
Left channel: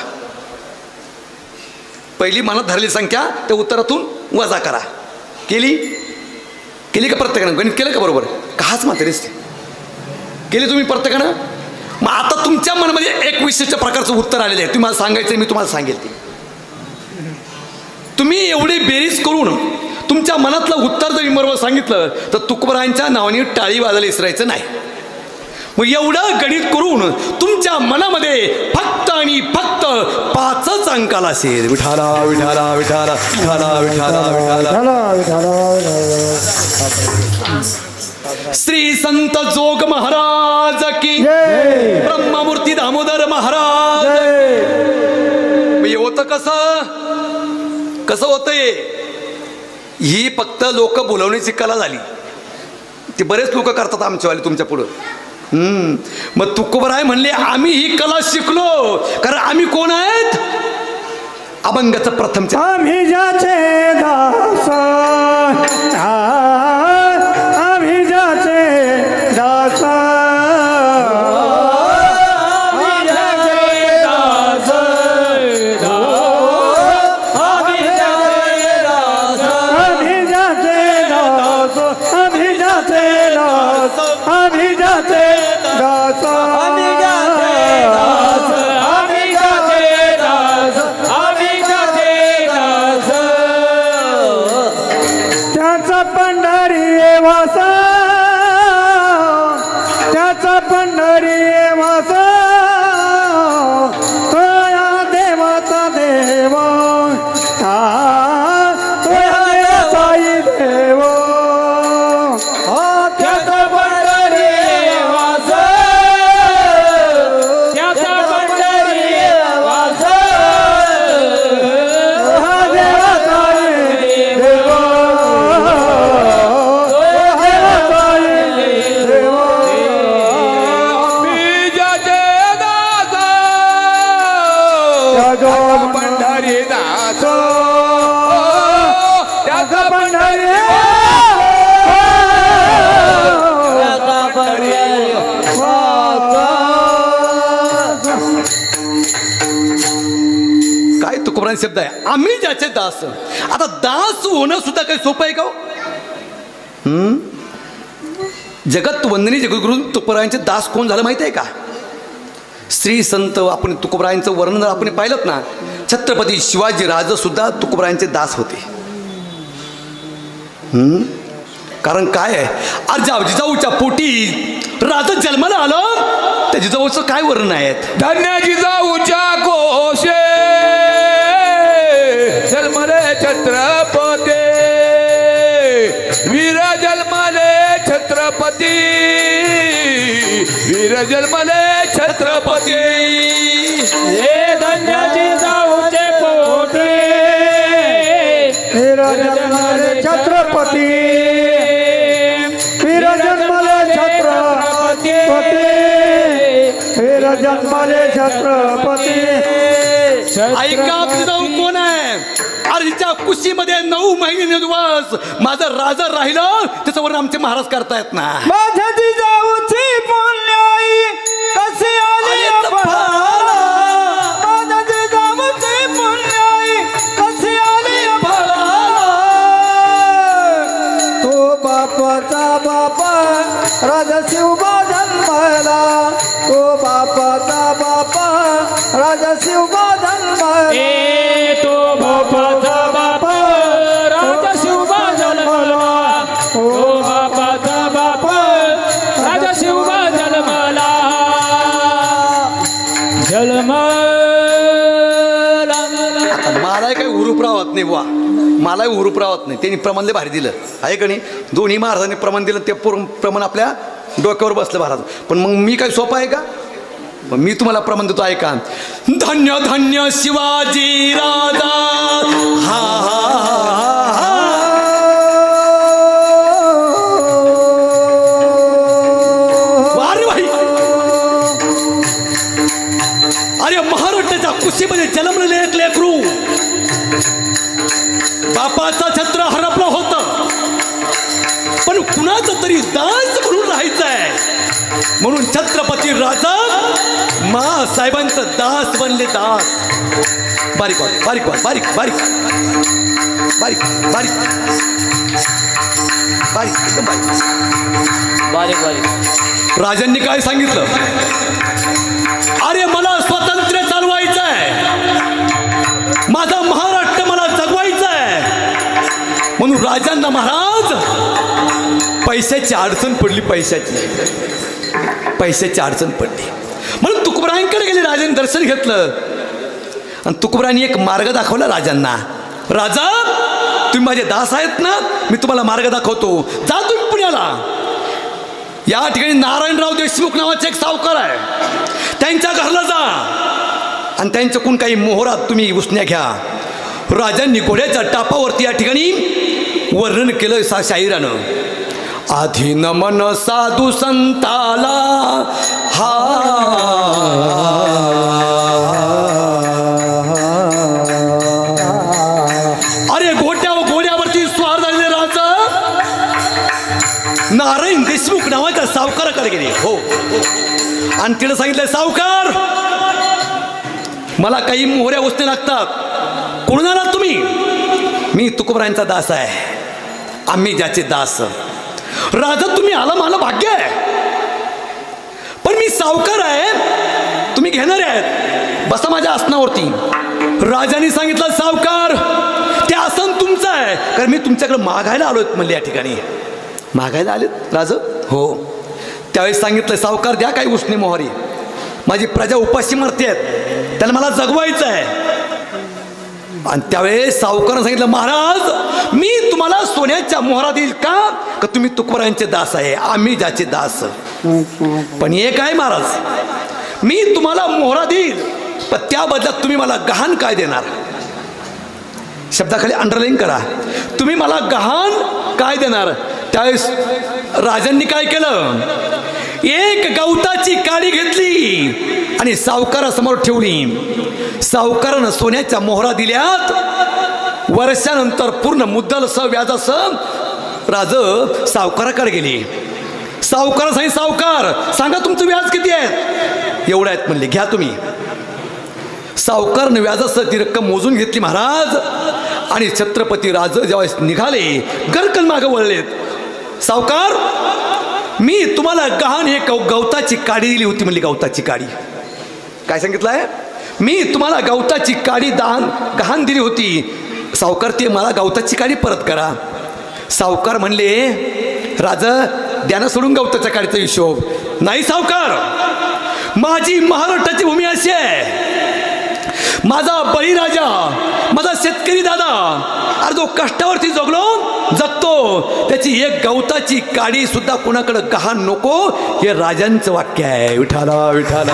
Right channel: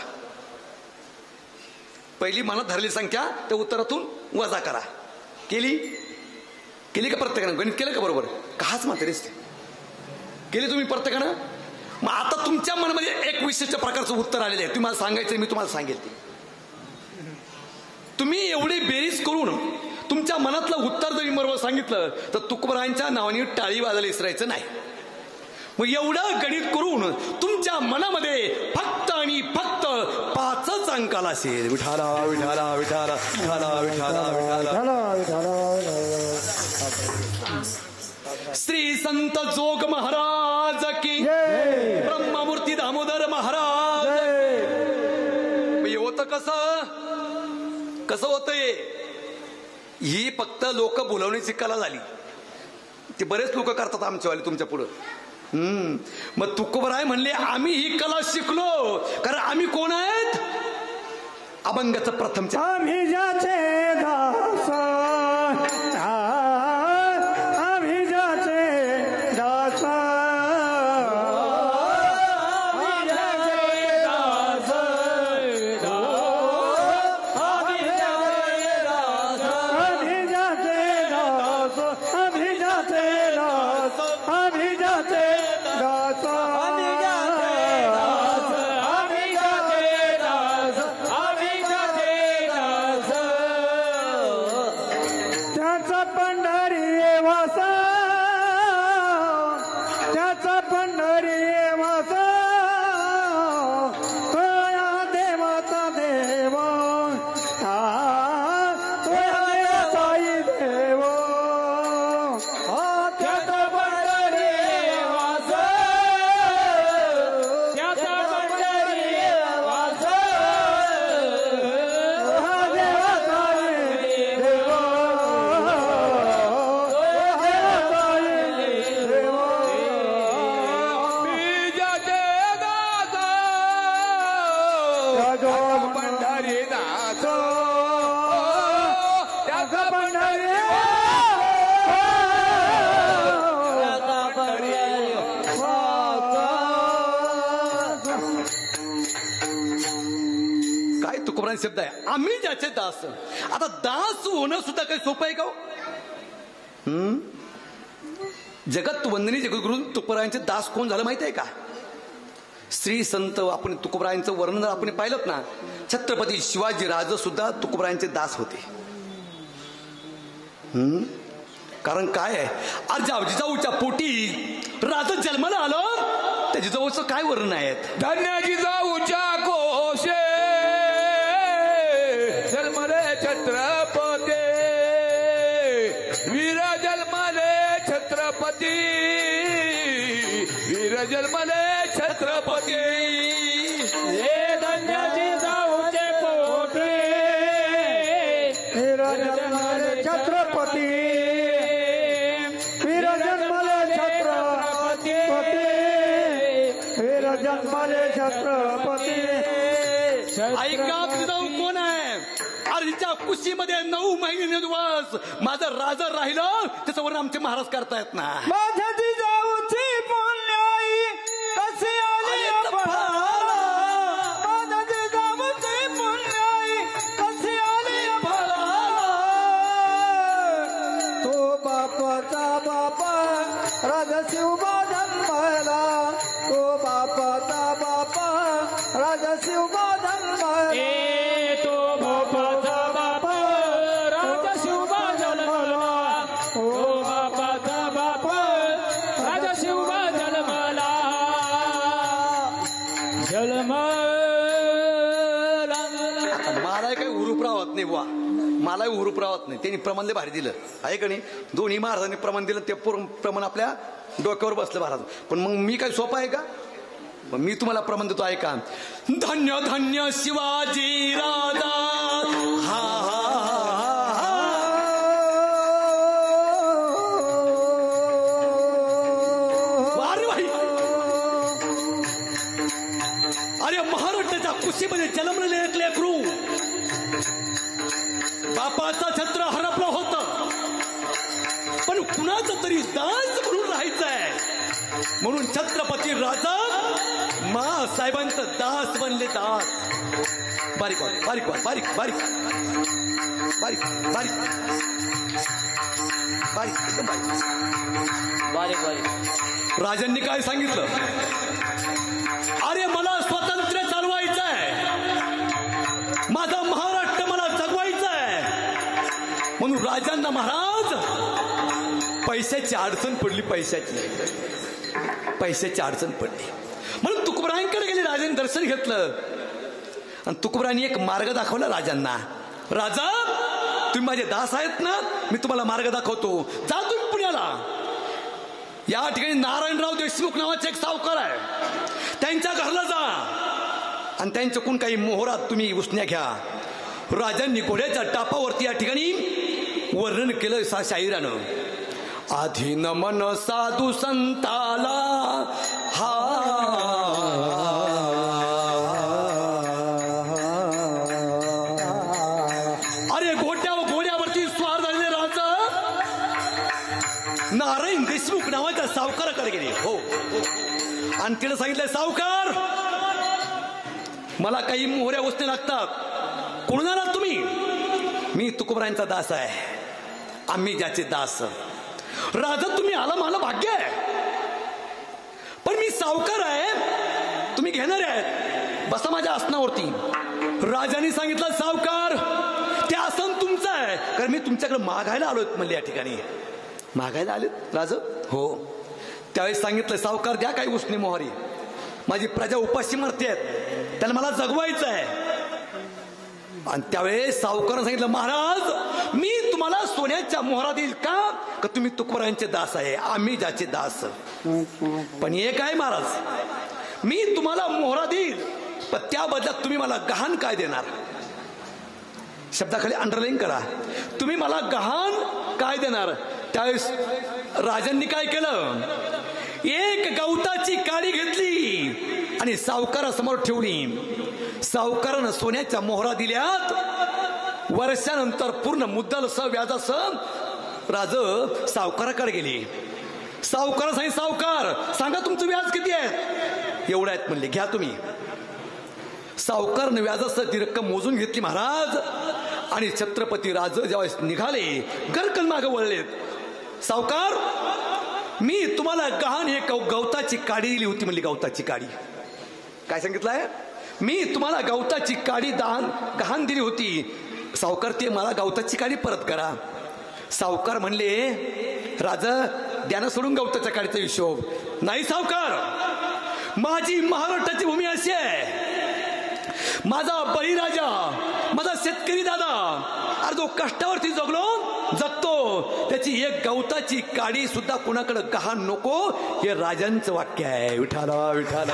पहिली मनात धरलेली संख्या त्या उत्तरातून वजा करा. केली का प्रत्येकानं? गणित केलं का बरोबर? काच मात्र केली तुम्ही प्रत्येकानं. मग आता तुमच्या मनामध्ये एक विशिष्ट प्रकारचं उत्तर आलेलं आहे. तुम्ही मला सांगायचं, मी तुम्हाला सांगेल ते. तुम्ही एवढी बेरीज करून तुमच्या मनातलं उत्तर जर बरोबर सांगितलं तर तुकोबरायांच्या नावाने टाळी वाजायला विसरायचं नाही. मग एवढं गणित करून तुमच्या मनामध्ये फक्त आणि फक्त 5च अंकाला असेल. विठाला विठाला विठाला विठाला विठाला विठाला. श्री संत जोग महाराज की ब्रह्ममूर्ती दामोदर महाराज. हे होतं कसं होतंय? ही फक्त लोक बोलवण्याची कला झाली. ते बरेच लोक करतात आमच्यावाले तुमच्या पुढं. मग तुकोबराय म्हणले आम्ही ही कला शिकलो, कारण आम्ही कोण आहेत? अभंगाचं प्रथम आम्ही ज्याचे दास, आम्ही ज्याचे दास, शब्द आहे आम्ही ज्याचे दास. आता दास होणं सुद्धा काही सोपं आहे का? जगत वंदनी जगद्गुरु तुकोबरायांचे दास कोण झालं माहिती आहे का? श्री संत आपण तुकोबरायांचं वर्णन आपण पाहिलं ना, छत्रपती शिवाजी राज सुद्धा तुकोबरायांचे दास होते. कारण काय आहे, जिजाऊच्या पोटी राज जन्माला आलं त्या जिजाऊचं काय वर्णन आहेत? धन्य जिजाऊच्या कोशे जन्मले छत्रपती वीर जन्मले छत्रपती वीर जन्मले छत्रपती हे धन्य जिजाऊचे पोटे वीर जन्मले छत्रपती वीर जन्मले छत्रपती वीर जन्मले छत्रपती. ऐका जिजाऊ कोण आहे? आरच्या कुशीमध्ये 9 महिने दिवस माझं राज राहिलं त्याचं वर्णन आमचे महाराज करतायत ना. माझ्या जिजाऊची पुण्याई कशी आली फळाला माझ्या जिजाऊची पुण्याई कशी आली फळाला तो बापाचा बापा राजा शिवबा जन्मला तो बापाचा बापा राजा शिवबा जन्मला तो बापाचा बापा राजा शिवबा जन्मला तो बापाचा बापा राजा शिवबा जन्मला जन्मला. मला काही हुरूप राहत नाही बुवा, मलाही हुरूप राहत नाही. त्यांनी प्रमाणले भारी दिलं आहे का नाही? दोन्ही महाराजांनी प्रमाण दिलं ते प्रमाण आपल्या डोक्यावर बसलं महाराज. पण मग मी काय सोपं आहे का? मी तुम्हाला प्रमाण देतो ऐका. धन्य धन्य शिवाजी राजा हा वारे भाई. अरे महाराष्ट्राच्या कुशीमध्ये जन्मलेले एक लेकरू बापाचा छत्र हरपलं होतं पण कुणाचं तरी दास म्हणून राहायचंय म्हणून छत्रपती राजा साहेबांचं दास बनले. दास बारीक बारीक बारीक बारीक बारीक बारीक बारीक एकदम बारीक बारीक बारीक. राजांनी काय सांगितलं? अरे मला स्वातंत्र्य चालवायचं आहे, माझा महाराष्ट्र मला जगवायचा आहे म्हणून राजांना महाराज पैशाची अडचण पडली. पैशाची अडचण पडली म्हणून तुकोबरायांकडे गेले. राजांनी दर्शन घेतलं आणि तुकोबरायांनी एक मार्ग दाखवला राजांना. राजा तुम्ही माझे दास आहेत ना, मी तुम्हाला मार्ग दाखवतो. जा तुम्ही पुण्याला. या ठिकाणी नारायणराव देशमुख नावाचे एक सावकार आहे, त्यांच्या घराला जा आणि त्यांच्याकडून काही मोहरात तुम्ही उसण्या घ्या. राजांनी घोड्याच्या टापावरती या ठिकाणी वर्णन केलं शाहिरानं. आधी नमन साधू संताला हा अरे घोड्यावरती स्वार झालेले राजा नारायण देशमुख नावाच्या सावकाराकडे गेले. हो आणि तिला सांगितलं सावकार मला काही मोहऱ्या उसने लागतात. कोण आलात तुम्ही? मी तुकोबरायांचा दास आहे, आम्ही ज्याचे दास. राजा तुम्ही आला मला भाग्य आहे पण मी सावकार आहे, तुम्ही घेणारे आहेत, बसा माझ्या आसनावरती. राजाने सांगितलं सावकार ते आसन तुमचं आहे कारण मी तुमच्याकडे मागायला आलोय म्हणले. या ठिकाणी मागायला आलेत राजा? हो. त्यावेळेस सांगितलं सावकार द्या काही उसने मोहरी, माझी प्रजा उपाशी मरते आहेत, त्यांना मला जगवायचं आहे. आणि त्यावेळेस सावकारानं सांगितलं महाराज मी तुम्हाला सोन्याच्या मोहरा देईल का तुम्ही तुकोबरायांचे दास आहे, आम्ही ज्याचे दास. पण एक आहे महाराज, मी तुम्हाला मोहरा देईल पण त्या बदल्यात तुम्ही मला गहाण काय देणार? शब्दाखाली अंडरलाईन करा, तुम्ही मला गहाण काय देणार? त्यावेळेस राजांनी काय केलं? एक गवताची काडी घेतली आणि सावकारासमोर ठेवली. सावकारानं सोन्याच्या मोहरा दिल्यात. वर्षानंतर पूर्ण मुद्दलसह व्याजासह राज सावकाराकडे गेली. सावकारा सांगितलं सावकार सांगा तुमचं व्याज किती आहे? एवढं आहेत म्हणले, घ्या तुम्ही. सावकारनं व्याजासह ती रक्कम मोजून घेतली महाराज. आणि छत्रपती राज ज्यावेळेस निघाले गरकन मागं वळलेत. सावकार मी तुम्हाला गहाण एक गवताची काडी दिली होती म्हणली. गवताची काडी काय सांगितलं आहे? मी तुम्हाला गवताची काडी गहाण दिली होती. सावकार ते मला गवताची काडी परत करा. सावकार म्हणले राजा द्याना सोडून गवताच्या काडीचा हिशोब नाही. सावकार माझी महाराष्ट्राची भूमी अशी आहे, माझा बळीराजा, माझा शेतकरी दादा, अरे जो कष्टावरती जगतो त्याची एक गवताची काडी सुद्धा कोणाकडे गहाण नको, हे राजांचं वाक्य आहे. विठाला विठाला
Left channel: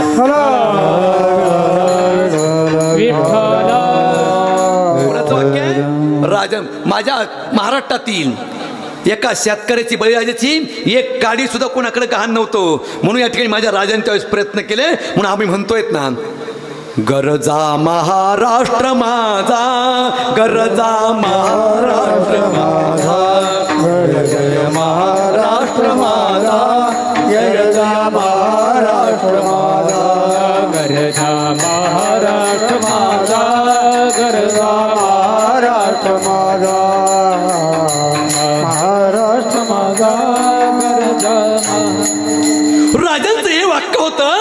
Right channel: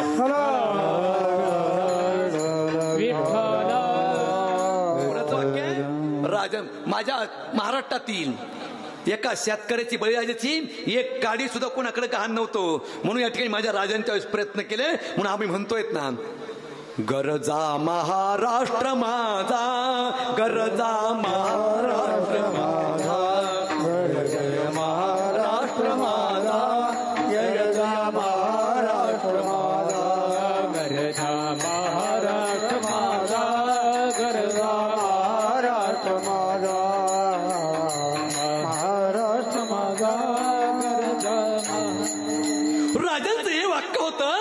कोणाचं वाक्य आहे? राजा. माझ्या महाराष्ट्रातील एका शेतकऱ्याची, बळीराजाची एक काडी सुद्धा कोणाकडे गहाण नव्हतं. म्हणून या ठिकाणी माझ्या राजांच्या वेळेस प्रयत्न केले. म्हणून आम्ही म्हणतोय ना, गरजा महाराष्ट्र माझा, गरजा महाराष्ट्र माझा, गरजा महाराष्ट्र माझा, गरजा महाराष्ट्र माझा, गरजा महाराष्ट्र माझा, गरजा महाराष्ट्र माझा, महाराष्ट्र माझा, गरजा. राजांचं हे वाक्य होतं.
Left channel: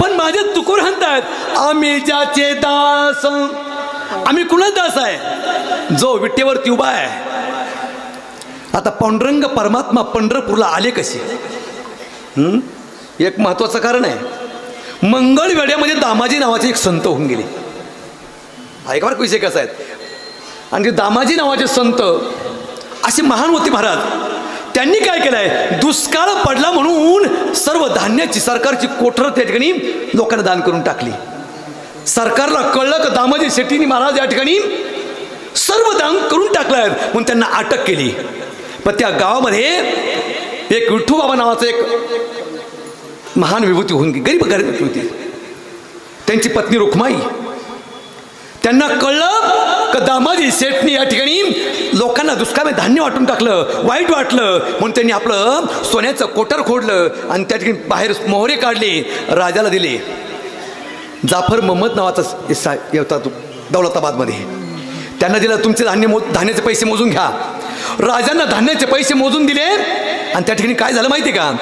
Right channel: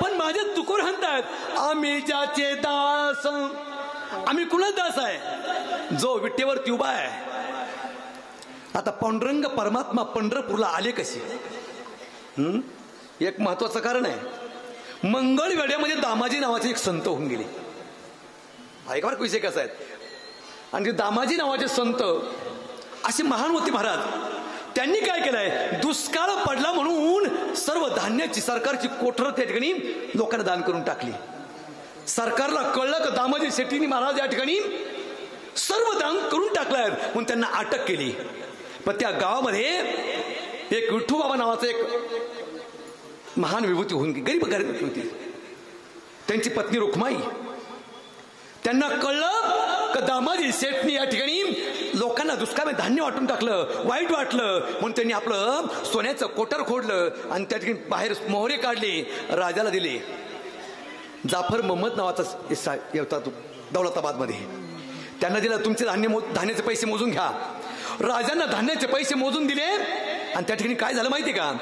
पण माझे तुकोर म्हणतात, आम्ही ज्याचे दास. आम्ही कुणाच दास आहे? जो विटेवरती उभा आहे. आता पांडुरंग परमात्मा पंढरपूरला आले कसे? एक महत्वाचं कारण आहे. मंगळवेढ्यामध्ये दामाजी नावाचे एक संत होऊन गेले. ऐका बरं विषय कसा आहे. आणि ते दामाजी नावाचे संत असे महान होते महाराज. त्यांनी काय केलंय, दुष्काळ पडला म्हणून सर्व धान्याची सरकारची कोठर त्या ठिकाणी लोकांना दान करून टाकली. सरकारला कळलं की दामाजी शेट्टींनी महाराज या ठिकाणी सर्व दान करून टाकलं, म्हणून त्यांना अटक केली. पण त्या गावामध्ये एक विठ्ठूबाबा नावाचं एक महान विभूती होऊन गेली. गरीब गरीब होती. त्यांची पत्नी रुक्माई. त्यांना कळलं की दामाजी शेठनी या ठिकाणी लोकांना दुष्काळामध्ये धान्य वाटून टाकलं, वाईट वाटलं. म्हणून त्यांनी आपलं सोन्याचं कोटर खोडलं आणि त्या ठिकाणी बाहेर मोहरे काढले, राजाला दिले. जाफर मोहम्मद नावाचा येतात दौलताबादमध्ये. त्यांना दिलं, तुमचे धान्याचे पैसे मोजून घ्या. राजांना धान्याचे पैसे मोजून दिले. आणि त्या ठिकाणी काय झालं माहिती का?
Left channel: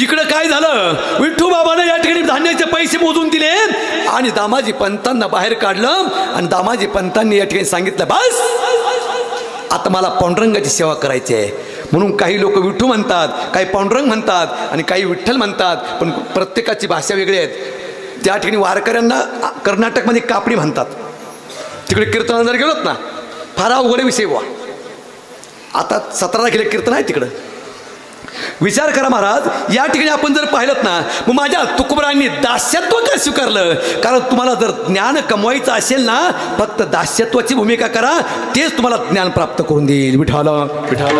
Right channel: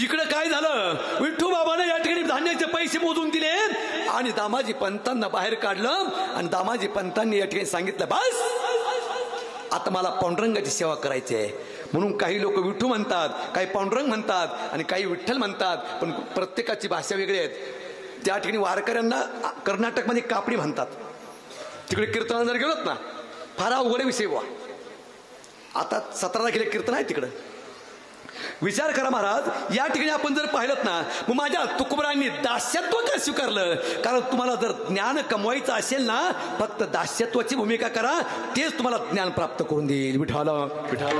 इकडं काय झालं, विठ्ठूबाबाने या ठिकाणी धान्याचे पैसे मोजून दिले आणि दामाजी पंतांना बाहेर काढलं. आणि दामाजी पंतांनी या ठिकाणी सांगितलं, बस आता मला पांडुरंगाची सेवा करायची आहे. म्हणून काही लोक विठ्ठू म्हणतात, काही पांडुरंग म्हणतात आणि काही विठ्ठल म्हणतात. पण प्रत्येकाची भाषा वेगळी आहेत. त्या ठिकाणी वारकऱ्यांना कर्नाटकमध्ये कापडी म्हणतात. तिकडे कीर्तनाला जर गेलोत ना, फार अवघड विषय बुवा. आता 17 तारखेला कीर्तन आहे तिकडं. विचार करा महाराज, या ठिकाणी आपण जर पाहिलं ना, मग माझ्या तुकोबरांनी दास्यत्व का स्वीकारलं? कारण तुम्हाला जर ज्ञान कमवायचं असेल ना, फक्त दास्यत्वाची भूमिका करा, तेच तुम्हाला ज्ञान प्राप्त करून देईल. विठाल विठाल.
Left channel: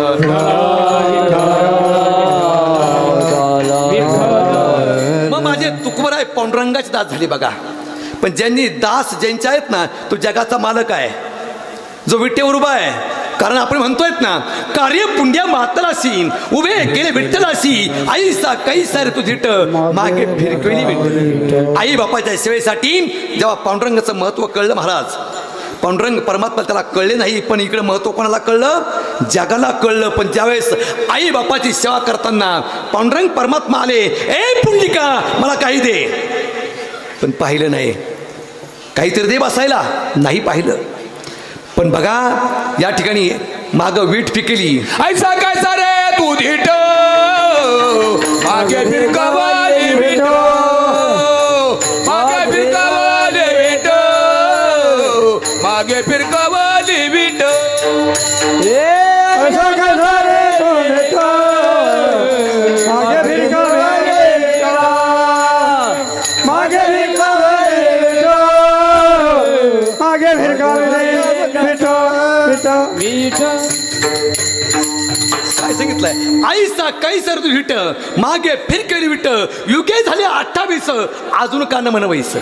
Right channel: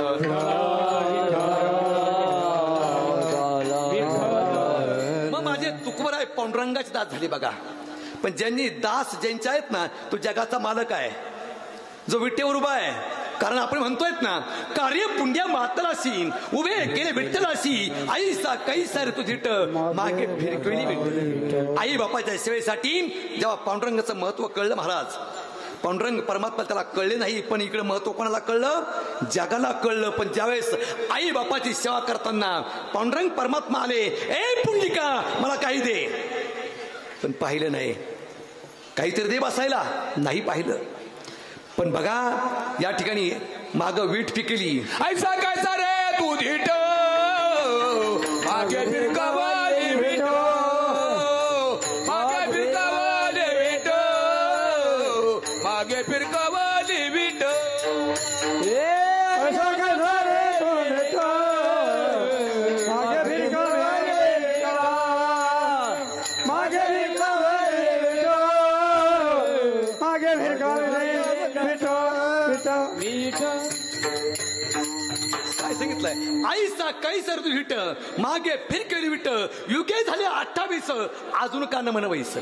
मग माझे तुकोबराय पांडुरंगाचे दास झाले बघा. पण ज्यांनी दास ज्यांचे आहेत ना, तो जगाचा मालक आहे, जो विटेवर उभा आहे. कारण आपण म्हणतोय ना, कार्य पुंड्या मातलासी उभे केले विठ्ठलासी, आईसा कैसा रे तू झिट मागे फिरकवेली विठ्ठल. आई बापाच्या सेवेसाठी जेव्हा पांडुरंगाचं महत्व कळलं महाराज, पांडुरंग परमात्मा त्याला कळले नाही, पण इकडे महत्व कोणाला कळलं? जगाला कळलं. पण ज्यावेळेस आई बापाची सेवा करताना पांडुरंग परमात्मा आले, ए पुंडलिका मला काही दे. पण पाहिलं नाही. काहीतरी दे बसायला, नाही पाहिलं. पण बघा या ठिकाणी माग वीट पिकली. ऐसा कैसा रे तू धीट मागे फिरकावाली विट, मागे फिरकावाली विट, मागे फिरकावाली विट. ऐसा कैसा रे तू धीट मागे फिरकावाली विट, मागे फिरकावाली विट, मागे फिरकावाली काय सांगितलंय? आईसा कैसर तू हिट मागे फिरकेली विट, युगे झाले 28 अजून का न म्हणवैस.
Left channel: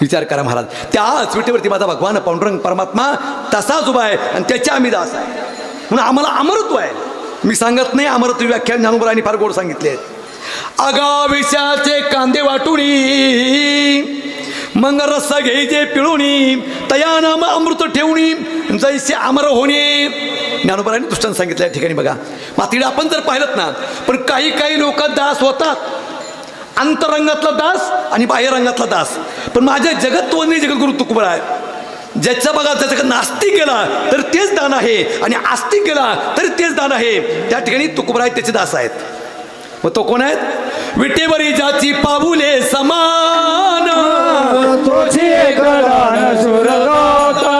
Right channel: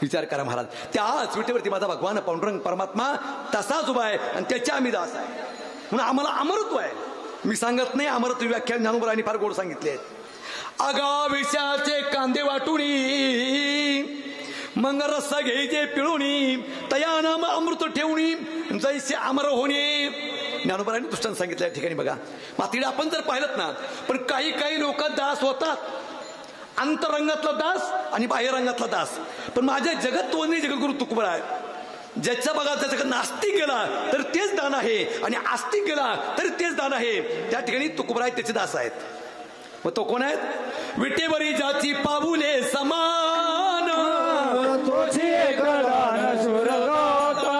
विचार करा महाराज, त्याच विटेवरती माझा भगवान पांडुरंग परमात्मा तसाच उभा आहे आणि त्याच्या आम्ही दास आहे. म्हणून आम्हाला अमरत्व आहे. मी सांगत नाही, अमरत्व व्याख्यान ज्ञानोबरांनी फार गोड सांगितले. आगाविषयाचे कांदे वाटुनी मग रस घ्यायचे पिळुणी, तया नाम अमृत ठेवणी जैसे अमर होणे. ज्ञानोबरांनी दृष्टांत सांगितलं या ठिकाणी बघा. मात्र आपण जर पाहिलं ना, पण काही काही लोक दास होतात, अंतरंगातला दास आणि बाह्यरंगातला दास. पण माझ्या जगत्व नाही जगद्गुरु तुकोबरा आहे. ज्याचा बघा, ज्याच्याकडे नास्तिक गेला तर तेच दान आहे आणि आस्तिक गेला तरी तेच दान आहे. त्या ठिकाणी तुकोबरा आहेत, त्याचे दास आहेत. मग तो कोण आहे? विटेवरी ज्याची पाऊले समान, तोची एक दान सुरदाता,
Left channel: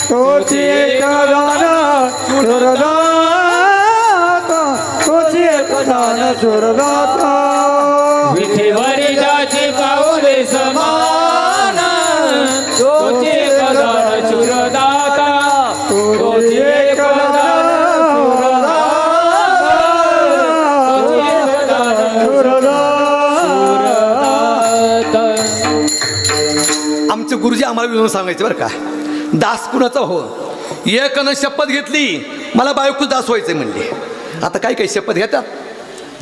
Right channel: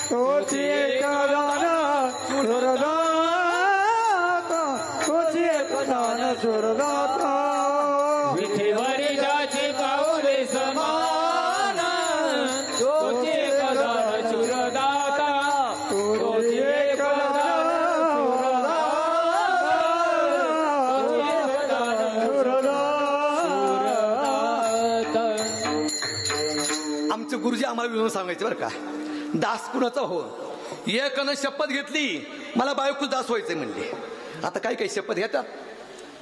तोची एक दान सुरदाता, तोची एक दान सुरदाता. विठेवरी ज्याची पाऊले समान, तोची एक दान सुरदाता, तोची एक दान आमचे गुरुजी आम्हाला विनोद सांगायचे बरं का, दास कुणाचा हो. एकनं शपथ घेतली मला बायको दास व्हायचंय म्हणले. आता काय काही शपथ घेतात,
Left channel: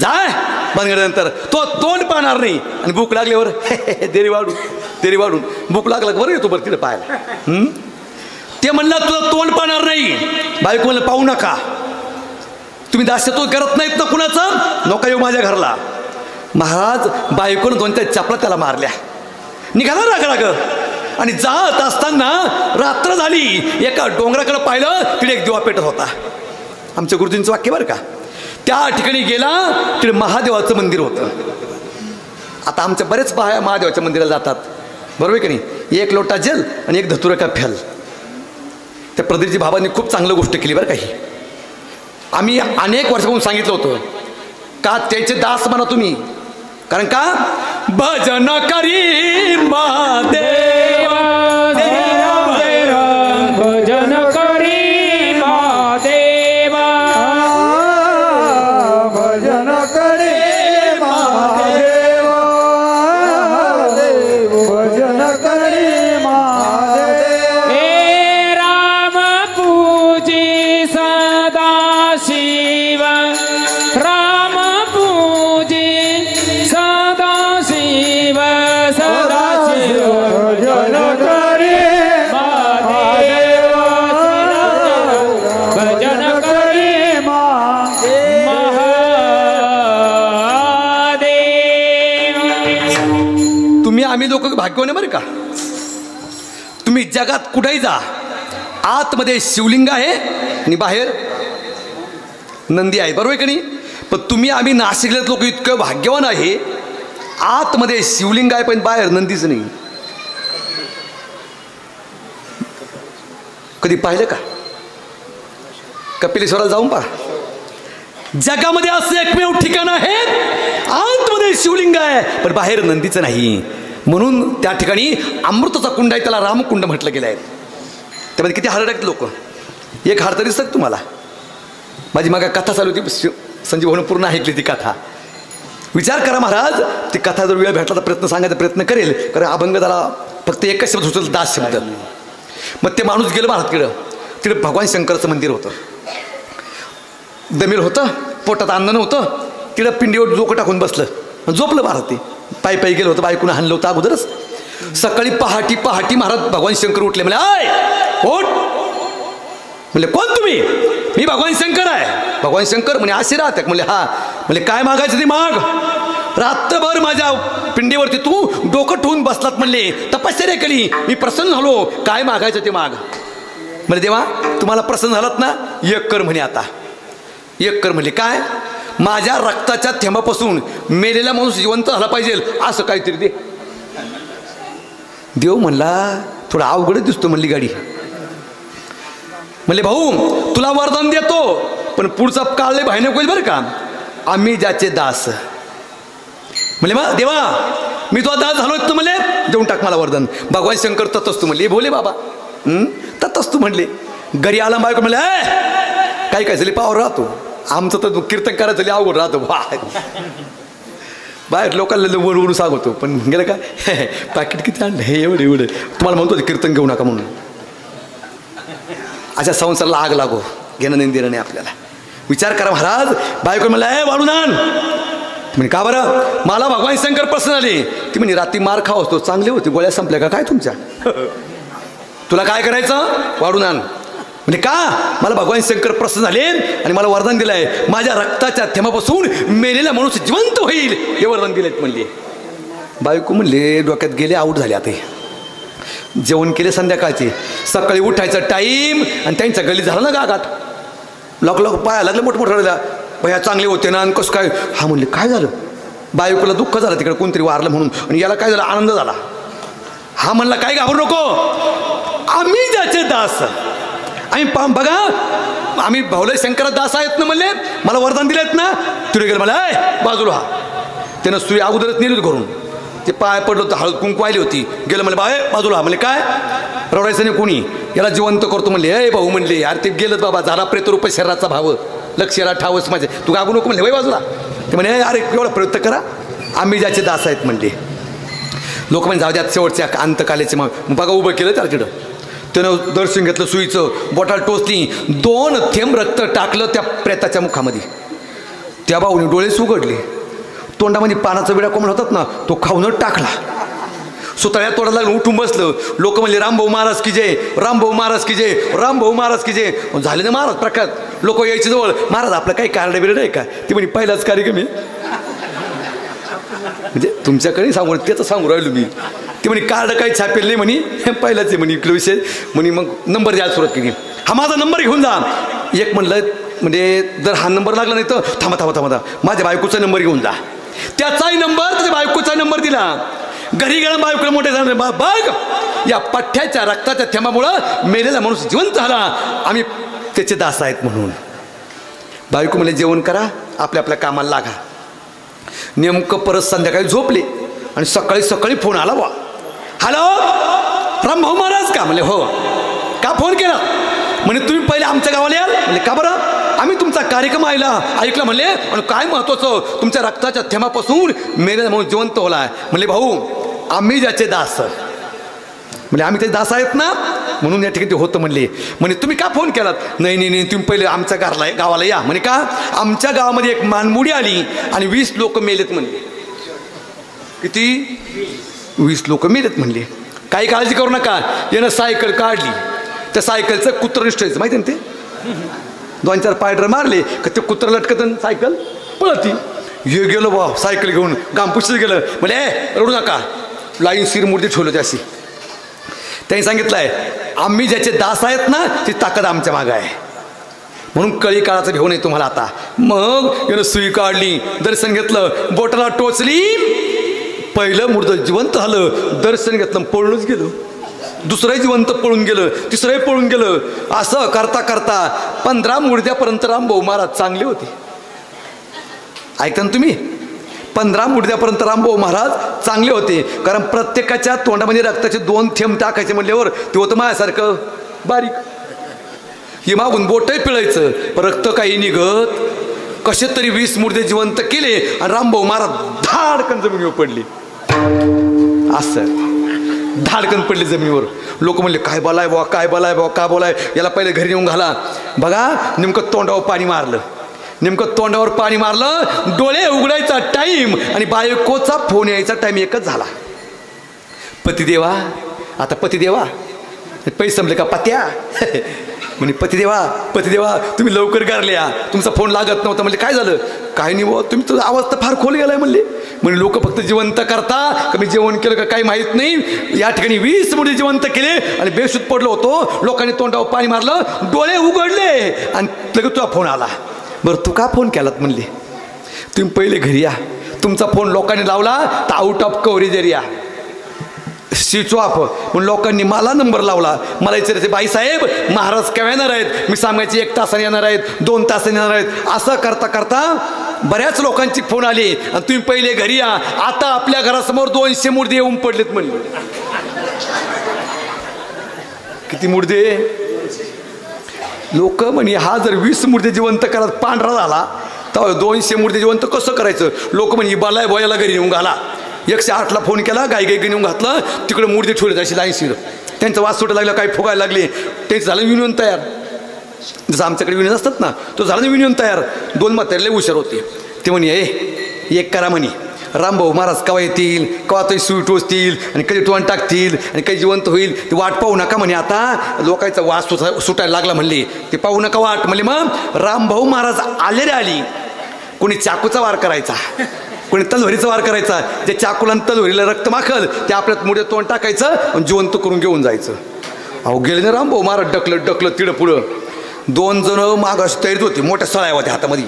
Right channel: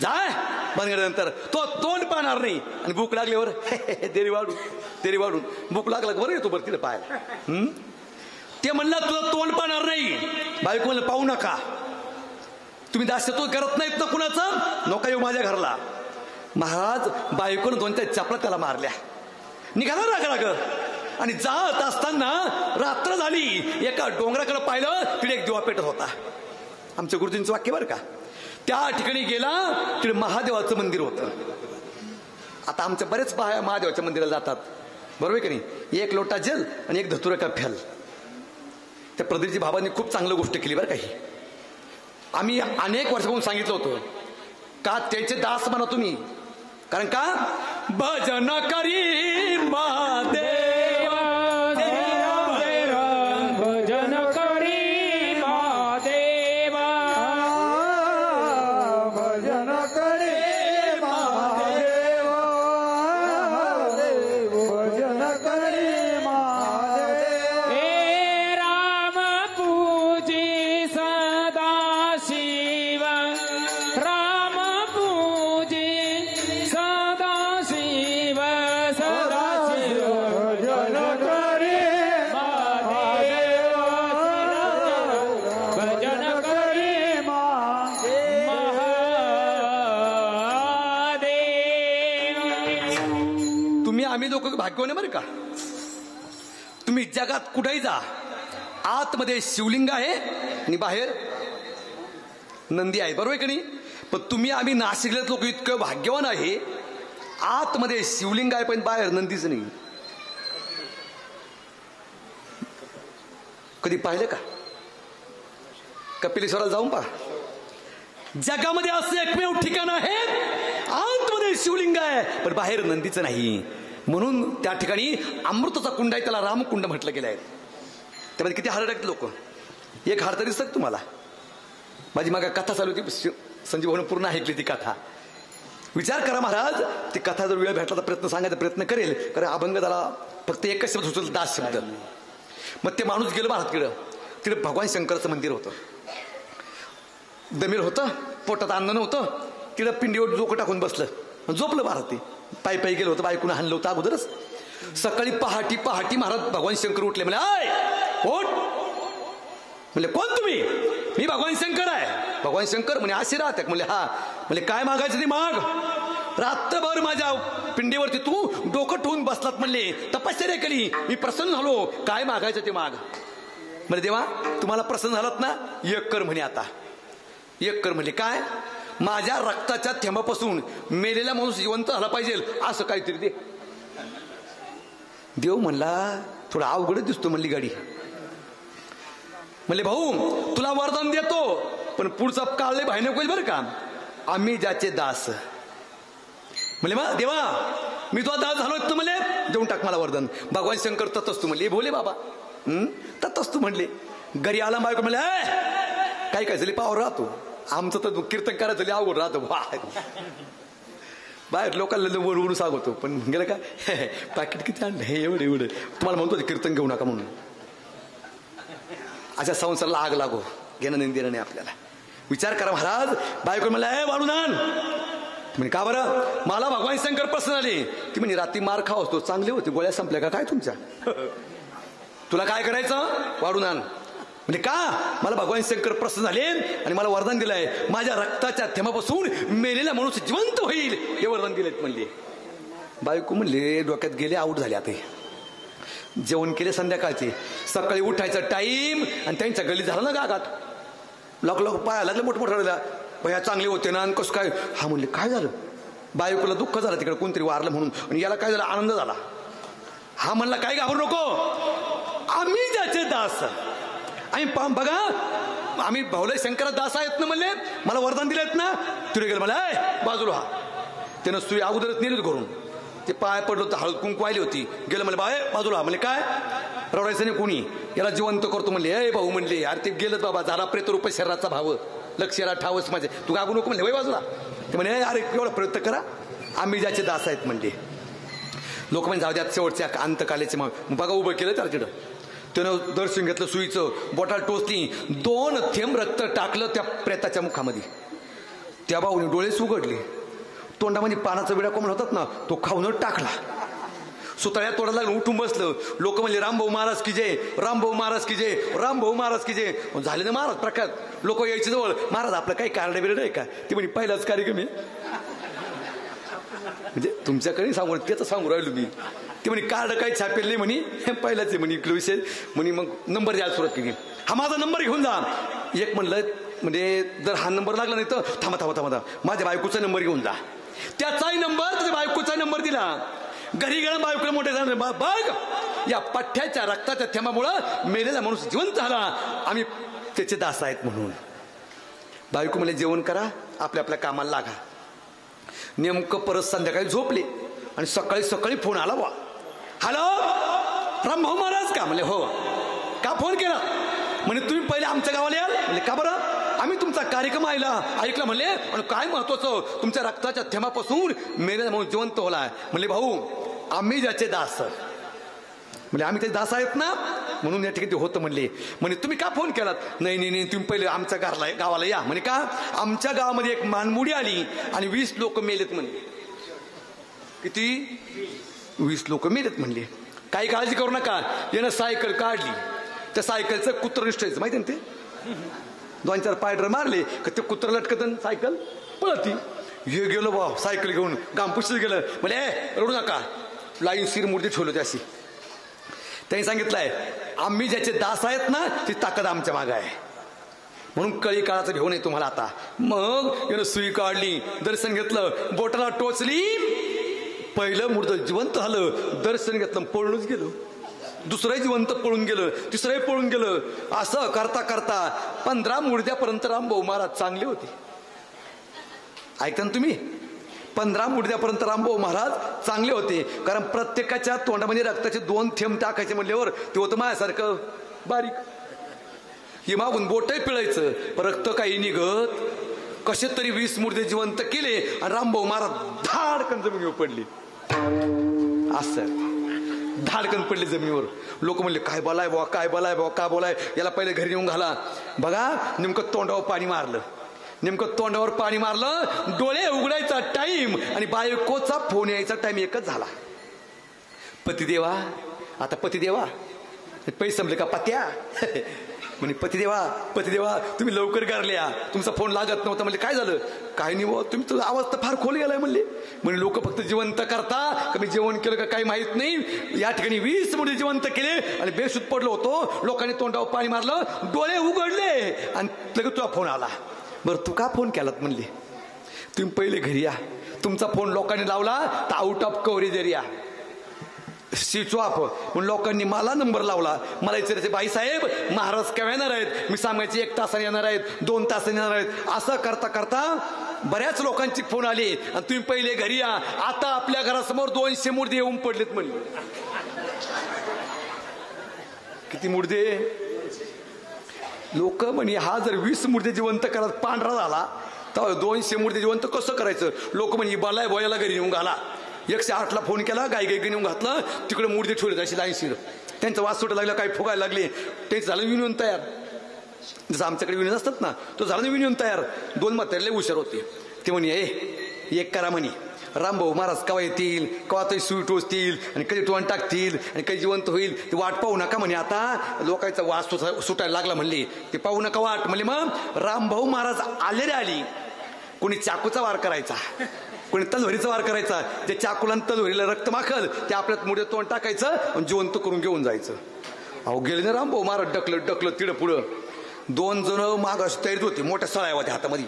जाय बनगड्यानंतर तो तोंड पाहणार नाही आणि भूक लागल्यावर देरी वाढून भूक लागलं बरं येतो बरं तिथं पाहायला. ते म्हणलं तुझं तोंड पाहणार नाही. बायको म्हणलं पाहू नका, तुम्ही दास्यत्व करत नाहीत ना कुणाचं, नका येऊ माझ्या घरला. महाराज बायकोनं 2-4 चपला त्याला मारल्या, निघाला राग आणि जात असताना रात्र झाली. एका डोंगराकडे पाहिलं, तिथे एक दिवा पेटत होता. आमच्या गुरुजींचं वाक्य बरं का. त्या ठिकाणी गेला, तिथे महादेवाचं मंदिर होतं. आता आमच्या बरेच बाया महादेवाच्या मंदिराला जातात, बरोबर आहे की नाही. एक लोटा जल आणि एक धतुरा का फ्याल. त्या प्रदीपजी बाबांनी खूप चांगलं गोष्ट केली बरं काही. आम्ही अनेक वर्षापासून सांगितलं होतं का त्याचे दास म्हणा तुम्ही, कारण का भजन करी महादेव, भजन करी महादेव, भजन करे महादेव, भजन करे महादेव. हे राम पूजी सदा शिव, राम पूजी सदा शिव, सदा शिव भजन करे महादेव, भजन करे महादेव. तुम्ही आम्ही लोक भाग्यवान आहे बरं का. तुम्ही जगात कुठेही जा, आतमध्ये शिवलिंग आहे आणि बाहेर नंदी आहे, बरोबर आहे की नाही. पण तुम्ही आम्ही नाशिकलेत लोक इतकं भाग्यवान आहे, आतमध्ये शिवलिंग आहे पण बाहेर नंदीच नाही. कधी पाहिलं का? कपिलेश्वराला जाऊन पहा. जगामध्ये असं एकमेव ठिकाण आहे, आतमध्ये शिवलिंग आहे पण बाहेर नंदीचं नाही. म्हणून त्या ठिकाणी अमृताचा कुंड आहे, त्याला रामकुंड म्हटलं गेलं आहे. त्यामध्ये किती हार टाकते लोक. एक हार तरी दिसत तुम्हाला. माझी मागा कथा चालू होती, संजीव भाऊनं पूर्ण ऐकली ती कथा. विचार करा महाराज, ती कथा जर वेळ भेटला तर प्रयत्न सांगायचा प्रयत्न करेल, कारण अभंग त्याला फक्त एकच शब्द सुचल, दास शब्द. मग ते माणूस गेलं महाराजकडं, तिकडे भगवान शंकराचं मंदिर होतं. दमेल होतं, पोटात अन्न नव्हतं, तिकडं पिंडीवर डोकं टाकून बसलं, झोपलं महाराज. ते पायी गेलं होतं, बायकोनं हाणलं होतं अगोदरच. सकाळी पहाटी महाराज भगवान शंकर उठले, म्हणजे आय ओठ. म्हणले कोण तुम्ही? मी भगवान शंकर आहे. भगवान शंकर म्हणे असे राहतात? म्हणले हा. म्हणले काय मागायचं ते माग. रात्रभर माझ्या पिंडीवरती तू डोकं ठेवून बसलात, म्हणले तपश्चर्या केली, मी प्रसन्न झालो, काय मागायचं ते माग. म्हणजे देवा तुम्हाला प्रसन्न झालात ना, एक कर म्हणे. आता एक कर म्हणले काय? माझ्या रक्ताच्या थेंबापासून मेलेला माणूस जिवंत झाला पाहिजे असं काहीतरी दे. देव म्हणला थोडा अवघडच दिसतो म्हणली गाडी. म्हणले भाऊ तुला वरदान देतो, पण पुढचा काळ लय भयानक होईल बरं का. आम्ही ज्याचे दास. म्हणले मग देवा मी तुझा दास झालो तर म्हणले देऊन टाक मला वरदान. भगवान शंकर ततच तू म्हणले, भोले बाबा ततच तू म्हणले. घरी आला बायको म्हणले काही काय झाली पावर राहतो, आमचं तर कीर्तन करायचं अवघड राहतो. बाहेर लोकांना वळवून सांगतो, पण गेलं का पाकिट किती आणलं हे एवढं तुम्हाला म्हणतो कीर्तन घेऊ नका म्हणून. अशा संसाराला आग लागो, घेणं नाही देणं नाही आपल्याला. विचार करा महाराज. बायको म्हणलं वाढून आण. म्हणे का बरं? मला भगवान शंकर प्रसन्न आले. ती म्हणे रात्री मार खाव असतो, चांगले होते, गोळ्या संपल्या का काय तुमच्या? तुला काय करायचं? वाढून आण. म्हणजे का? मला भगवान शंकर प्रसन्न झाले आणि मला वरदान दिलं आहे, माझ्या रक्ताच्या थेंबापासून मेलेला माणूस जिवंत होईल हे वरदान दिलेत म्हणले. बायको म्हणले डोक्यात गेले, आऊट झाले. आता जेवण केले संध्याकाळचे, सकाळी उठायचा टाईम आणि त्यांच्या गली झाला ना गागाट. लोक पाया लागले मोठमोठ्या भया चांगले होते ना आणि कसं काय. हा म्हणले काय झालं. बायकोला दुःख झालं तिकडे कोणतरी वारलं म्हणून आणि याला काय झालं आनंद झाला. हा म्हणला काय घाबरू नको आम्ही ज्याचे दास. आम्ही बघा आम्ही भाऊला शंकरा दास आहेत ना म्हणले मला वरदान दिलेत ना. तिथे गेलं मला बाजूला. हा त्यानं सुई अगोदरच नेली घरून. ते पाय पडलं होतं हळद कुंकू आली होती. गेलं मला बाय बाजूला. म्हणले काय रडायचं नाही कोणी याला जिवंत करतो म्हणले. भाऊ म्हणले अरे ते गेलं बाबा झाला प्रेतरूप शरीराचा भाव लक्ष याला ठावच माझे तू गागू नको म्हणले वय बाजूला. ते म्हणे अरे एवढा प्रयत्न करा आम्ही ज्याचे दास आहेत म्हणले. लोक म्हणजे जाऊ द्यात शेवटच्या अंतकालेचे मग बघा उभं केलं त्याला तिथं. त्यानं दर्शन घेतलं सुईचं बोटाला टोचली 2 थेंब रक्त टाकलं त्या प्रेताच्या मुखामध्ये. त्या भाऊने डोळेच उघडले. तोंडामध्ये पानाचा विडा कोंबड होतात ना तो खाऊनच टाकला. सुतळ्या तोडायला लागून उठून बसलं. लोक म्हणले रामभाऊ महाराज की जय रामभाऊ महाराज की जय रामभाऊ महाराज की जय. झाले ना महाराज प्रख्यात. लोक यायचे जवळ महाराज आपलं काही कार्ड बिरड आहे का. ती म्हणे पहिलाच कार्यक्रम आहे म्हणजे तुमच्याकडे सांगू त्याचं सांगू राहिलो मी. ते म्हणे कार्ड काही छापेल नाही म्हणे पहिलाच आहे म्हणे इकडे विषय म्हणे. मग नंबर द्यायला सुरुवात केली. हा माझा नंबर घेऊन जा. एक म्हणलं म्हणजे जर हा नंबर लागला नाही तर थांबा थांबा थांबा माझ्या बायकोचा नंबर घेऊन जा. त्याचाही नंबर त्याच्या बायकोचा नंबर दिला. घरी गेला बायकोला मोठे झाले बघ या पठ्ठ्याच्या रक्ताच्या थेंबामुळं मेलेला माणूस जिवंत झाला आम्ही त्याचे दास आहेत म्हणून. बायको म्हणले जेवण करा आपल्या आपल्या कामाला लागा. नेमकं परत संध्याकाळी झोपले आणि सकाळी सकाळी फोन आला वा. हॅलो रामभाऊ महाराज का म्हणले हो. का फोन केला म्हणे तुम्ही पहिले आमच्या गावाला याल म्हणजे का बरं. आम्ही तुमचा कार्यक्रम ऐकला म्हणले आणि काय महत्वाचं तुमच्या रक्ताच्या थेंबापासून मेलेला माणूस जिवंत होला. म्हणले भाऊ आम्ही ज्याचे दास म्हणजे आम्ही त्याचे दास आहेत ना म्हणून या ठिकाणी ते होतं म्हणले. म्हणे तुम्ही का फोन केलात. नाही नाही नाही तुम्ही पहिले आमच्या गावाला या म्हणे. का आमच्या गावामध्ये एक मानमुडी आली आणि 20 लोक मेलेत म्हणले. किती 20 लोक मेलेत म्हणले. काही काळजी करू नका. यानं सायकल काढली त्या सायकलचं कुत्रं निष्ठायचं माहिती ना ते 2-4 पायडर मारले का ते कुत्रं लटकत सायकल पळती. हे गेलो वा सायकल घेऊन गामपुशीत गेलं म्हणजे रडू नका लाईन शिरमूर्ती ठेवलं त्याशी. त्यांनी सांगितलंय आम्ही ज्याचे दास आहेत ना ती ताकद आमच्या मागं आहे म्हणून कळी काळाचं घेऊन आहे तुम्हाला आता. मग यानं सुई काढली दर्शन घेतलं बोटाला टोचली. पहिलं मुर्द जिवंत झालं. दर्शन घेतलं पळूनच गेलं. दुसरंही जिवंत पळून गेलं. तिसरंही पळून गेलं. असं करता करता 15 मुर्द्यापर्यंत रामभाऊ महाराज चांगले होते. ऐकता ना तुम्ही 15 मुर्द्यापर्यंत रामभाऊ महाराज चांगले होते. कारण प्रत्येकाच्या तोंडामध्ये रक्ताचे 2 थेंब टाकायचे म्हणल्यावर ते होतं माझ्यासारखं बारीक. हे मागून बोटही पिळायचं पण रक्त काही निघत. कसे तरी 20 मुर्दे जिवंत केले आणि रामभाऊ महाराज धाडकन जमिनीवर पडले. असं धाडकन पडले जमिनीवर. लोक म्हणले काय बोलाय बा काय बोलाय बा काय बोलाय याला पहिले घरी येऊन घाला. बघा नेमकं तोंडावर पाणी मारलं. नेमकं तोंडावर पाणी मारलं. डोळे उघडायचा टाईम आणि बायकोचा फोन यायचा टाईम एकच झाला. पतिदेवा आता पतिदेवा पैसे संपले का पत्या म्हणे पतिदेवा पतिदेवा तुम्ही लवकर करल्या तुमचा फोन लागत नव्हता. म्हणजे काय झालं. काय नाही हो तुम्ही तुझा आवाज तर फार खोल गेलाय म्हणले. म्हणजे लोक फक्त जिवंत करता का मी जेवण केलं का काही माहीत नाही. या ठिकाणी 20 मुली जिवंत केले आणि बेशुद्ध पडलो होतो. लोकांनी तोंडावर पाणी मारलं डोळे उघडले आणि लगेच तुझा फोन आला. बरं तू का फोन केलात म्हणले. तुम्ही पहिले घरी या. तुमचा फोन लोकांनी लावला तर out of coverage area switch off म्हणून लोकांनी मला नंबर लावला. मला विचारायचे बाईसाहेब महाराज केव्हा येणार आहेत. मी सांगायचे 1 तासाने येणार आहेत 2 तासाने येणार आहेत. असं करता करता बऱ्याच लोकांची फोन आली आणि तुम्ही पहिले घरी या. आता आपल्या घरासमोर 200 मुर्दे येऊन पडलेत म्हणले. किती मुर्दे. लोक म्हणे हा जर 20 मुर्दे जिवंत करत पांढरा झाला तर 200 मुर्दे जिवंत कसं करायचं. लोक म्हणे बलाय बोयाला घरी येऊन घाला. 108ला फोन केला गाई गाई घेऊन घातलं. तिकडे मुर्दे ठेवले अशी लाईनशीर. त्यांचा वास सुटायला लागला काही फुगायला लागले. त्यांचं झालं युनियन तयार. जसं आमच्याकडे युनियन असतात ना तो झाला युनियन तयार. 2 म्हातारे लय हुशार होते. ते म्हणे एक करा म्हणे रामभाऊ महाराज केव्हा येतील केव्हा तरी सुई टोचतील आणि कधी टोन टाकतील आणि काही जिवंत होईल ती वाट पाहू नका म्हणे. आता लोकांचा वास सुटायला लागला म्हणले. ते पाहू नका वाट म्हणले. मग रामभाऊ महाराज आले रे आली. कोणी चाकूचा वार करायचा कोणी तलवारीचा वार करायचा. जे चाकूला तलवारीला रक्त माखल ते आपल्यात मुळे तोंड टाकायचं आणि जिवंत करून घेऊन जायचं. अहो गेले ना रामभाऊ महाराज ढकलत ढकलत तिडं पुढं. 2 जण मागास तयारीत होती. मोठ्या सळ्या होत्या हातामध्ये.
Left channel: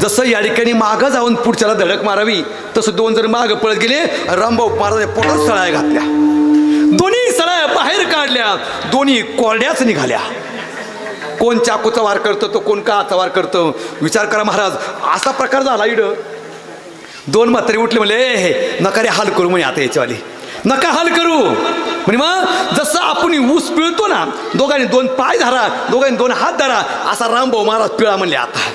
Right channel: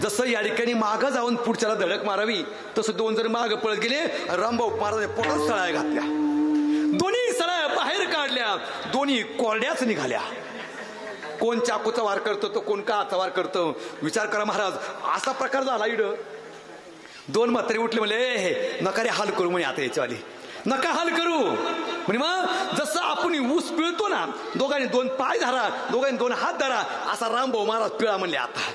जसं या ठिकाणी मागं जाऊन पुढच्याला धडक मारावी तसं दोन जण मागं पळत गेले. रामभाऊ महाराज पोटात सळाया घातल्या, दोन्ही सळाया बाहेर काढल्या, दोन्ही कोरड्याच निघाल्या. कोण चाकूचा वार करतो तो कोण काचा वार करतो. विचार करा महाराज, असा प्रकार झाला इड. दोन म्हातारे उठले म्हणले हे नका रे हाल करू म्हणे, आता याच्यावाली नका हाल करू म्हणे. मग जसं आपण ऊस पिळतो ना, दोघांनी दोन पाय धरा, दोघांनी दोन हात धरा, असा रामभाऊ महाराज पिळा म्हणले. आता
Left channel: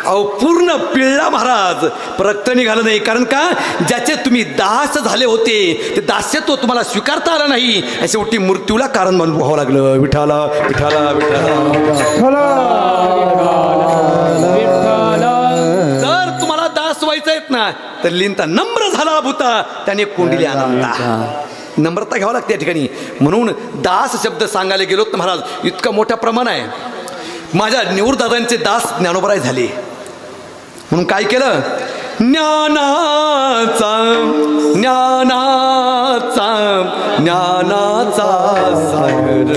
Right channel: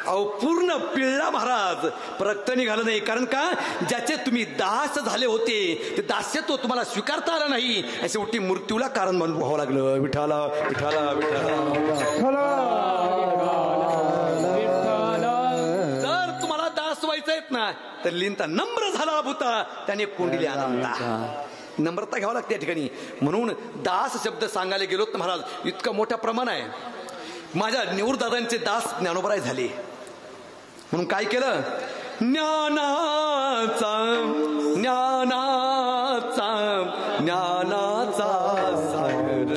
अहो पूर्ण पिळला महाराज, रक्त निघालं नाही. कारण का, ज्याचे तुम्ही दास झाले होते ते दास्यत्व तुम्हाला स्वीकारता आलं नाही, शेवटी मृत्यूला कारण बनवून व्हावं लागलं. विठाला विठाला विठाला. जर तुम्हाला दास व्हायचं आहेत ना तर लिंता नम्र झाला भूता त्याने कोंडिले आनंदा. नम्रता घ्यावं लागते या ठिकाणी. म्हणून दास शब्द सांगायला गेलोत ना महाराज, इतकं मोठं प्रमाण आहे. माझ्या निवृत्तदादांचे दास ज्ञानोबराय झाले म्हणून काय केलं, ज्ञानाचा ज्ञानाचा ज्ञानाचा सागर,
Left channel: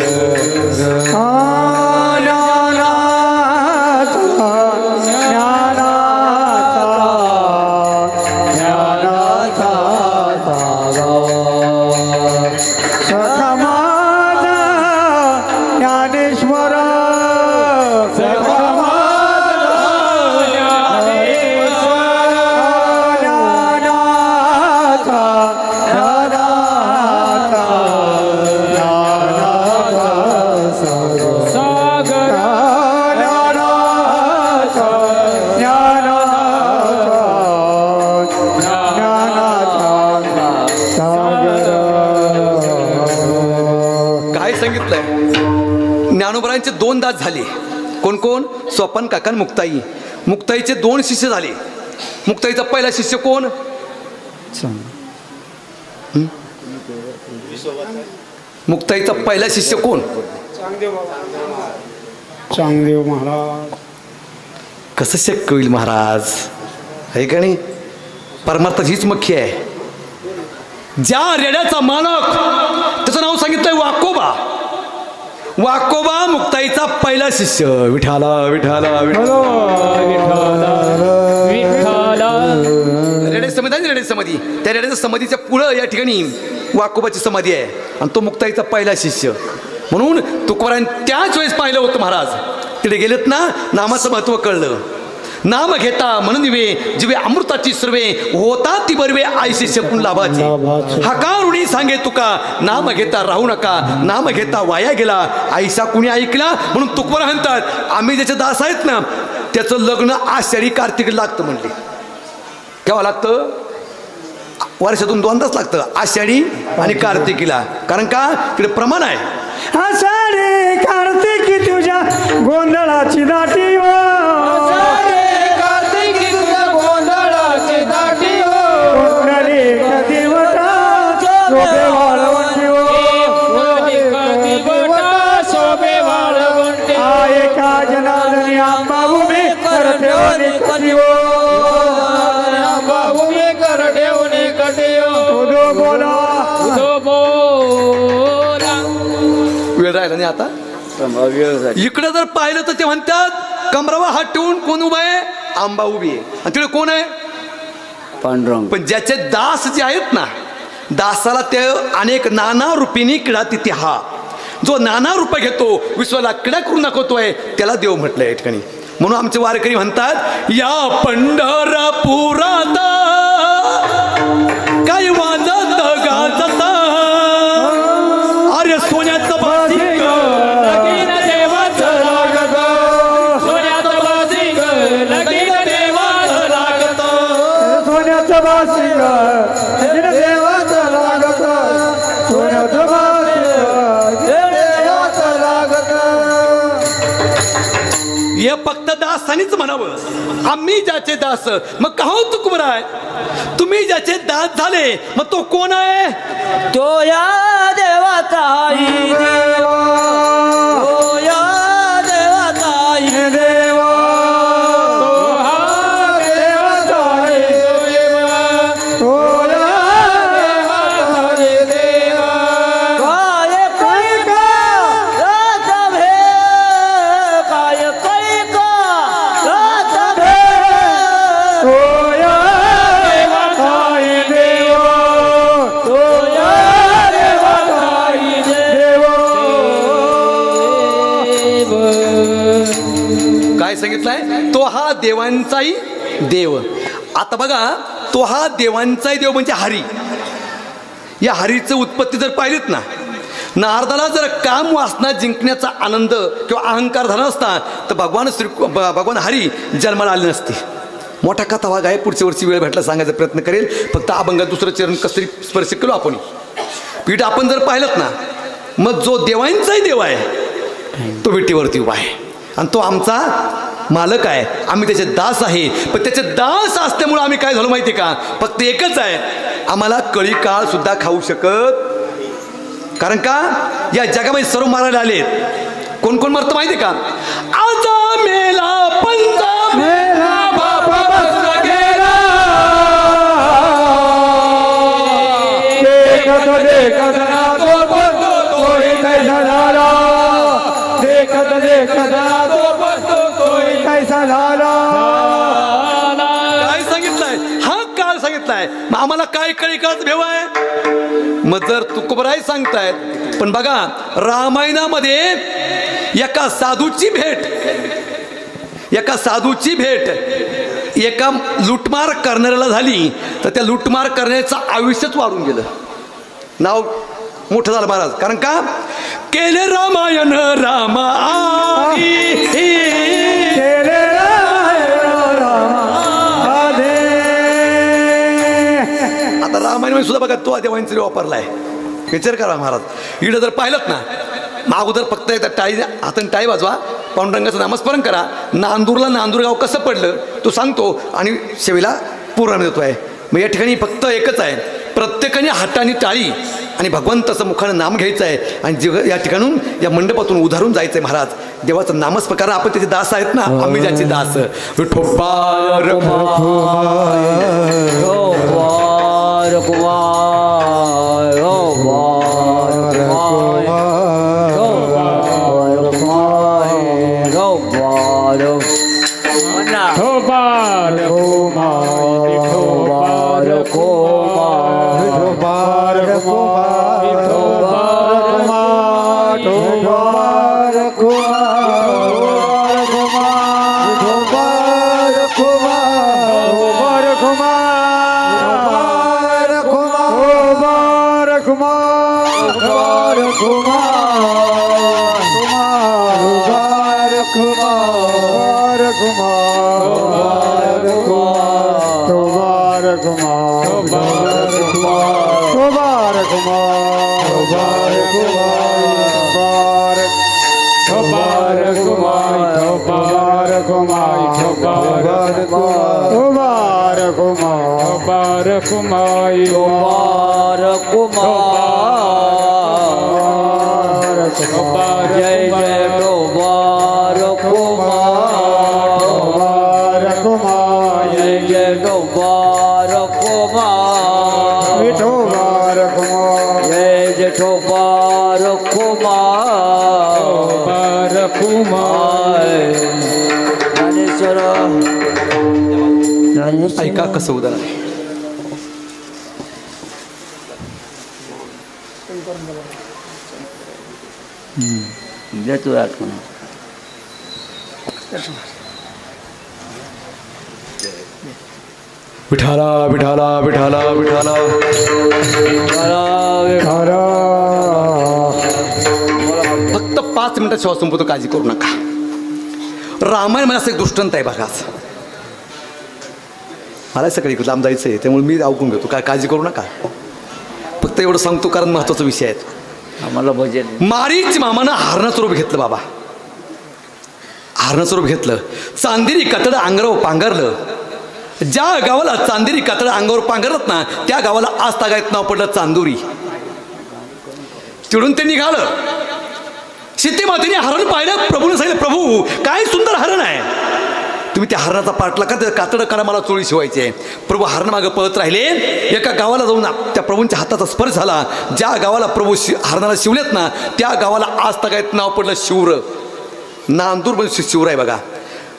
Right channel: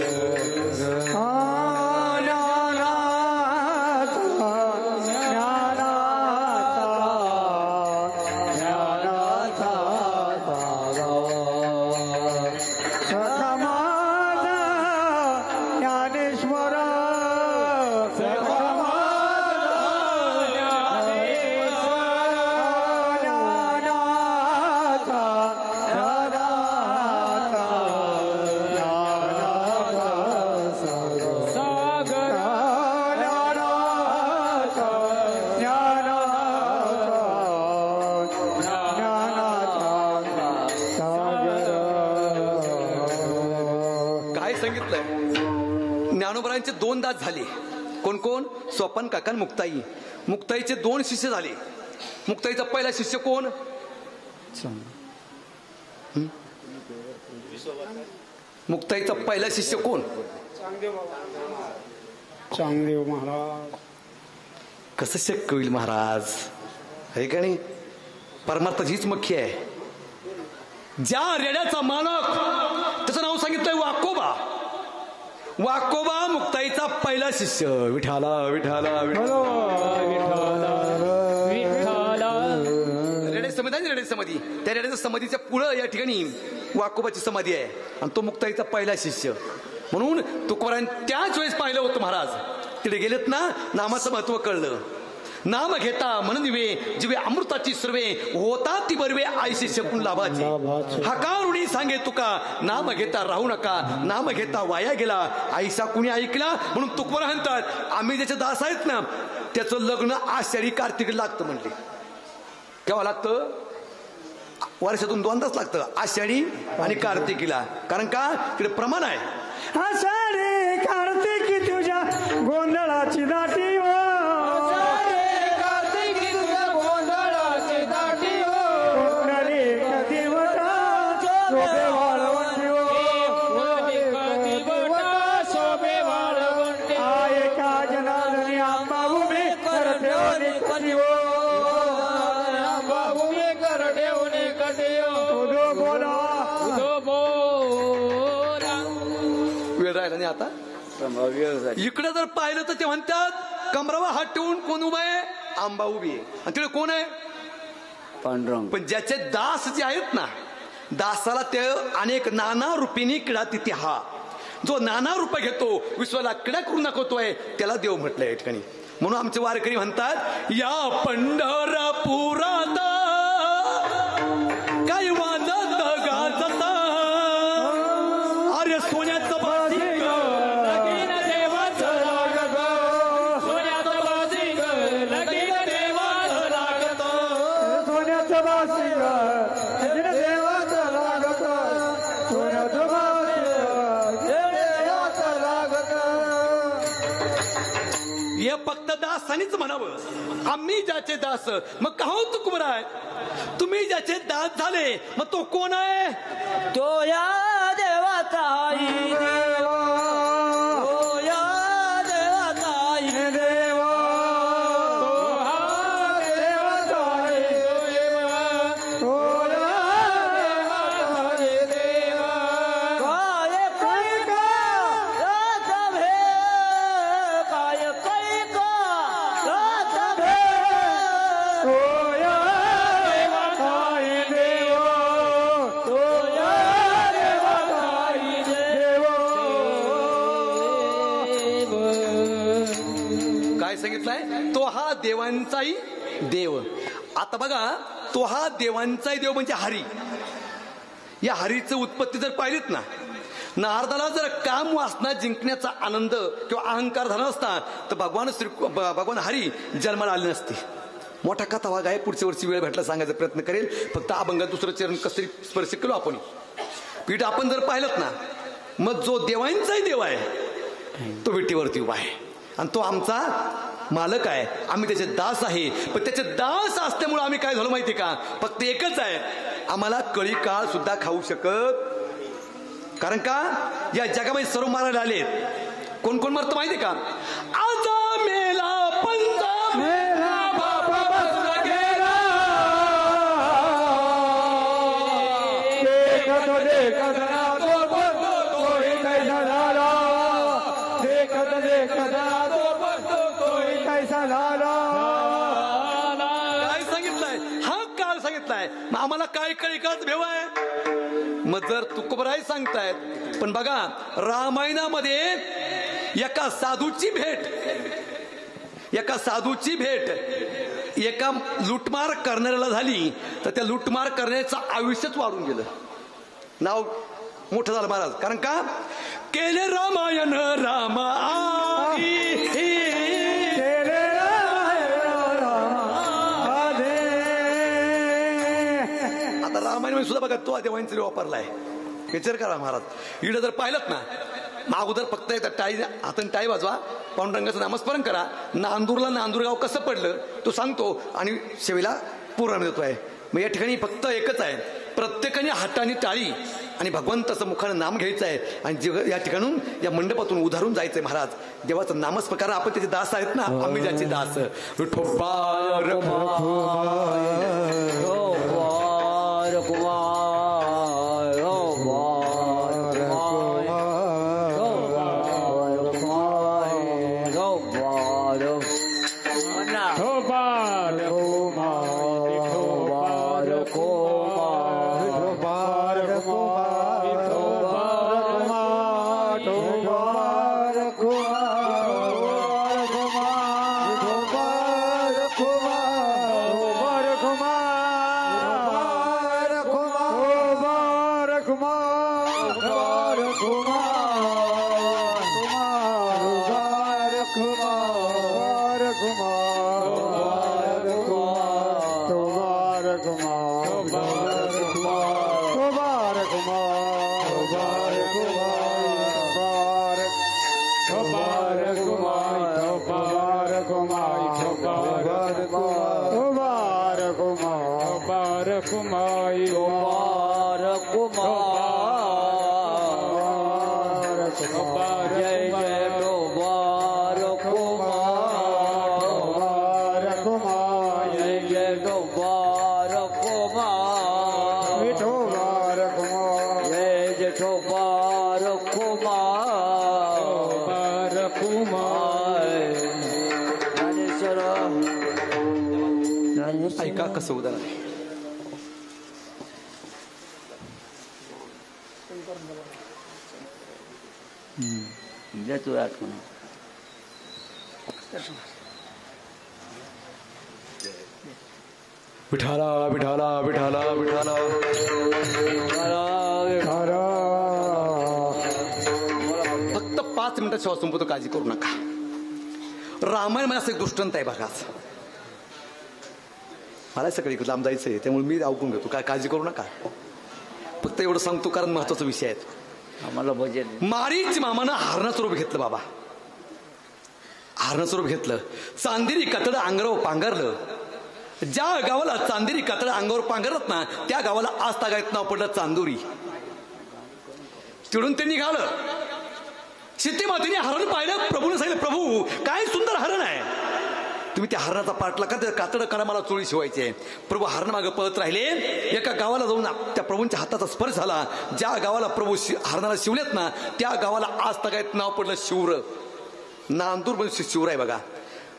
ज्ञानोबरायांचे दोन दास झाले. कोण कोण, स्वपन काका मुक्ताई. मुक्ताईचे दोन शिष्य झाले. मुक्ताईचा पहिला शिष्य कोण, मुक्ताईचा पहिला शिष्य कोण, चांगदेव महाराज. कसं शक्य होईल महाराज, आहे का नाही. परमार्थ हीच मुख्य आहे. ज्या रेड्याचा मालक त्याचं नाव सांगितलंय वाकोबा. वाकोबा मुक्ताईचा पहिला शिष्य. विठाला विठाला विठाला. रेडे समाधी आहे, रेडे समाधी. त्या रेड्याच्या समाधीच्या पुढं या ठिकाणी वाकोबाची समाधी आहे आणि तो मुक्ताईचा पहिला शिष्य. म्हणून तुकोबारांनी त्याच वेळेस पाहिलं होतं महाराज. तिथे गेलेत ना, नामाचं महत्व कळलं. नाम घेता म्हणून दिवे जिवे अमृताची सर्वे होता ती बरवे आयशी शकून लाभाची. हकारुणी सांगे तुका नाम घेता राहू नका, नाम घेता वाया गेला आईसा कुणी ऐकला. म्हणून तुकोबार म्हणतात, आम्ही ज्याचे दास आहेत ना त्याचं लग्न आषाढी कार्तिक लागतं म्हणले. केव्हा लागतं, वर्षातून दोनदाच लागतं, आषाढी आणि कार्तिकीला. कारण का, तिकडे प्रमाण आहे. आषाढी कार्तिकी तुझ्या गोंधळाची दाटी, नाही. आता इकडे जर पाहिलं तर ते म्हणतात कमरावा हात ठेवून कोण उभा आहे, आंबा उभी आहे. आणि तिकडे कोण आहे, पांडुरंग. पण ज्याचे दास जे आहेत ना, दासाला ते अनेक नाना रूपीने किडा तिथे. हा जो नाना रूप घेतो, विश्वाला किडा करून दाखवतोय, त्याला देव म्हटलंय या ठिकाणी. म्हणून आमचे वारकरी म्हणतात, या पंढरपुरात काय वाजत गाजत अरे सोन्याचं बासिंग लगीन देवाचं लागत, सोन्याचं बासिंग लगीन देवाचं लागत, सोन्याचं बासिंग लगीन देवाचं लागत, सोन्याचं बासिंग देवाचं लागत. हे फक्त दासानीच म्हणावं, आम्ही ज्याचे दास. मग का हो तुकोबाराय, तुम्ही ज्याचे दास झाले, मग तो कोण आहे, तो या देवाचा देवा, तो या देवाचा देवा, तो हा देवाचा देवा, तो या देवाचा देवा. काय कैका रात भे, काय कैका रात भे, सांगितलंय तो हा देवांचाही देव. आता बघा, तो हा देवांचाही देव म्हणजे हरी. या हरीचं उत्पत्ती जर पाहिलीत ना, नारदाला जर काम वासना जिंकण्याचा आनंद किंवा अहंकार झाला असता तर भगवान हरी जन्माला आले नसते. मोठा कथा भाग आहे, पुढच्या वर्षी वेळ भेटला सांगायचा प्रयत्न करेल. फक्त अभंगात दुसरं चरण कसरी स्पर्श केलो आपण. पीठ आपण जर पाहिलं ना, मग जो देवांचाही देव आहे तो विटीवरती उभा आहे आणि तो आमचा मालक आहे. आम्ही त्याचे दास आहे. पण त्याचे दास असल्यामुळे आम्ही काय झालो माहिती का, फक्त एकच आहे, आम्हाला कळी काळ सुद्धा खाऊ शकत. कारण का या जगामध्ये सर्व मारायला आलेत. कोण कोण मरतं माहिती का, आजा मेला पंजा मेला बाप बसला गेला. देखत देखत ना तो बसतो तोही कैसा झाला. देखत देखत ना तो बसतो तोही कैसा झाला. काय सांगितलंय, हा काळ सांगितलाय. मग आम्हाला काय कळी काळच भेव आहे. मग जर तुकोबराय सांगतायत, पण बघा रामायणामध्ये एका साधूची भेट एका लुटमार करणाऱ्याला झाली तर त्या लुटमार करण्याचं आयुष्यच वाढून गेलं. नाव मोठं झालं महाराज. कारण का केले रामायण रामा आता रामायण सुद्धा बघा तो देवांचा वापरलाय. विचार करा महाराज. इकडे जर पाहिलं ना, अगोदर फक्त एकदा टाळी हाताने टाळी वाजवा, पांडुरंगाचं नामस्मरण करा. नांदूरला नांदूरगाव कसं पडलं तो सांगतो आणि शेवेला पुराण देतो आहे. मग या ठिकाणी फक्त एकच आहे, प्रत्येकाने हाताने टाळी आणि भगवंताचं मुखानं नाम घ्यायचं आहे आणि या ठिकाणून या मंडपातून उधारून जायचं आहे महाराज. देवाचं नामस्मरण, कारण आपण त्याचे दास आहेत ना, आम्ही ज्याचे दास. विठोबा ऐका कसं उदाहरण आहे. विठाला विठाला विठाला विठाला फक्त 5 मिनिटात श्वास संपवतो, काळजी करू नका. रामायण मला असं एक दृष्टांत आहे बघा. मला सगळी लांब जायचं आहे त्यामुळे मी ऐकून घेतो, काय काळजी करू नका. फक्त एवढं सांगतो कारण महत्वाचा विषय आहे. आम्हाला भजन. मारीच मामानं हरणाचं रूप घेतलं बाबा, हरणाचं रूप घेतलं. चांदेरी कातडं अंगावर पांघरलं. ज्या गावाला चांदेरी कातडं अंगावर पांघरत ना त्या गावाला आज तागायत नाव पडलं चांदुरी. चिडून ते निघालं. सीते मातेने हरण पाहिलं. प्रभूने सांगितलं, प्रभू काय सुंदर हरण आहे, तुम्ही त्या हरणाचा पाठला का, कातडं करा, मला चोळी शिवायची आहे. प्रभू हरणामागं पळत राहिले. एका गावाला जाऊन त्या प्रभूंच्या हाताचा स्पर्श झाला. ज्या गावाला प्रभू हरणाला शिवलेत ना त्या गावाला आज तागायत नाव पडलं शिवर. नांदूर म्हणजे शिवर आहे बघा.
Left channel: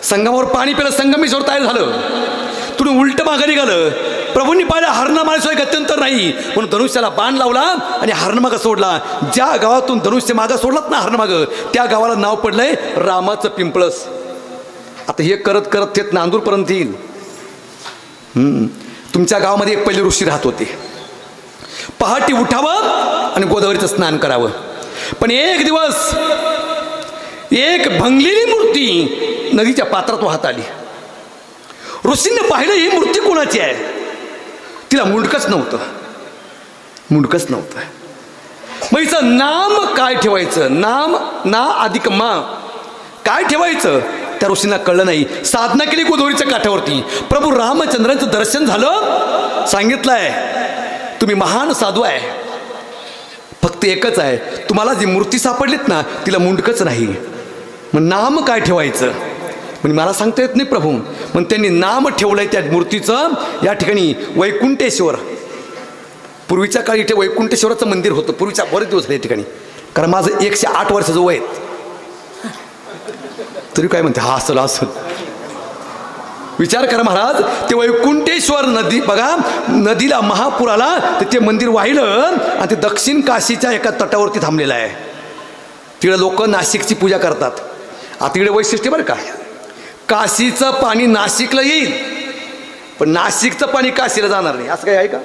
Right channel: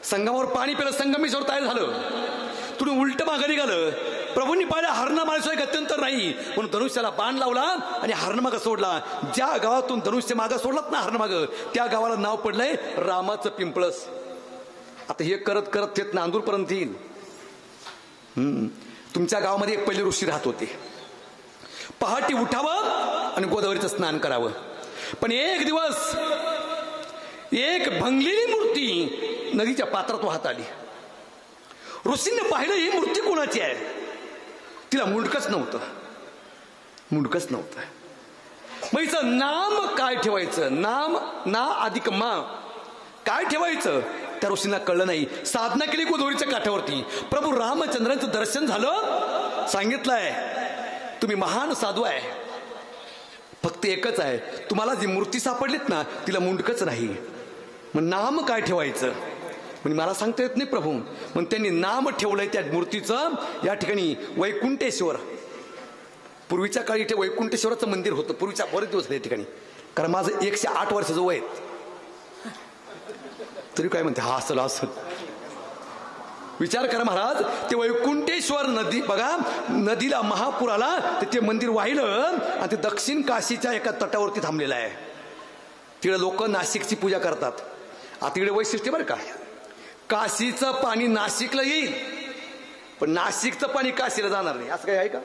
संगमावर पाणी पिलं, संगमेश्वर तयार झालं. तुम्ही उलट मागं निघालं. प्रभूंनी पाहिलं हरणा माणसाशिवाय गत्यंतर नाही म्हणून धनुष्याला बाण लावला आणि हरण मागं सोडला. ज्या गावातून धनुष्य मागं सोडलात ना हरण मागं त्या गावाला नाव पडलंय रामाचं पिंपळस. आता हे करत करत ते नांदूरपर्यंत येईल. तुमच्या गावामध्ये एक पहिले ऋषी राहत होते. पहाटे उठावं आणि गोदावरीचं स्नान करावं. पण एक दिवस एक भंगलेली मूर्ती नदीच्या पात्रात वाहत आली. ऋषींनी पाहिलं ही मूर्ती कोणाची आहे. तिला मुंडकच नव्हतं. मग हिचं नाम काय ठेवायचं. नाम ना अधिक मा काय ठेवायचं त्या ऋषींना कळलं नाही. साधना केली गोदावरीच्या काठावरती. प्रभू रामचंद्रांचं दर्शन झालं. सांगितलंय तुम्ही महान साधू आहे. फक्त एकच आहे, तुम्हाला जी मूर्ती सापडलीत ना तिला मुंडकच नाही. मग नाम काय ठेवायचं म्हणजे मला सांगता येत नाही प्रभू. मग त्यांनी नाम ठेवलंय त्या मूर्तीचं या ठिकाणी वैकुंठेश्वर. पूर्वीच्या काळी इथे वैकुंठेश्वराचं मंदिर होतं. पूर्वीच्या बरेच दिवस झाले या ठिकाणी. कारण माझं 108 वर्षाचं वय आहेत. तरी काय म्हणते हा असं विचार करा महाराज. ते वैकुंठेश्वर नदी बघा, नदीला महापूर आला तर ते मंदिर वाहिलं आणि ते दक्षिण काशीच्या एका तटावरती थांबलेलं आहे. तिकडे लोक नाशिकची पूजा करतात. आता तिकडे वैशिष्ट्य बरं का, काशीचं पाणी नाशिकला येईल पण नाशिकचं पाणी काशीला जाणार नाही. असं काय आहे का.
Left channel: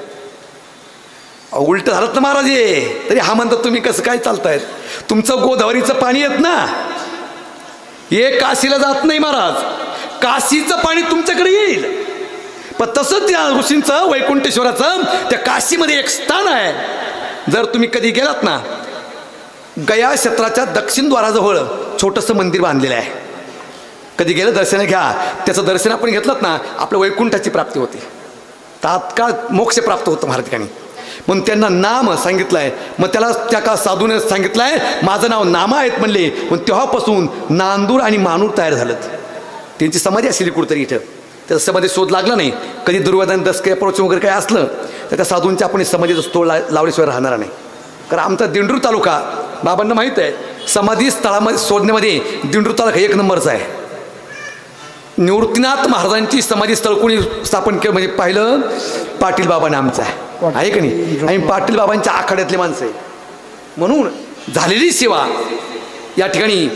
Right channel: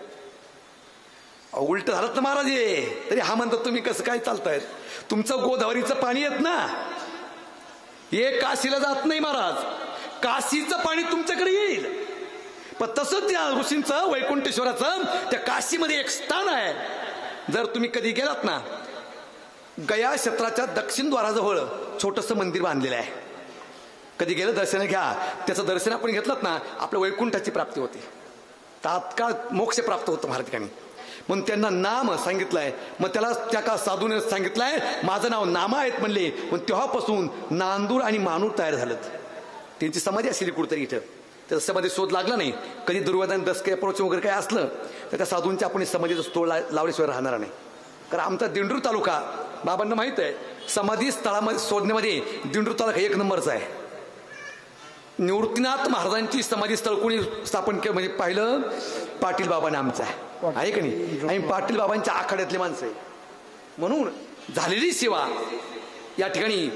उलट झालं ना महाराज. तरी हा म्हणतात तुम्ही कसं काय चालतायत. तुमचं गोदावरीचं पाणी येत ना हे काशीला जात नाही महाराज. काशीचं पाणी तुमच्याकडे येईल. पण तसंच त्या ऋषींचं वैकुंठेश्वराचं त्या काशीमध्ये एक स्थान आहे. जर तुम्ही कधी गेलात ना गया क्षेत्राच्या दक्षिण द्वाराजवळ छोटंसं मंदिर बांधलेलं आहे. कधी गेलं दर्शन घ्या. त्याचं दर्शन आपण घेतलं ना आपल्या वैकुंठाची प्राप्ती होती. तात्काळ मोक्ष प्राप्त होतं महाराज ठिकाणी. म्हणून त्यांना नाम सांगितलं आहे. मग त्याला त्या का साधूने सांगितलं आहे माझं नाव नामा आहेत म्हणले. मग तेव्हापासून नांदूर आणि मानूर तयार झालं. त्यांची समाधी असली कुठंतरी इथं. त्याचा समाधी शोध लागला नाही. कधी दुर्योधन दसके प्रवचन वगैरे काय असलं तर त्या साधूंच्या आपण समाधीचा स्थळ लावल्याशिवाय राहणार नाही. कारण आमचा दिंडूर तालुका बाबांना माहीत आहे समाधी स्थळामध्ये शोधण्यामध्ये दिंडूर तालुका 1 नंबरचा आहे. निवृत्तीनाथ महाराजांची समाधी स्थळ कोणी स्थापन केलं म्हणजे पाहिलं पाटील बाबांना आमचं आहे का नाही. आणि पाटील बाबांच्या आखाड्यातले माणसं आहे. म्हणून झालेली सेवा या ठिकाणी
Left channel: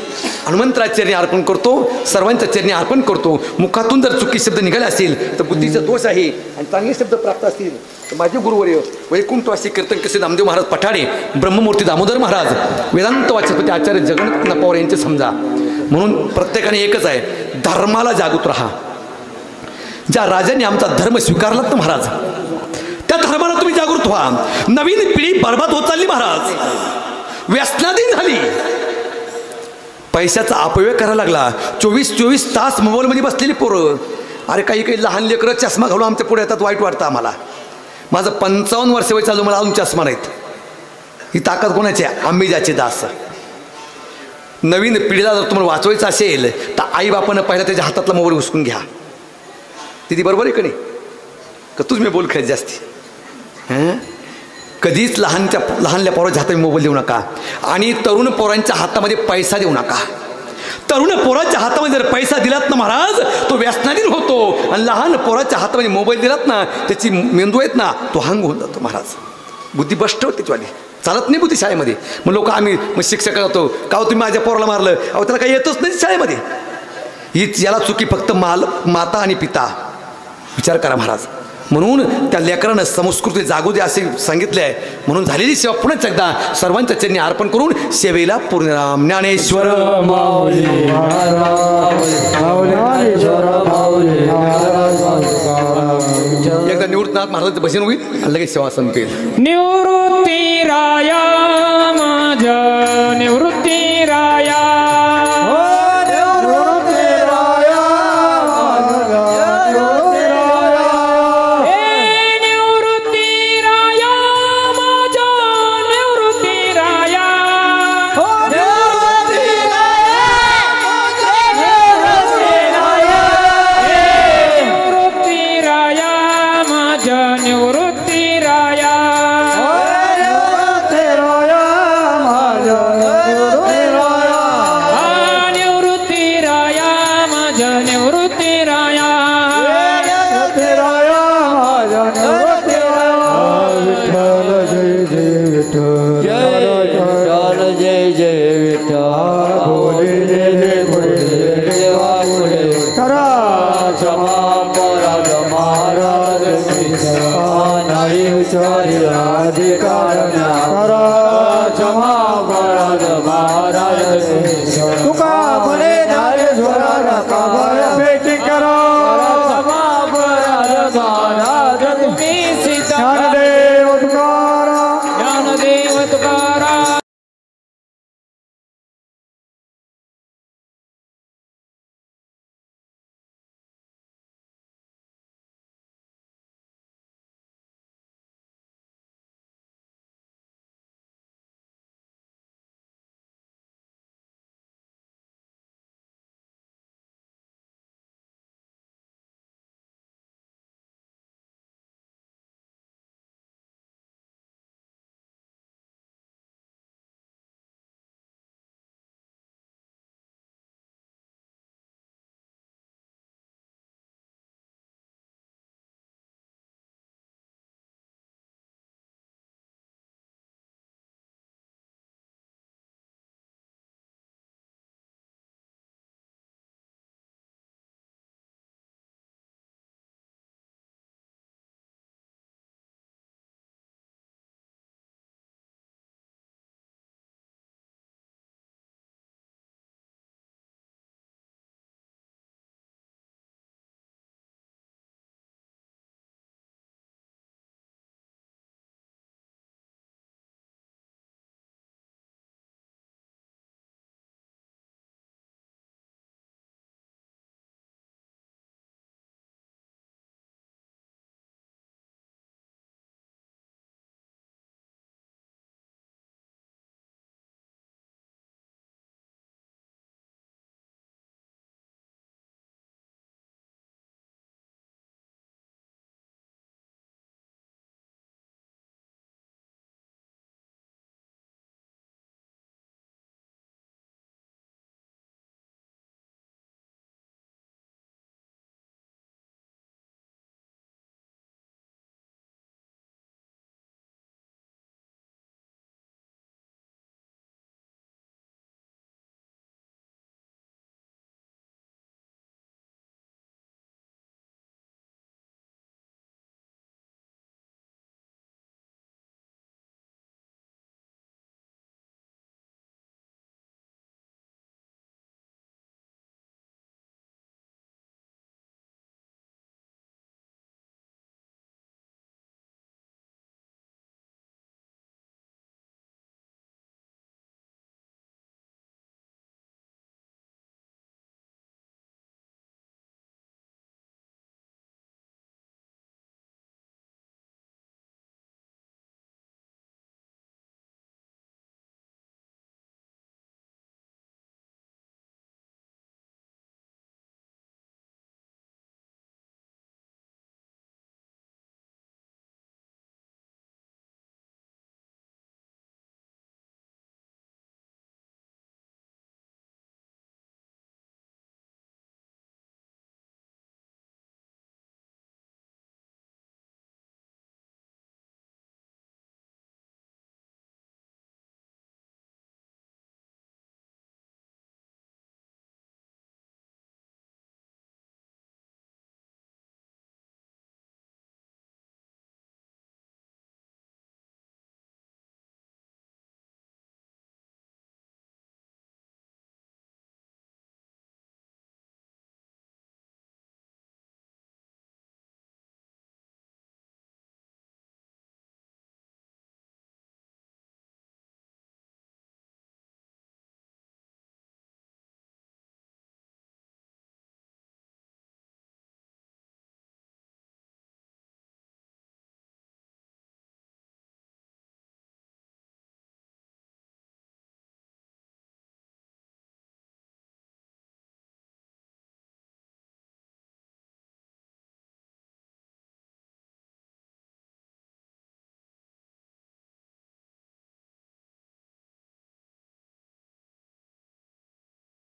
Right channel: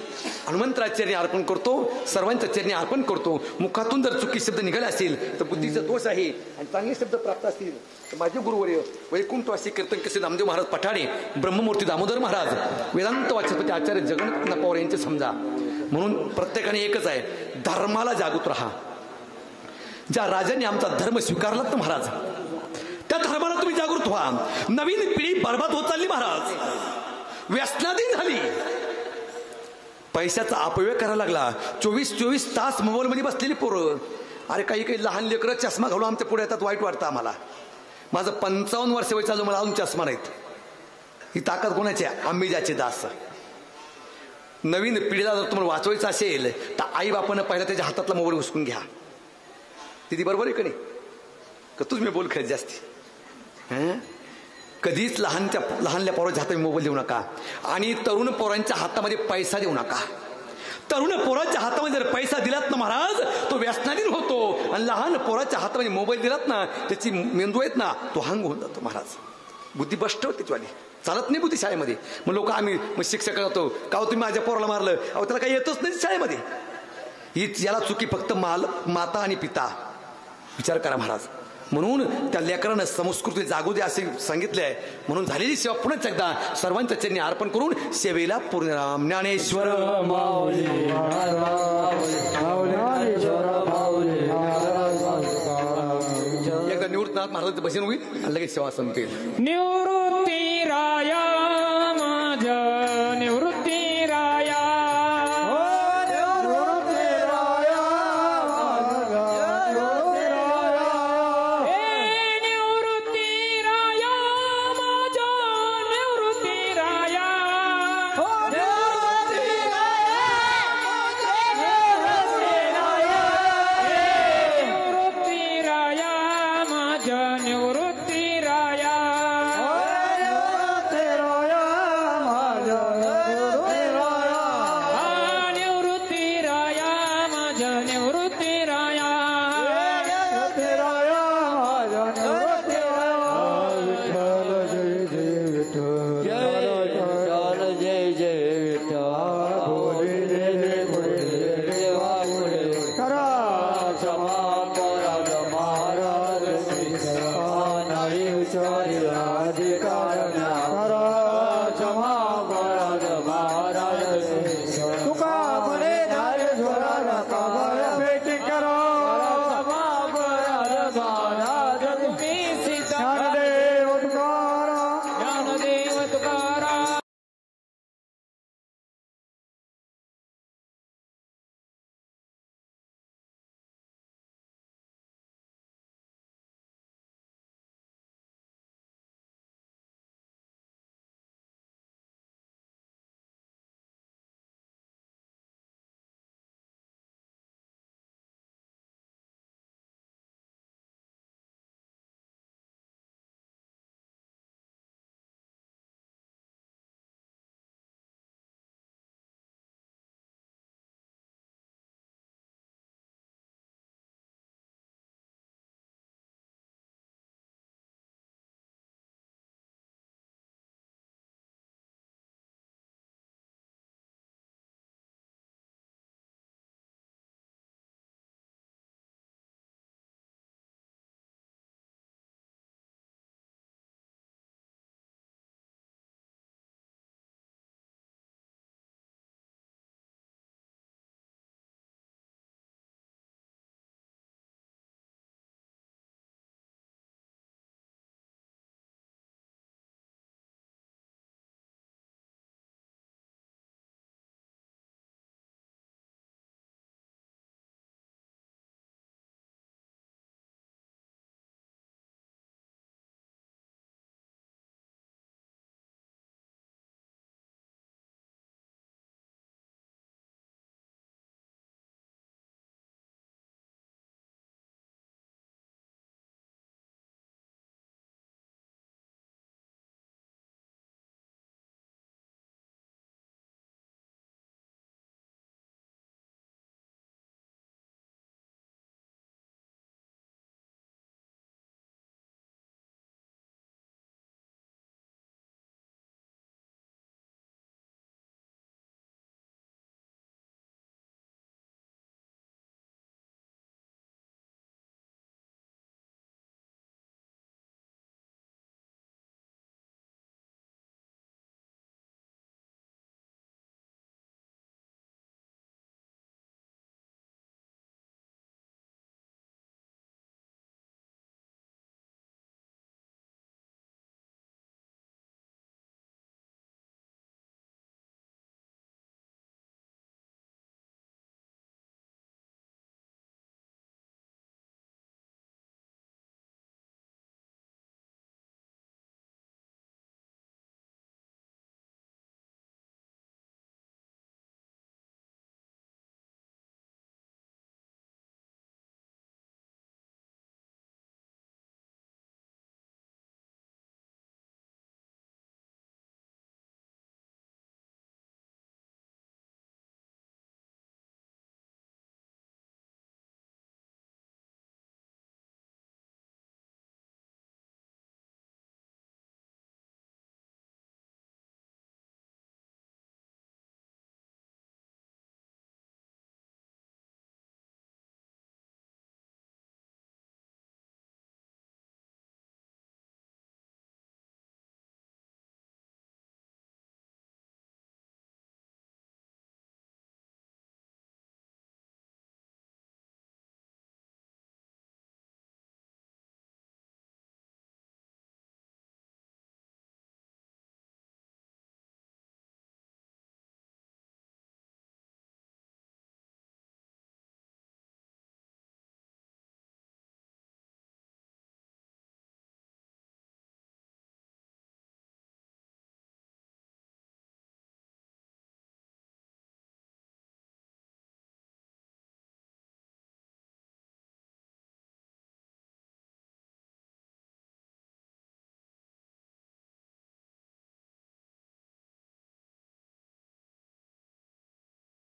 हनुमंतराच्या चरणी अर्पण करतो. सर्वांच्या चरणी अर्पण करतो. मुखातून जर चुकी शब्द निघाले असेल तर बुद्धीचा दोष आहे आणि चांगले शब्द प्राप्त असतील तर माझे गुरुवर्य वैकुंठवासी कीर्तन कसे नामदेव महाराज पठाडे, ब्रह्ममूर्ती दामोदर महाराज, वेदांत वाचस्पती आचार्य जगन्नाथ पवार यांचे समजा. म्हणून प्रत्येकाने एकच आहे, धर्माला जागृत राहा. ज्या राजांनी आमचा धर्म स्वीकारलात ना महाराज त्या धर्माला तुम्ही जागृत व्हा. नवीन पिढी बरबाद होत चालली महाराज. व्यसनाधीन झाली. पैशाचा अपव्यय करायला लागला. 24 तास मोबाईलमध्ये बसलेली पोरं. अरे काही लहान लेकरं चष्मा घालून आमच्या पुढे येतात. वाईट वाटतं आम्हाला. माझं 55 वर्ष वय चालू मला अजून चष्मा नाहीत. ही ताकद कोणाची आहे. आंबेजाचे दास. नवीन पिढीला जर तुम्हाला वाचवायचं असेल तर आईबापानं पहिला त्याच्या हातातला मोबाईल हुसकून घ्या. तिथे बरोबर आहे का नाही का तुझ मी बोल खेळ जास्ती. कधीच लहानल्या पोराच्या हातात मोबाईल देऊ नका. आणि तरुण पोरांच्या हातामध्ये पैसा देऊ नका. तरुण पोराच्या हातामध्ये जर पैसा दिलात ना महाराज तो व्यसनाधीन होतो. आणि लहान पोराच्या हातामध्ये मोबाईल दिलात ना त्याची मेंदू आहेत ना तो हँग होऊन जातो महाराज. बुद्धी भ्रष्ट होते त्याच्यावाली. चालत नाही बुद्धी शाळेमध्ये. मग लोक आम्ही मग शिक्षक जातो का तुम्ही माझ्या पोराला मारलं. अहो त्याला काही येतच नाही शाळेमध्ये. हीच याला चुकी फक्त माता आणि पिता. विचार करा महाराज. म्हणून त्या लेकरानं संस्कृती जागू दे असे सांगितले आहे. म्हणून झालेली सेवा पुन्हा एकदा सर्वांच्या चरणी अर्पण करून सेवेला पूर्णराम ज्ञानेश्वर एकदा निवृत्तीनाथ महाराजांचं भजन होईल आणि लगेच सेवा संपेल. निवृत्ती राया माझ्या निवृत्ती राया निवृत्ती राया आदि कारण